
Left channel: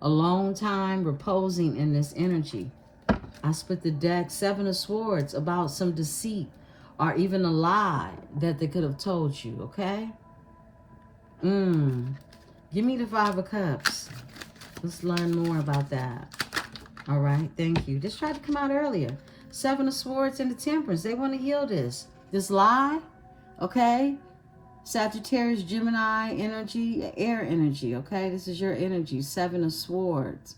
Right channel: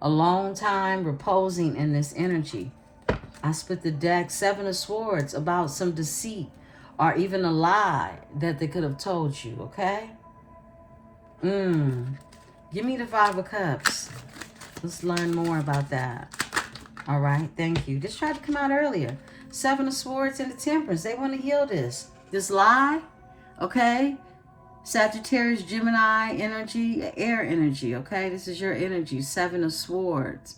A long time reposing in this energy. I split the deck. Seven of Swords, about some deceit or even a lie that they could have told you, okay? Give me the Five of Cups. Let's learn more about that. All right, thank you. This tried to come out earlier. Seven of Swords and the Temperance. They want to heal this lie, okay? Sagittarius, Gemini energy, air energy, okay? This is your energy. Seven of Swords.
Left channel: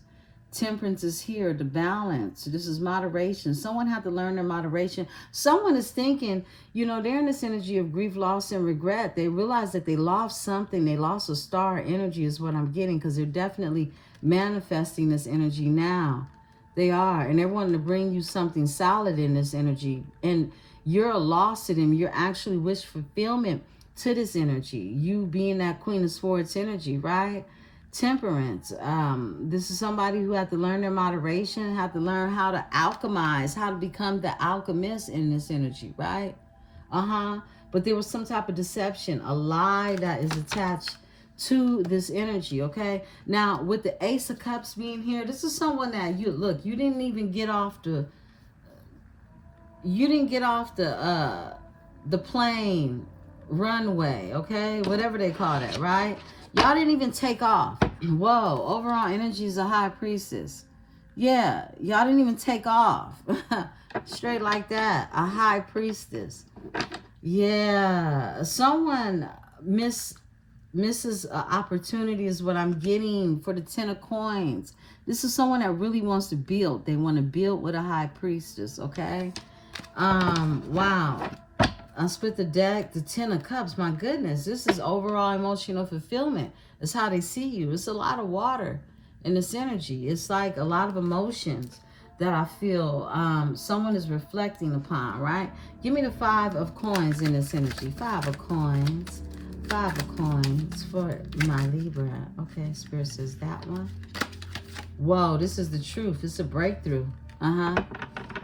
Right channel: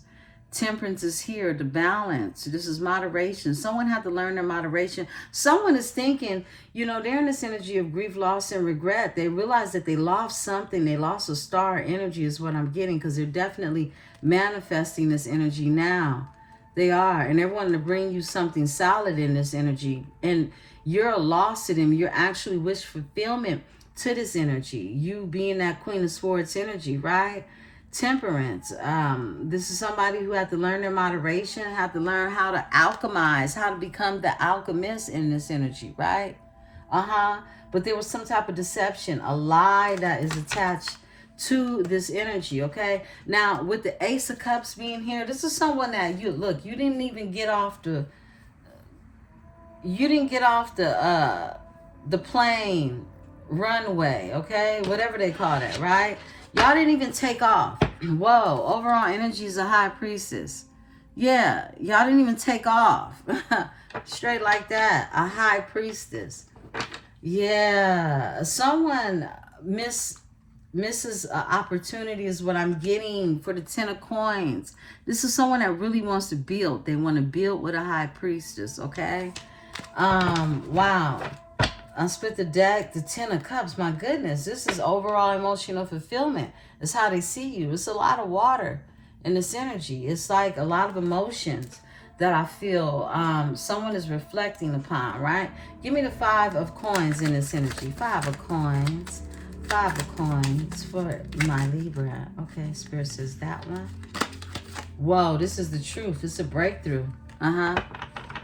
Temperance is here, the balance. This is moderation. Someone had to learn their moderation. Someone is thinking, you know, they're in this energy of grief, loss, and regret. They realize that they lost something. They lost a star energy is what I'm getting because they're definitely manifesting this energy now. They are. And they're wanting to bring you something solid in this energy. And you're a loss to them. You're actually wish fulfillment to this energy. You being that Queen of Swords energy, right? Temperance. This is somebody who had to learn their moderation, had to learn how to alchemize, how to become the alchemist in this energy, right? But there was some type of deception, a lie that is attached to this energy, okay? Now, with the Ace of Cups being here, this is someone that you didn't even get off the the plane, runway, okay? Whatever they call it, right? Y'all didn't even take off. Whoa, overall energy is a High Priestess. Yeah, y'all didn't even take off. Straight like that, a High Priestess. Yeah, someone misses an opportunity is what I'm getting for the Ten of Coins. This is someone that really wants to build. They want to build with a High Priestess, okay? Wow. I split the deck, the Ten of Cups. My goodness, this is overall emotional fulfillment. It's how they see you. It's a lot of water in this energy. It's like a lot of emotions that I feel someone is reflecting upon, right? Give me the Five of Coins in this energy. Five of Coins. Five of Coins for my Libra. Okay, Spirit says that one. Whoa, this is the truth. It's a breakthrough.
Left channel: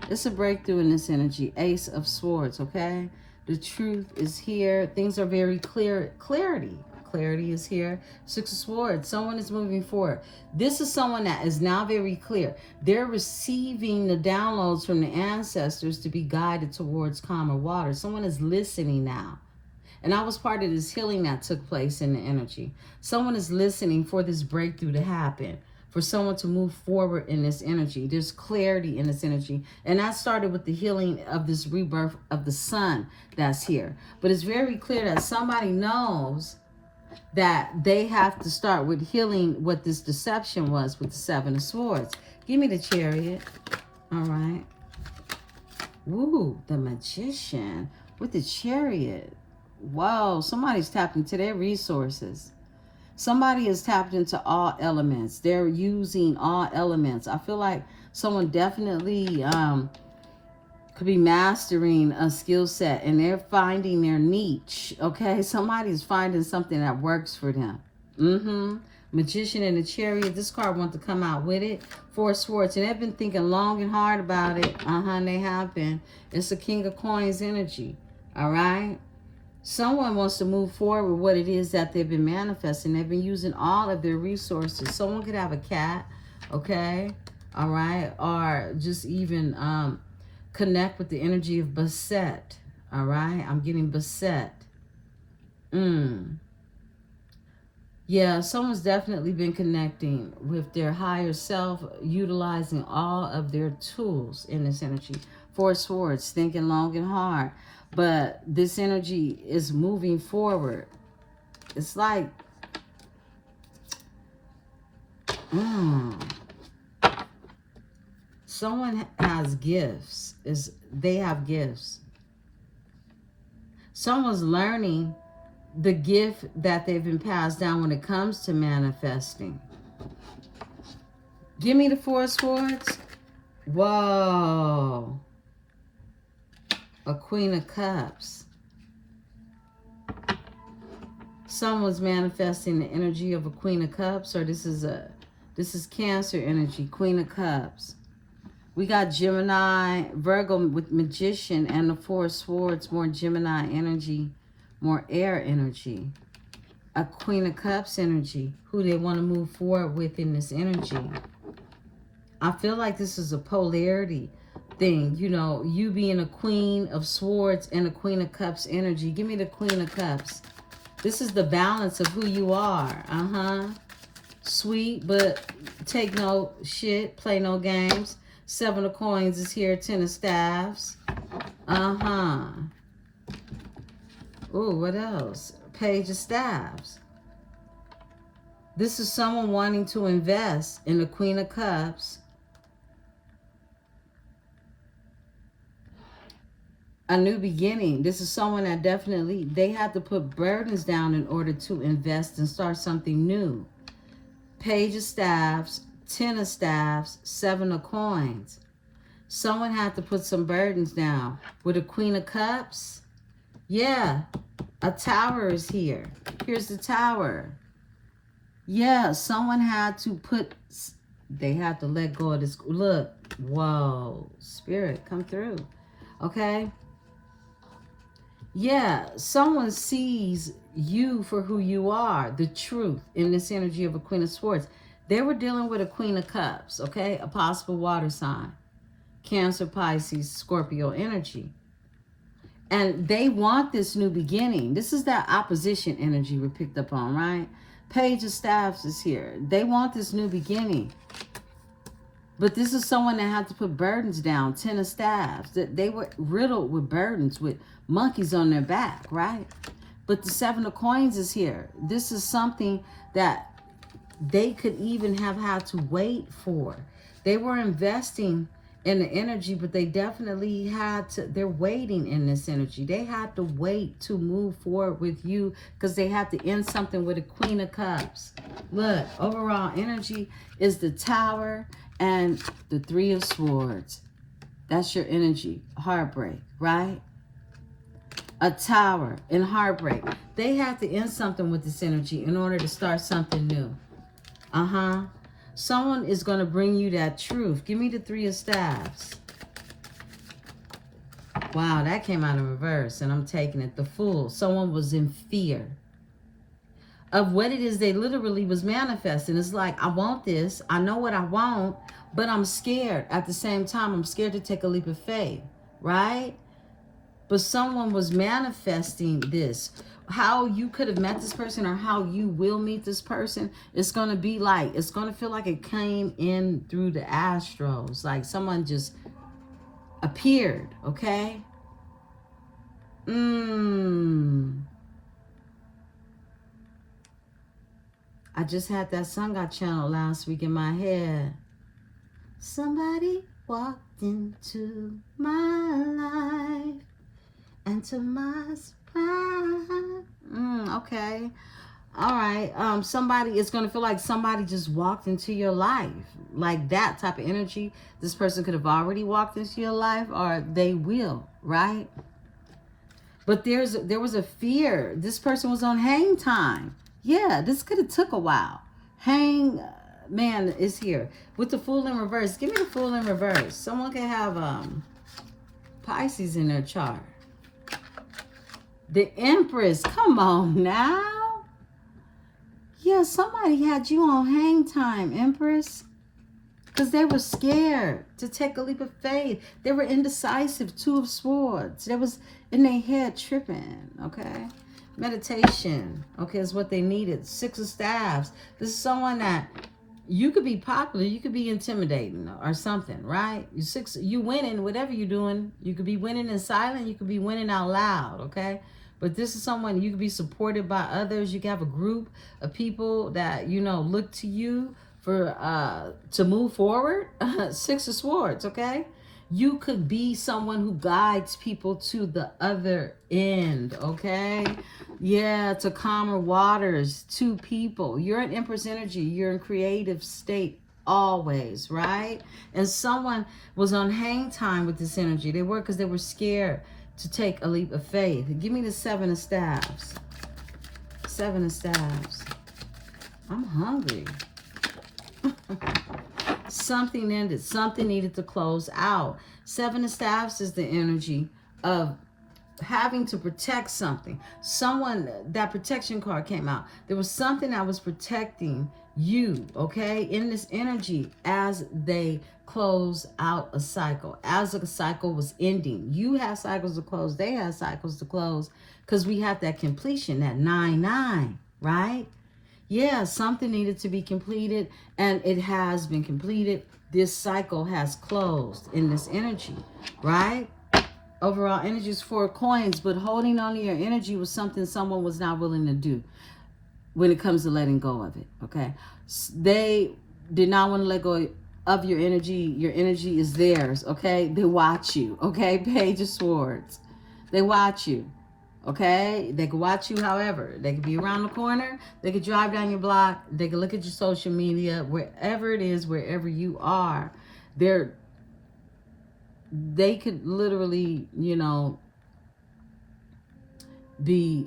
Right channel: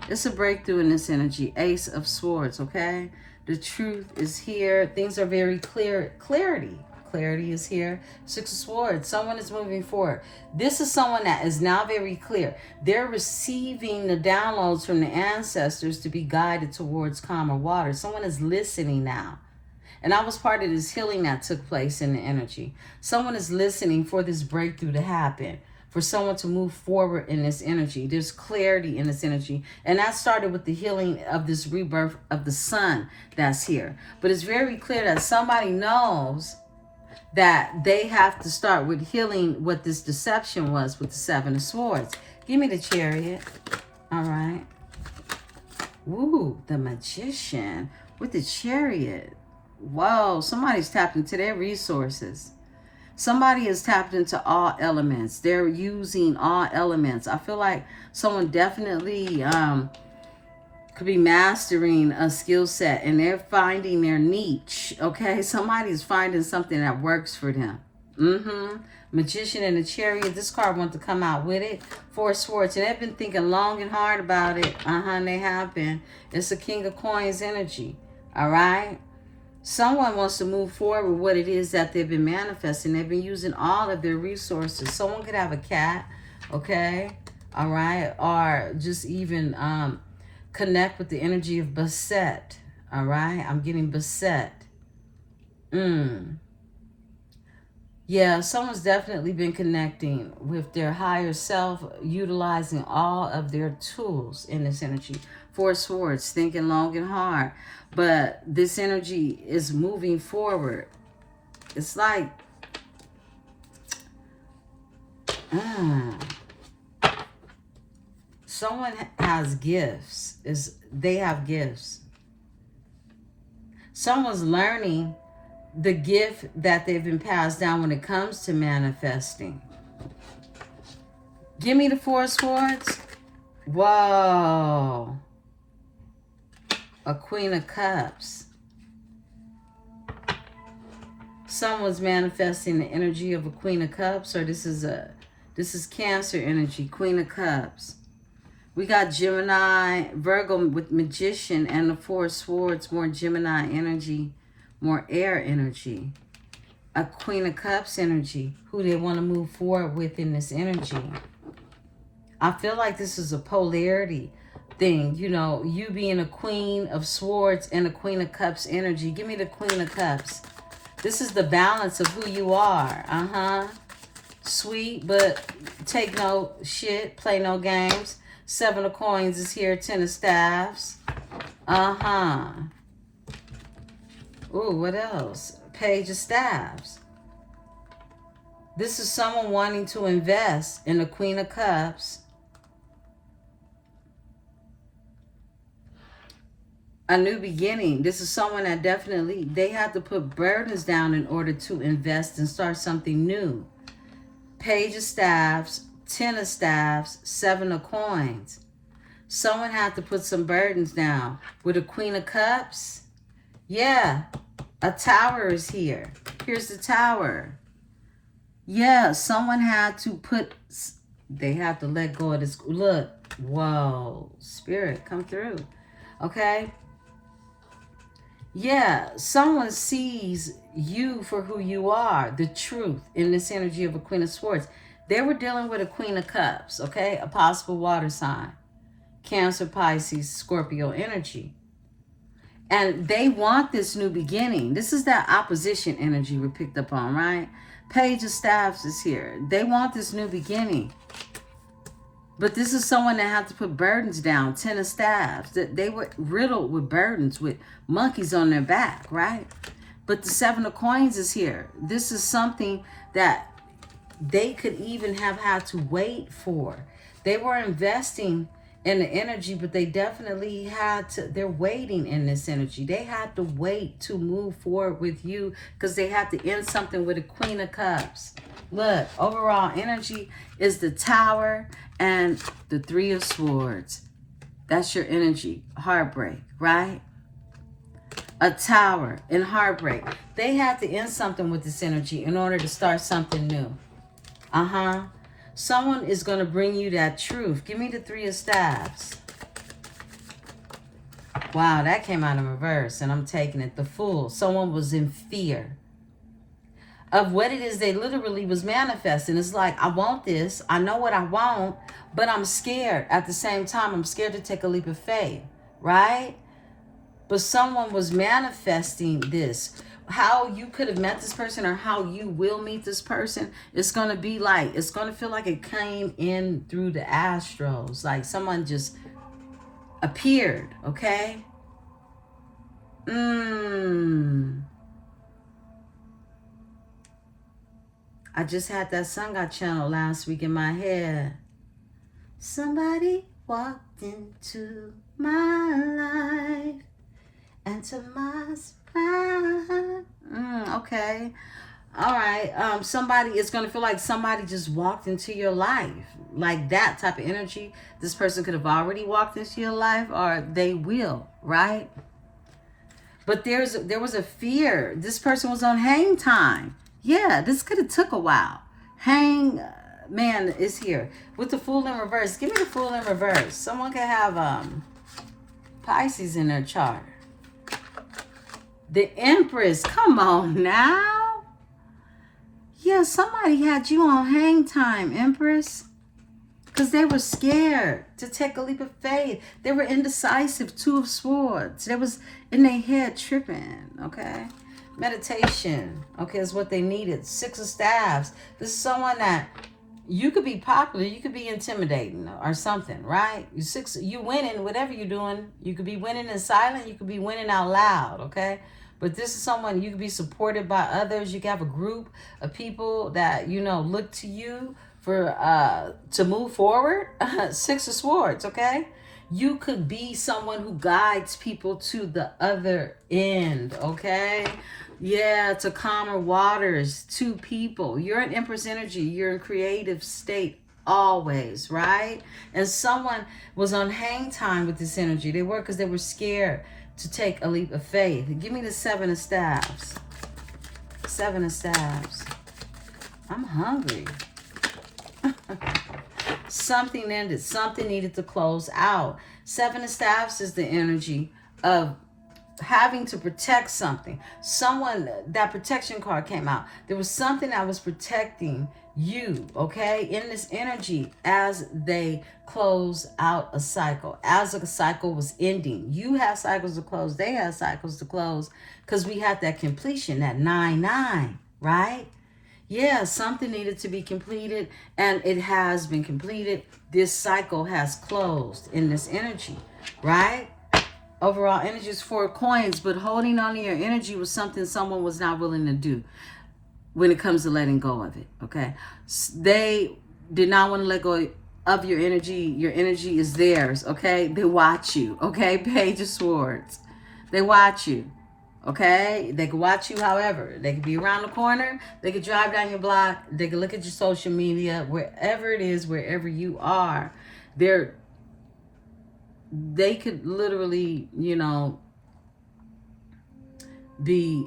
It's a breakthrough in this energy. Ace of Swords, okay? The truth is here. Things are very clear. Clarity is here. 6 of Swords. Someone is moving forward. This is someone that is now very clear. They're receiving the downloads from the ancestors to be guided towards calmer water. Someone is listening now. And I was part of this healing that took place in the energy. Someone is listening for this breakthrough to happen, for someone to move forward in this energy. There's clarity in this energy. And that started with the healing of this rebirth of the sun that's here. But it's very clear that somebody knows that they have to start with healing what this deception was with the 7 of Swords. Give me the Chariot. All right. Ooh, the Magician with the Chariot. Whoa, somebody's tapped into their resources. Somebody is tapped into all elements. They're using all elements. I feel like someone definitely could be mastering a skill set, and they're finding their niche, okay? Somebody's finding something that works for them. Magician and the Chariot. This card wants to come out with it. 4 of Swords. And they've been thinking long and hard about it. And they have been. It's a King of Coins energy, all right? Someone wants to move forward with what it is that they've been manifesting. They've been using all of their resources. Someone could have a cat, okay? All right? Or just even connect with the energy of Beset, all right? I'm getting Beset. Yeah, someone's definitely been connecting with their higher self, utilizing all of their tools in this energy. 4 of Swords, thinking long and hard. But this energy is moving forward. It's like, someone has gifts. They have gifts. Someone's learning the gift that they've been passed down when it comes to manifesting. Give me the 4 of Swords. Whoa. A Queen of Cups. Someone's manifesting the energy of a Queen of Cups, or this is Cancer energy, Queen of Cups. We got Gemini, Virgo with Magician, and the 4 of Swords, more Gemini energy, more air energy. A Queen of Cups energy, who they want to move forward with in this energy. I feel like this is a polarity thing, you know, you being a Queen of Swords and a Queen of Cups energy. Give me the Queen of Cups. This is the balance of who you are. Sweet, but take no shit, play no games. 7 of Coins is here, 10 of Staffs. Ooh, what else? Page of Staffs. This is someone wanting to invest in the Queen of Cups. A new beginning. This is someone that definitely, they have to put burdens down in order to invest and start something new. Page of Staffs, 10 of Staffs, 7 of Coins. Someone had to put some burdens down. With a Queen of Cups, yeah, a Tower is here. Here's the Tower. Yeah, someone had to put, they have to let go of this. Look, whoa, Spirit, come through. Okay? Yeah, someone sees you for who you are, the truth in this energy of a Queen of Swords. They were dealing with a Queen of Cups, okay? A possible water sign. Cancer, Pisces, Scorpio energy. And they want this new beginning. This is that opposition energy we picked up on, right? Page of Staffs is here. They want this new beginning. But this is someone that have to put burdens down. 10 of Staffs. They were riddled with burdens, with monkeys on their back, right? But the 7 of Coins is here. This is something that they could even have had to wait for. They were investing in the energy, but they definitely had to, they're waiting in this energy. They had to wait to move forward with you because they had to end something with a Queen of Cups. Look, overall energy is the Tower and the 3 of Swords. That's your energy. Heartbreak, right? A Tower and heartbreak. They have to end something with this energy in order to start something new. Someone is going to bring you that truth. Give me the 3 of Staffs. Wow, that came out in reverse, and I'm taking it. The Fool. Someone was in fear of what it is they literally was manifesting. It's like, I want this. I know what I want, but I'm scared. At the same time, I'm scared to take a leap of faith, right? But someone was manifesting this. How you could have met this person or how you will meet this person, it's going to be like, it's going to feel like it came in through the astros. Like someone just appeared, okay? I just had that Sun God channel last week in my head. Somebody walked into my life, and to my surprise, okay, all right. Somebody, it's gonna feel like somebody just walked into your life, like that type of energy. This person could have already walked into your life, or they will, right? But there was a fear. This person was on hang time. Yeah, this could have took a while. Hang man is here with the Fool in reverse. Give me the Fool in reverse. Someone can have Pisces in their chart. The Empress. Come on now. Yeah, somebody had you on hang time, Empress. Because they were scared to take a leap of faith. They were indecisive. Two of Swords. They was in their head tripping, okay? Meditation, okay, is what they needed. Six of Staves. This is someone that you could be popular, you could be intimidating or something, right? You winning, whatever you're doing. You could be winning in silence, you could be winning out loud, okay? But this is someone you could be supported by others. You can have a group of people that, you know, look to you for to move forward. Six of Swords, okay? You could be someone who guides people to the other end, okay? Yeah, to calmer waters, to people. You're an Empress energy. You're in creative state always, right? And someone was on hang time with this energy. They were because they were scared to take a leap of faith. Give me the Seven of Staves. Seven of Staves. I'm hungry. Something ended. Something needed to close out. Seven of Staves is the energy of having to protect something. Someone, that protection card came out. There was something that was protecting you, okay, in this energy as they close out a cycle. As a cycle was ending. You have cycles to close. They have cycles to close because we had that completion, that 9-9, right? Yeah, something needed to be completed, and it has been completed. This cycle has closed in this energy, right? Overall energy is 4 coins, but holding on to your energy was something someone was not willing to do when it comes to letting go of it, okay? They did not want to let go of your energy. Your energy is theirs, okay? They watch you, okay? Page of Swords. They watch you. Okay, they can watch you however. They could be around the corner. They could drive down your block. They could look at your social media. Wherever it is, wherever you are, they could literally, you know, be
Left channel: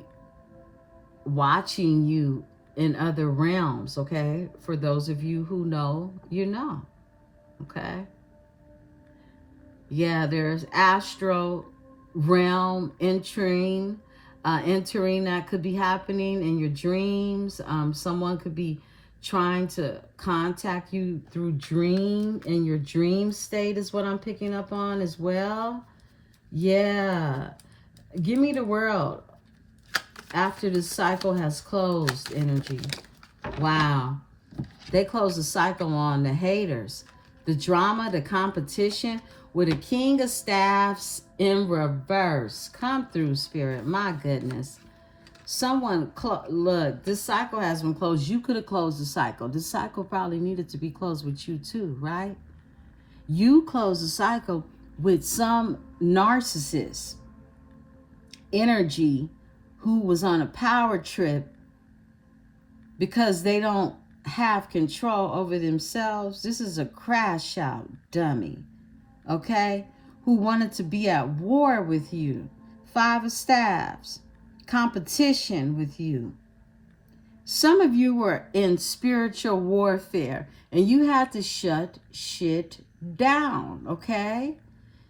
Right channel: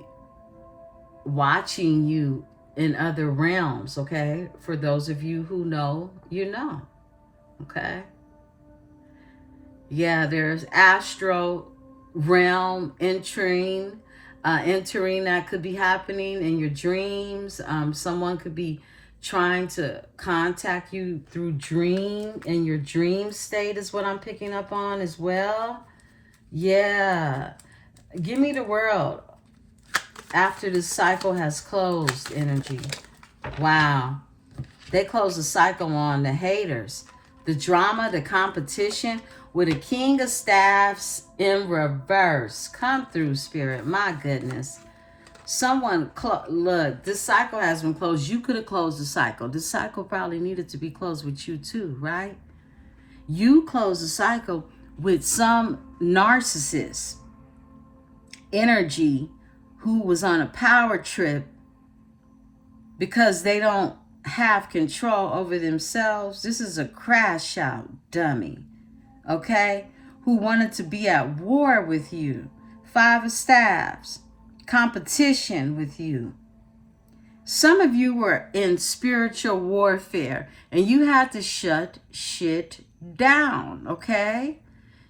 watching you in other realms, okay? For those of you who know, you know, okay? Yeah, there's astro realm entering that could be happening in your dreams. Someone could be trying to contact you through dream, in your dream state is what I'm picking up on as well. Yeah, give me the World after the cycle has closed energy. Wow, they close the cycle on the haters, the drama, the competition, with a King of Staves in reverse. Come through, Spirit. My goodness. Someone, look, this cycle has been closed. You could have closed the cycle. This cycle probably needed to be closed with you too, right? You closed the cycle with some narcissist energy who was on a power trip because they don't have control over themselves. This is a crash out dummy. Okay, who wanted to be at war with you. 5 of Staves, competition with you. Some of you were in spiritual warfare and you had to shut shit down, okay?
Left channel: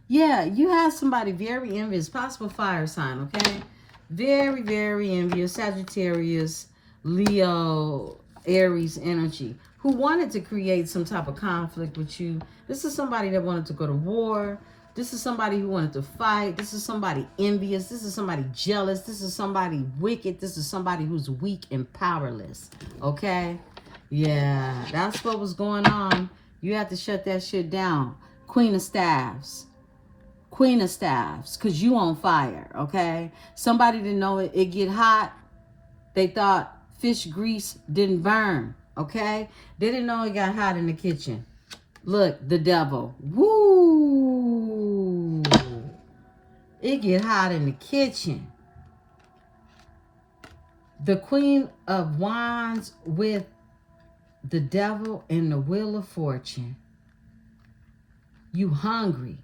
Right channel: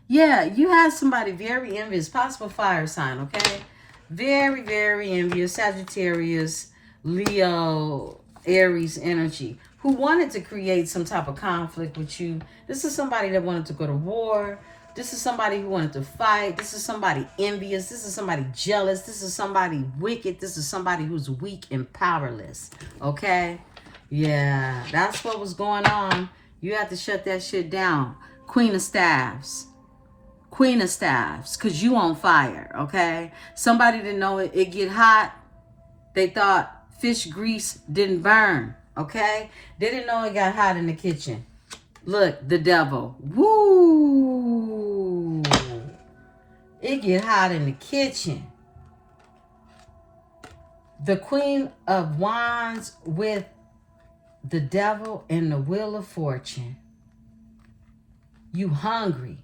Yeah, you had somebody very envious, possible fire sign, okay? Very, very envious, Sagittarius, Leo, Aries energy, who wanted to create some type of conflict with you. This is somebody that wanted to go to war. This is somebody who wanted to fight. This is somebody envious. This is somebody jealous. This is somebody wicked. This is somebody who's weak and powerless, okay? Yeah, that's what was going on. You have to shut that shit down. Queen of Staves. Queen of Staves, because you on fire, okay? Somebody didn't know it get hot. They thought fish grease didn't burn, okay? They didn't know it got hot in the kitchen. Look, the devil. Woo! It get hot in the kitchen. The Queen of Wands with the devil and the Wheel of Fortune. You hungry.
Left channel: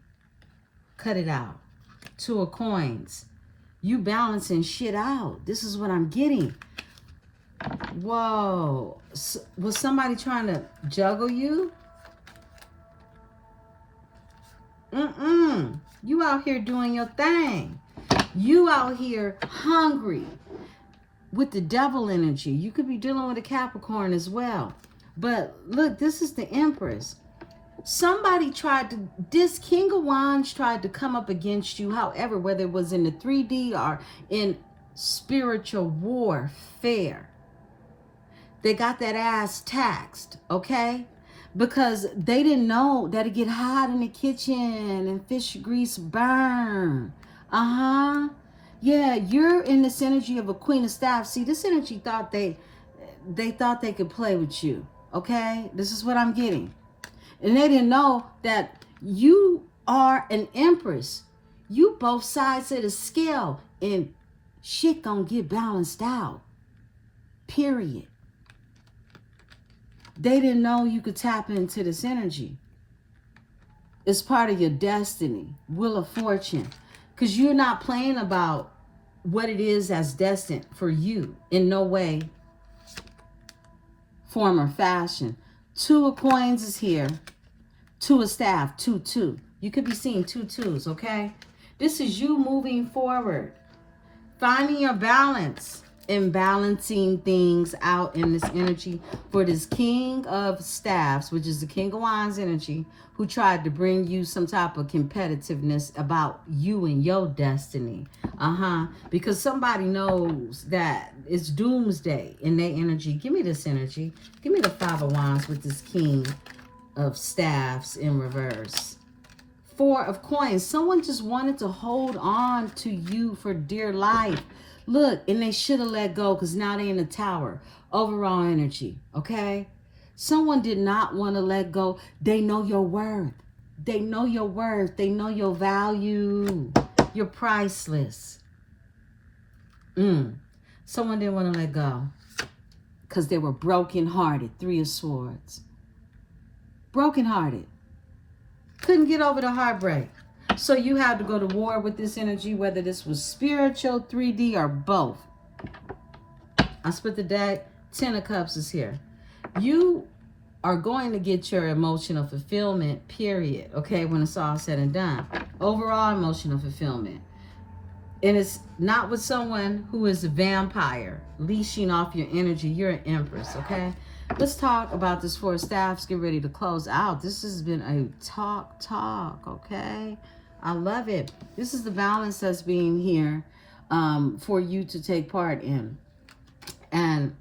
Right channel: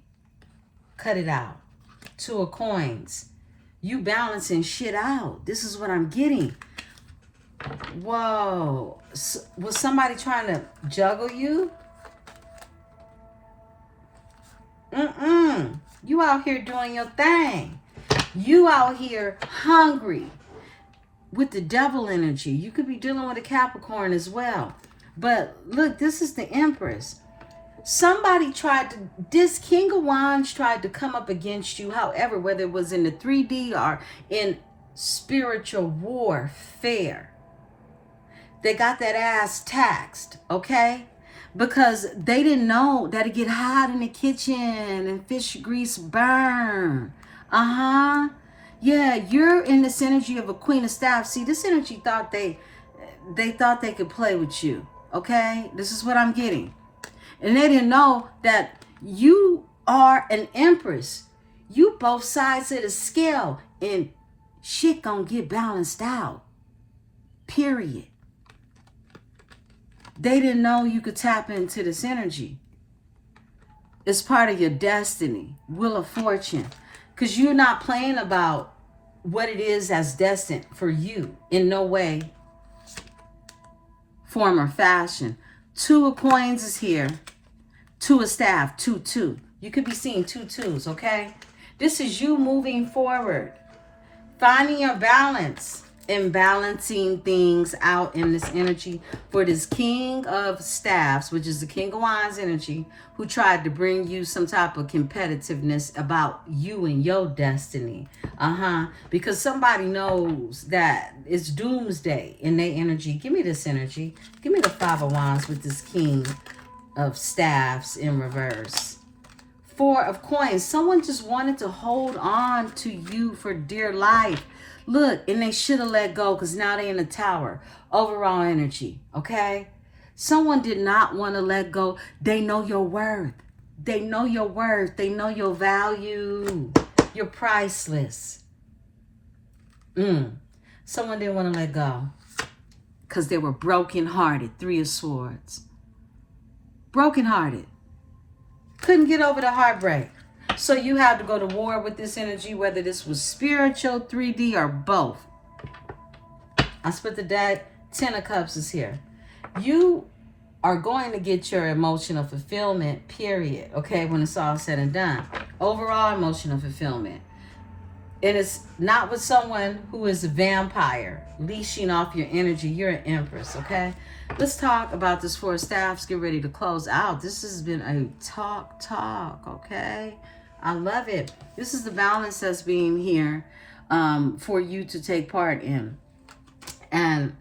Cut it out. Two of Coins. You balancing shit out. This is what I'm getting. Whoa. Was somebody trying to juggle you? You out here doing your thing. You out here hungry with the devil energy. You could be dealing with a Capricorn as well. But look, this is the Empress. Somebody tried to, this King of Wands tried to come up against you, however, whether it was in the 3D or in spiritual warfare. They got that ass taxed, okay? Because they didn't know that it get hot in the kitchen and fish grease burn. Yeah, you're in this energy of a Queen of Staffs. See, this energy thought they thought they could play with you, okay? This is what I'm getting. And they didn't know that you are an Empress. You both sides of the scale. And shit gonna get balanced out. Period. They didn't know you could tap into this energy. It's part of your destiny. Wheel of Fortune. Because you're not playing about what it is that's destined for you. In no way, form, or fashion. Two of Coins is here. Two of Staff, 2-2. You could be seeing 2-2s, okay? This is you moving forward. Finding your balance and balancing things out in this energy for this King of Staffs, which is the King of Wands energy, who tried to bring you some type of competitiveness about you and your destiny. Because somebody knows that it's doomsday in their energy. Give me this energy. Give me the Five of Wands with this King of Staffs in reverse. Four of Coins. Someone just wanted to hold on to you for dear life. Look, and they should have let go because now they're in the Tower. Overall energy, okay? Someone did not want to let go. They know your worth. They know your worth. They know your value. You're priceless. Someone didn't want to let go because they were brokenhearted. Three of Swords. Brokenhearted. Couldn't get over the heartbreak. So you had to go to war with this energy, whether this was spiritual, 3D, or both. I split the deck. 10 of Cups is here. You are going to get your emotional fulfillment, period, okay, when it's all said and done. Overall emotional fulfillment. And it's not with someone who is a vampire, leashing off your energy. You're an Empress, okay? Let's talk about this Four of Staffs. Get ready to close out. This has been a talk, okay? I love it. This is the balance that's being here for you to take part in. And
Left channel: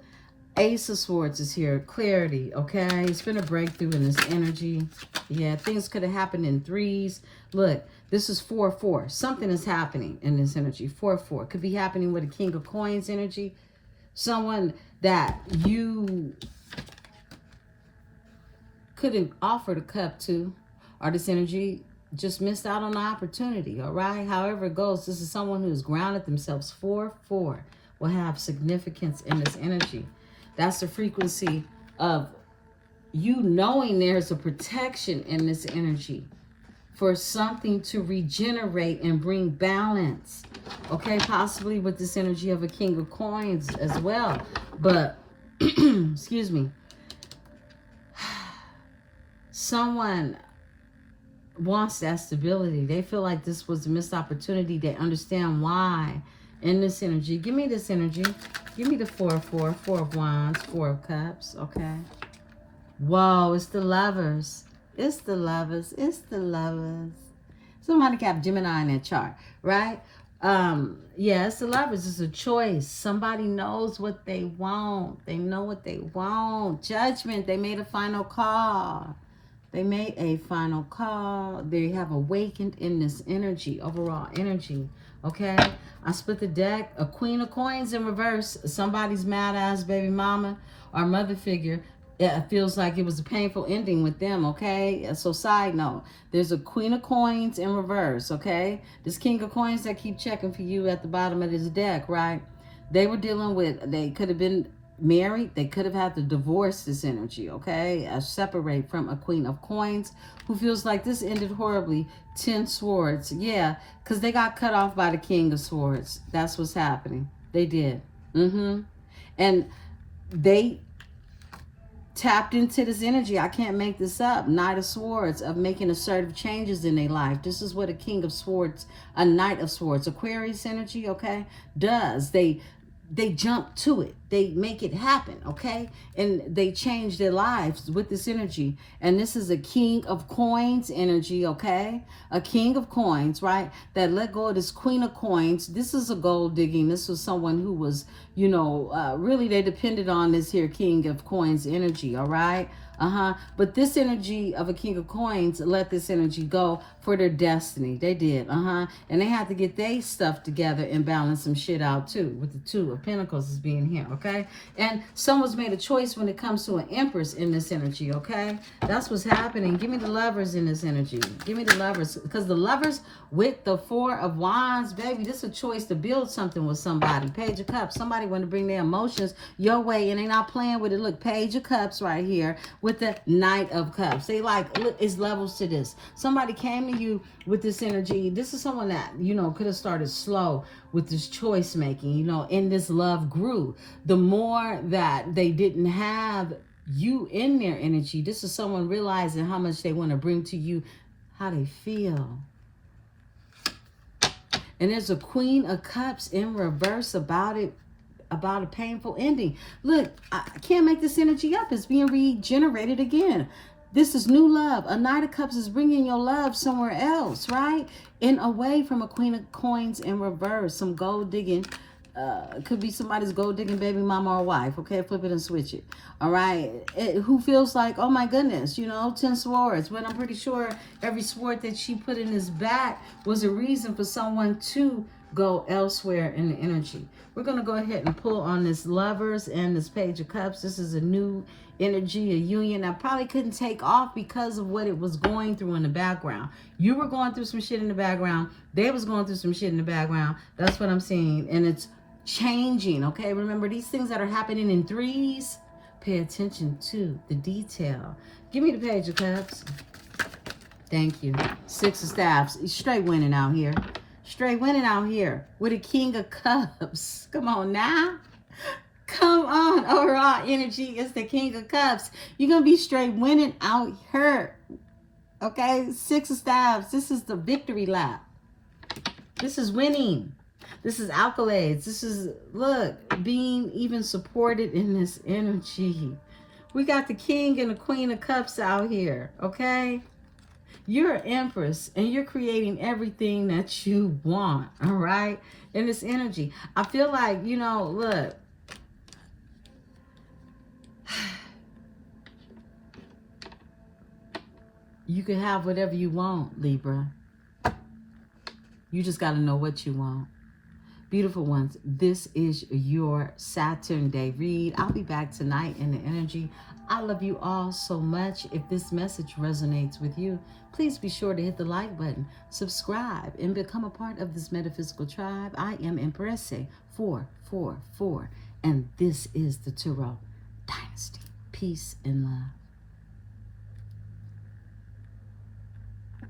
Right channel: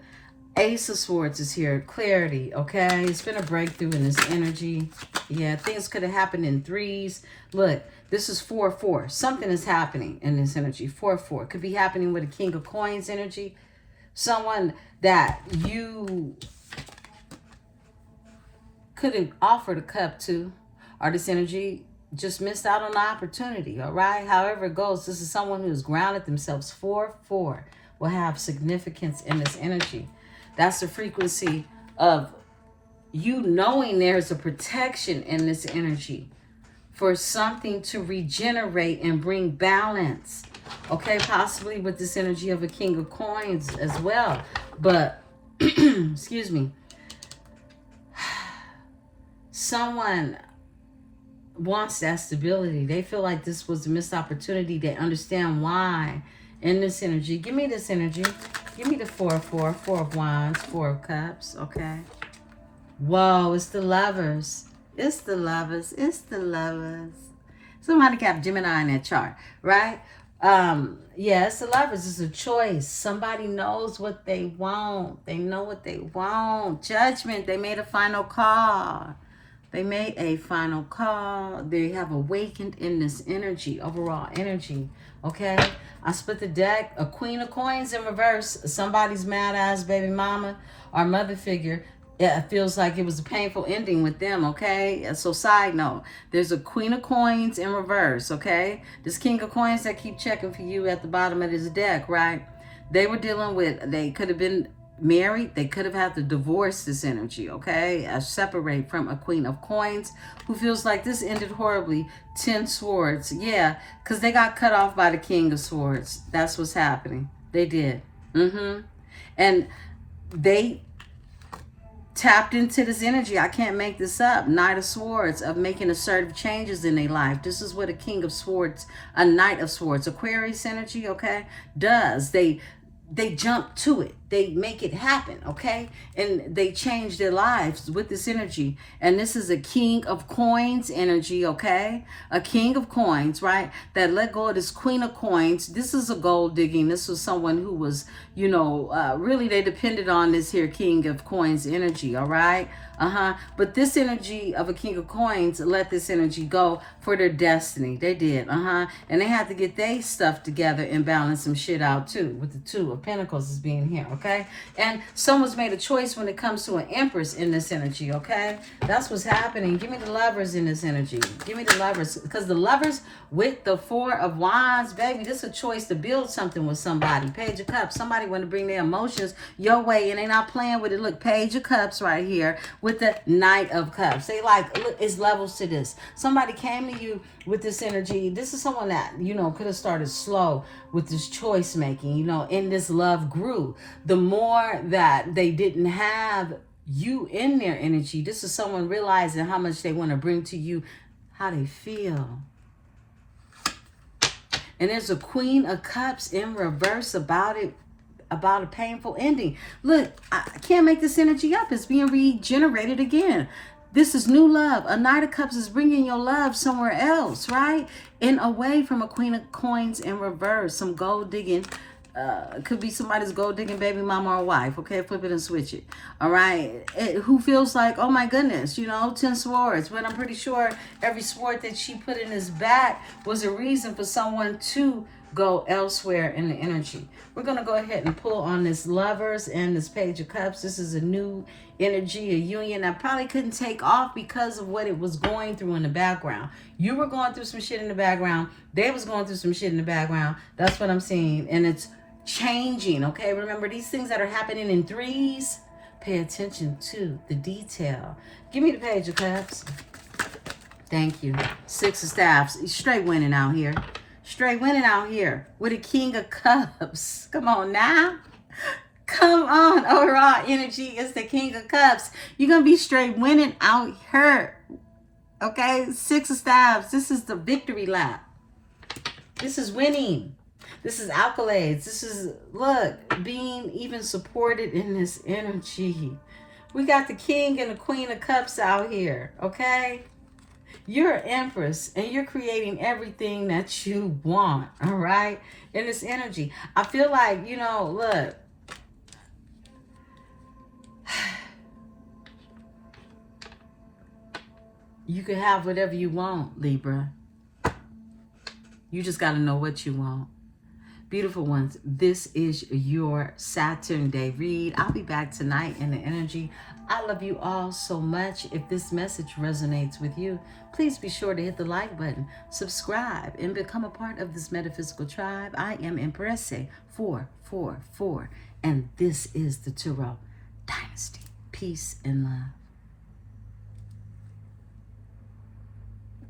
Ace of Swords is here. Clarity, okay? It's been a breakthrough in this energy. Yeah, things could have happened in threes. Look, this is 4-4. Something is happening in this energy. 4-4. Could be happening with a King of Coins energy. Someone that you could have offered a cup to, or this energy just missed out on the opportunity, all right? However it goes, this is someone who has grounded themselves. 4-4 will have significance in this energy. That's the frequency of you knowing there's a protection in this energy for something to regenerate and bring balance, okay? Possibly with this energy of a King of Coins as well. But, excuse me, someone wants that stability. They feel like this was a missed opportunity. They understand why. In this energy, give me this energy. Give me the Four of Wands, Four of Cups, okay? Whoa, it's the Lovers. It's the Lovers. It's the Lovers. Somebody got Gemini in that chart, right? Yeah, it's the Lovers. It's a choice. Somebody knows what they want. They know what they want. Judgment. They made a final call. They made a final call. They have awakened in this energy, overall energy, okay? I split the deck. A Queen of Coins in reverse. Somebody's mad-ass baby mama or mother figure. It feels like it was a painful ending with them, okay? So side note, there's a Queen of Coins in reverse, okay? This King of Coins that keep checking for you at the bottom of this deck, right? They were dealing with, they could have been married. They could have had to divorce this energy, okay? Separate from a Queen of Coins who feels like this ended horribly. 10 Swords, yeah, because they got cut off by the King of Swords. That's what's happening. They did. And they tapped into this energy. I can't make this up. Knight of Swords, of making assertive changes in their life. This is what a King of Swords, a Knight of Swords, Aquarius energy, okay, does. They jump to it. They make it happen, okay? And they change their lives with this energy. And this is a King of Coins energy, okay? A King of Coins, right? That let go of this Queen of Coins. This is a gold digging. This was someone who was, you know, really they depended on this here King of Coins energy, all right? But this energy of a King of Coins let this energy go for their destiny. They did, And they had to get their stuff together and balance some shit out too, with the Two of Pentacles is being here, okay? And someone's made a choice when it comes to an Empress in this energy, okay? That's what's happening. Give me the Lovers in this energy. Give me the Lovers, because the Lovers with the Four of Wands, baby, this is a choice to build something with somebody. Page of Cups, somebody want to bring their emotions your way and they not playing with it. Look, Page of Cups right here with the Knight of Cups. They like, look, it's levels to this. Somebody came to you with this energy. This is someone that, you know, could have started slow with this choice making, you know, and this love grew. The more that they didn't have you in their energy, this is someone realizing how much they want to bring to you, how they feel. And there's a Queen of Cups in reverse about it, about a painful ending. Look, I can't make this energy up. It's being regenerated again. This is new love. A Knight of Cups is bringing your love somewhere else, right? And away from a Queen of Coins in reverse. Some gold digging. Could be somebody's gold digging baby mama or wife. Okay, flip it and switch it. All right. Who feels like, oh my goodness, you know, 10 Swords. But I'm pretty sure every sword that she put in his back was a reason for someone to go elsewhere in the energy. We're going to go ahead and pull on this Lovers and this Page of Cups. This is a new energy, a union that probably couldn't take off because of what it was going through in the background. You were going through some shit in the background. They was going through some shit in the background. That's what I'm seeing. And it's changing, okay? Remember, these things that are happening in threes, pay attention to the detail. Give me the Page of Cups. Thank you. Six of Staffs. Straight winning out here. Straight winning out here with a King of Cups. Come on now. Come on. Overall energy is the King of Cups. You're going to be straight winning out here. Okay? Six of Staffs. This is the victory lap. This is winning. This is accolades. This is, look, being even supported in this energy. We got the King and the Queen of Cups out here. Okay? You're an Empress, and you're creating everything that you want, all right, in this energy. I feel like, you know, look, you can have whatever you want, Libra. You just got to know what you want. Beautiful ones, this is your Saturn day read. I'll be back tonight in the energy. I love you all so much. If this message resonates with you, please be sure to hit the like button, subscribe, and become a part of this metaphysical tribe. I am Emperesse 444, and this is the Tarot Dynasty. Peace and love.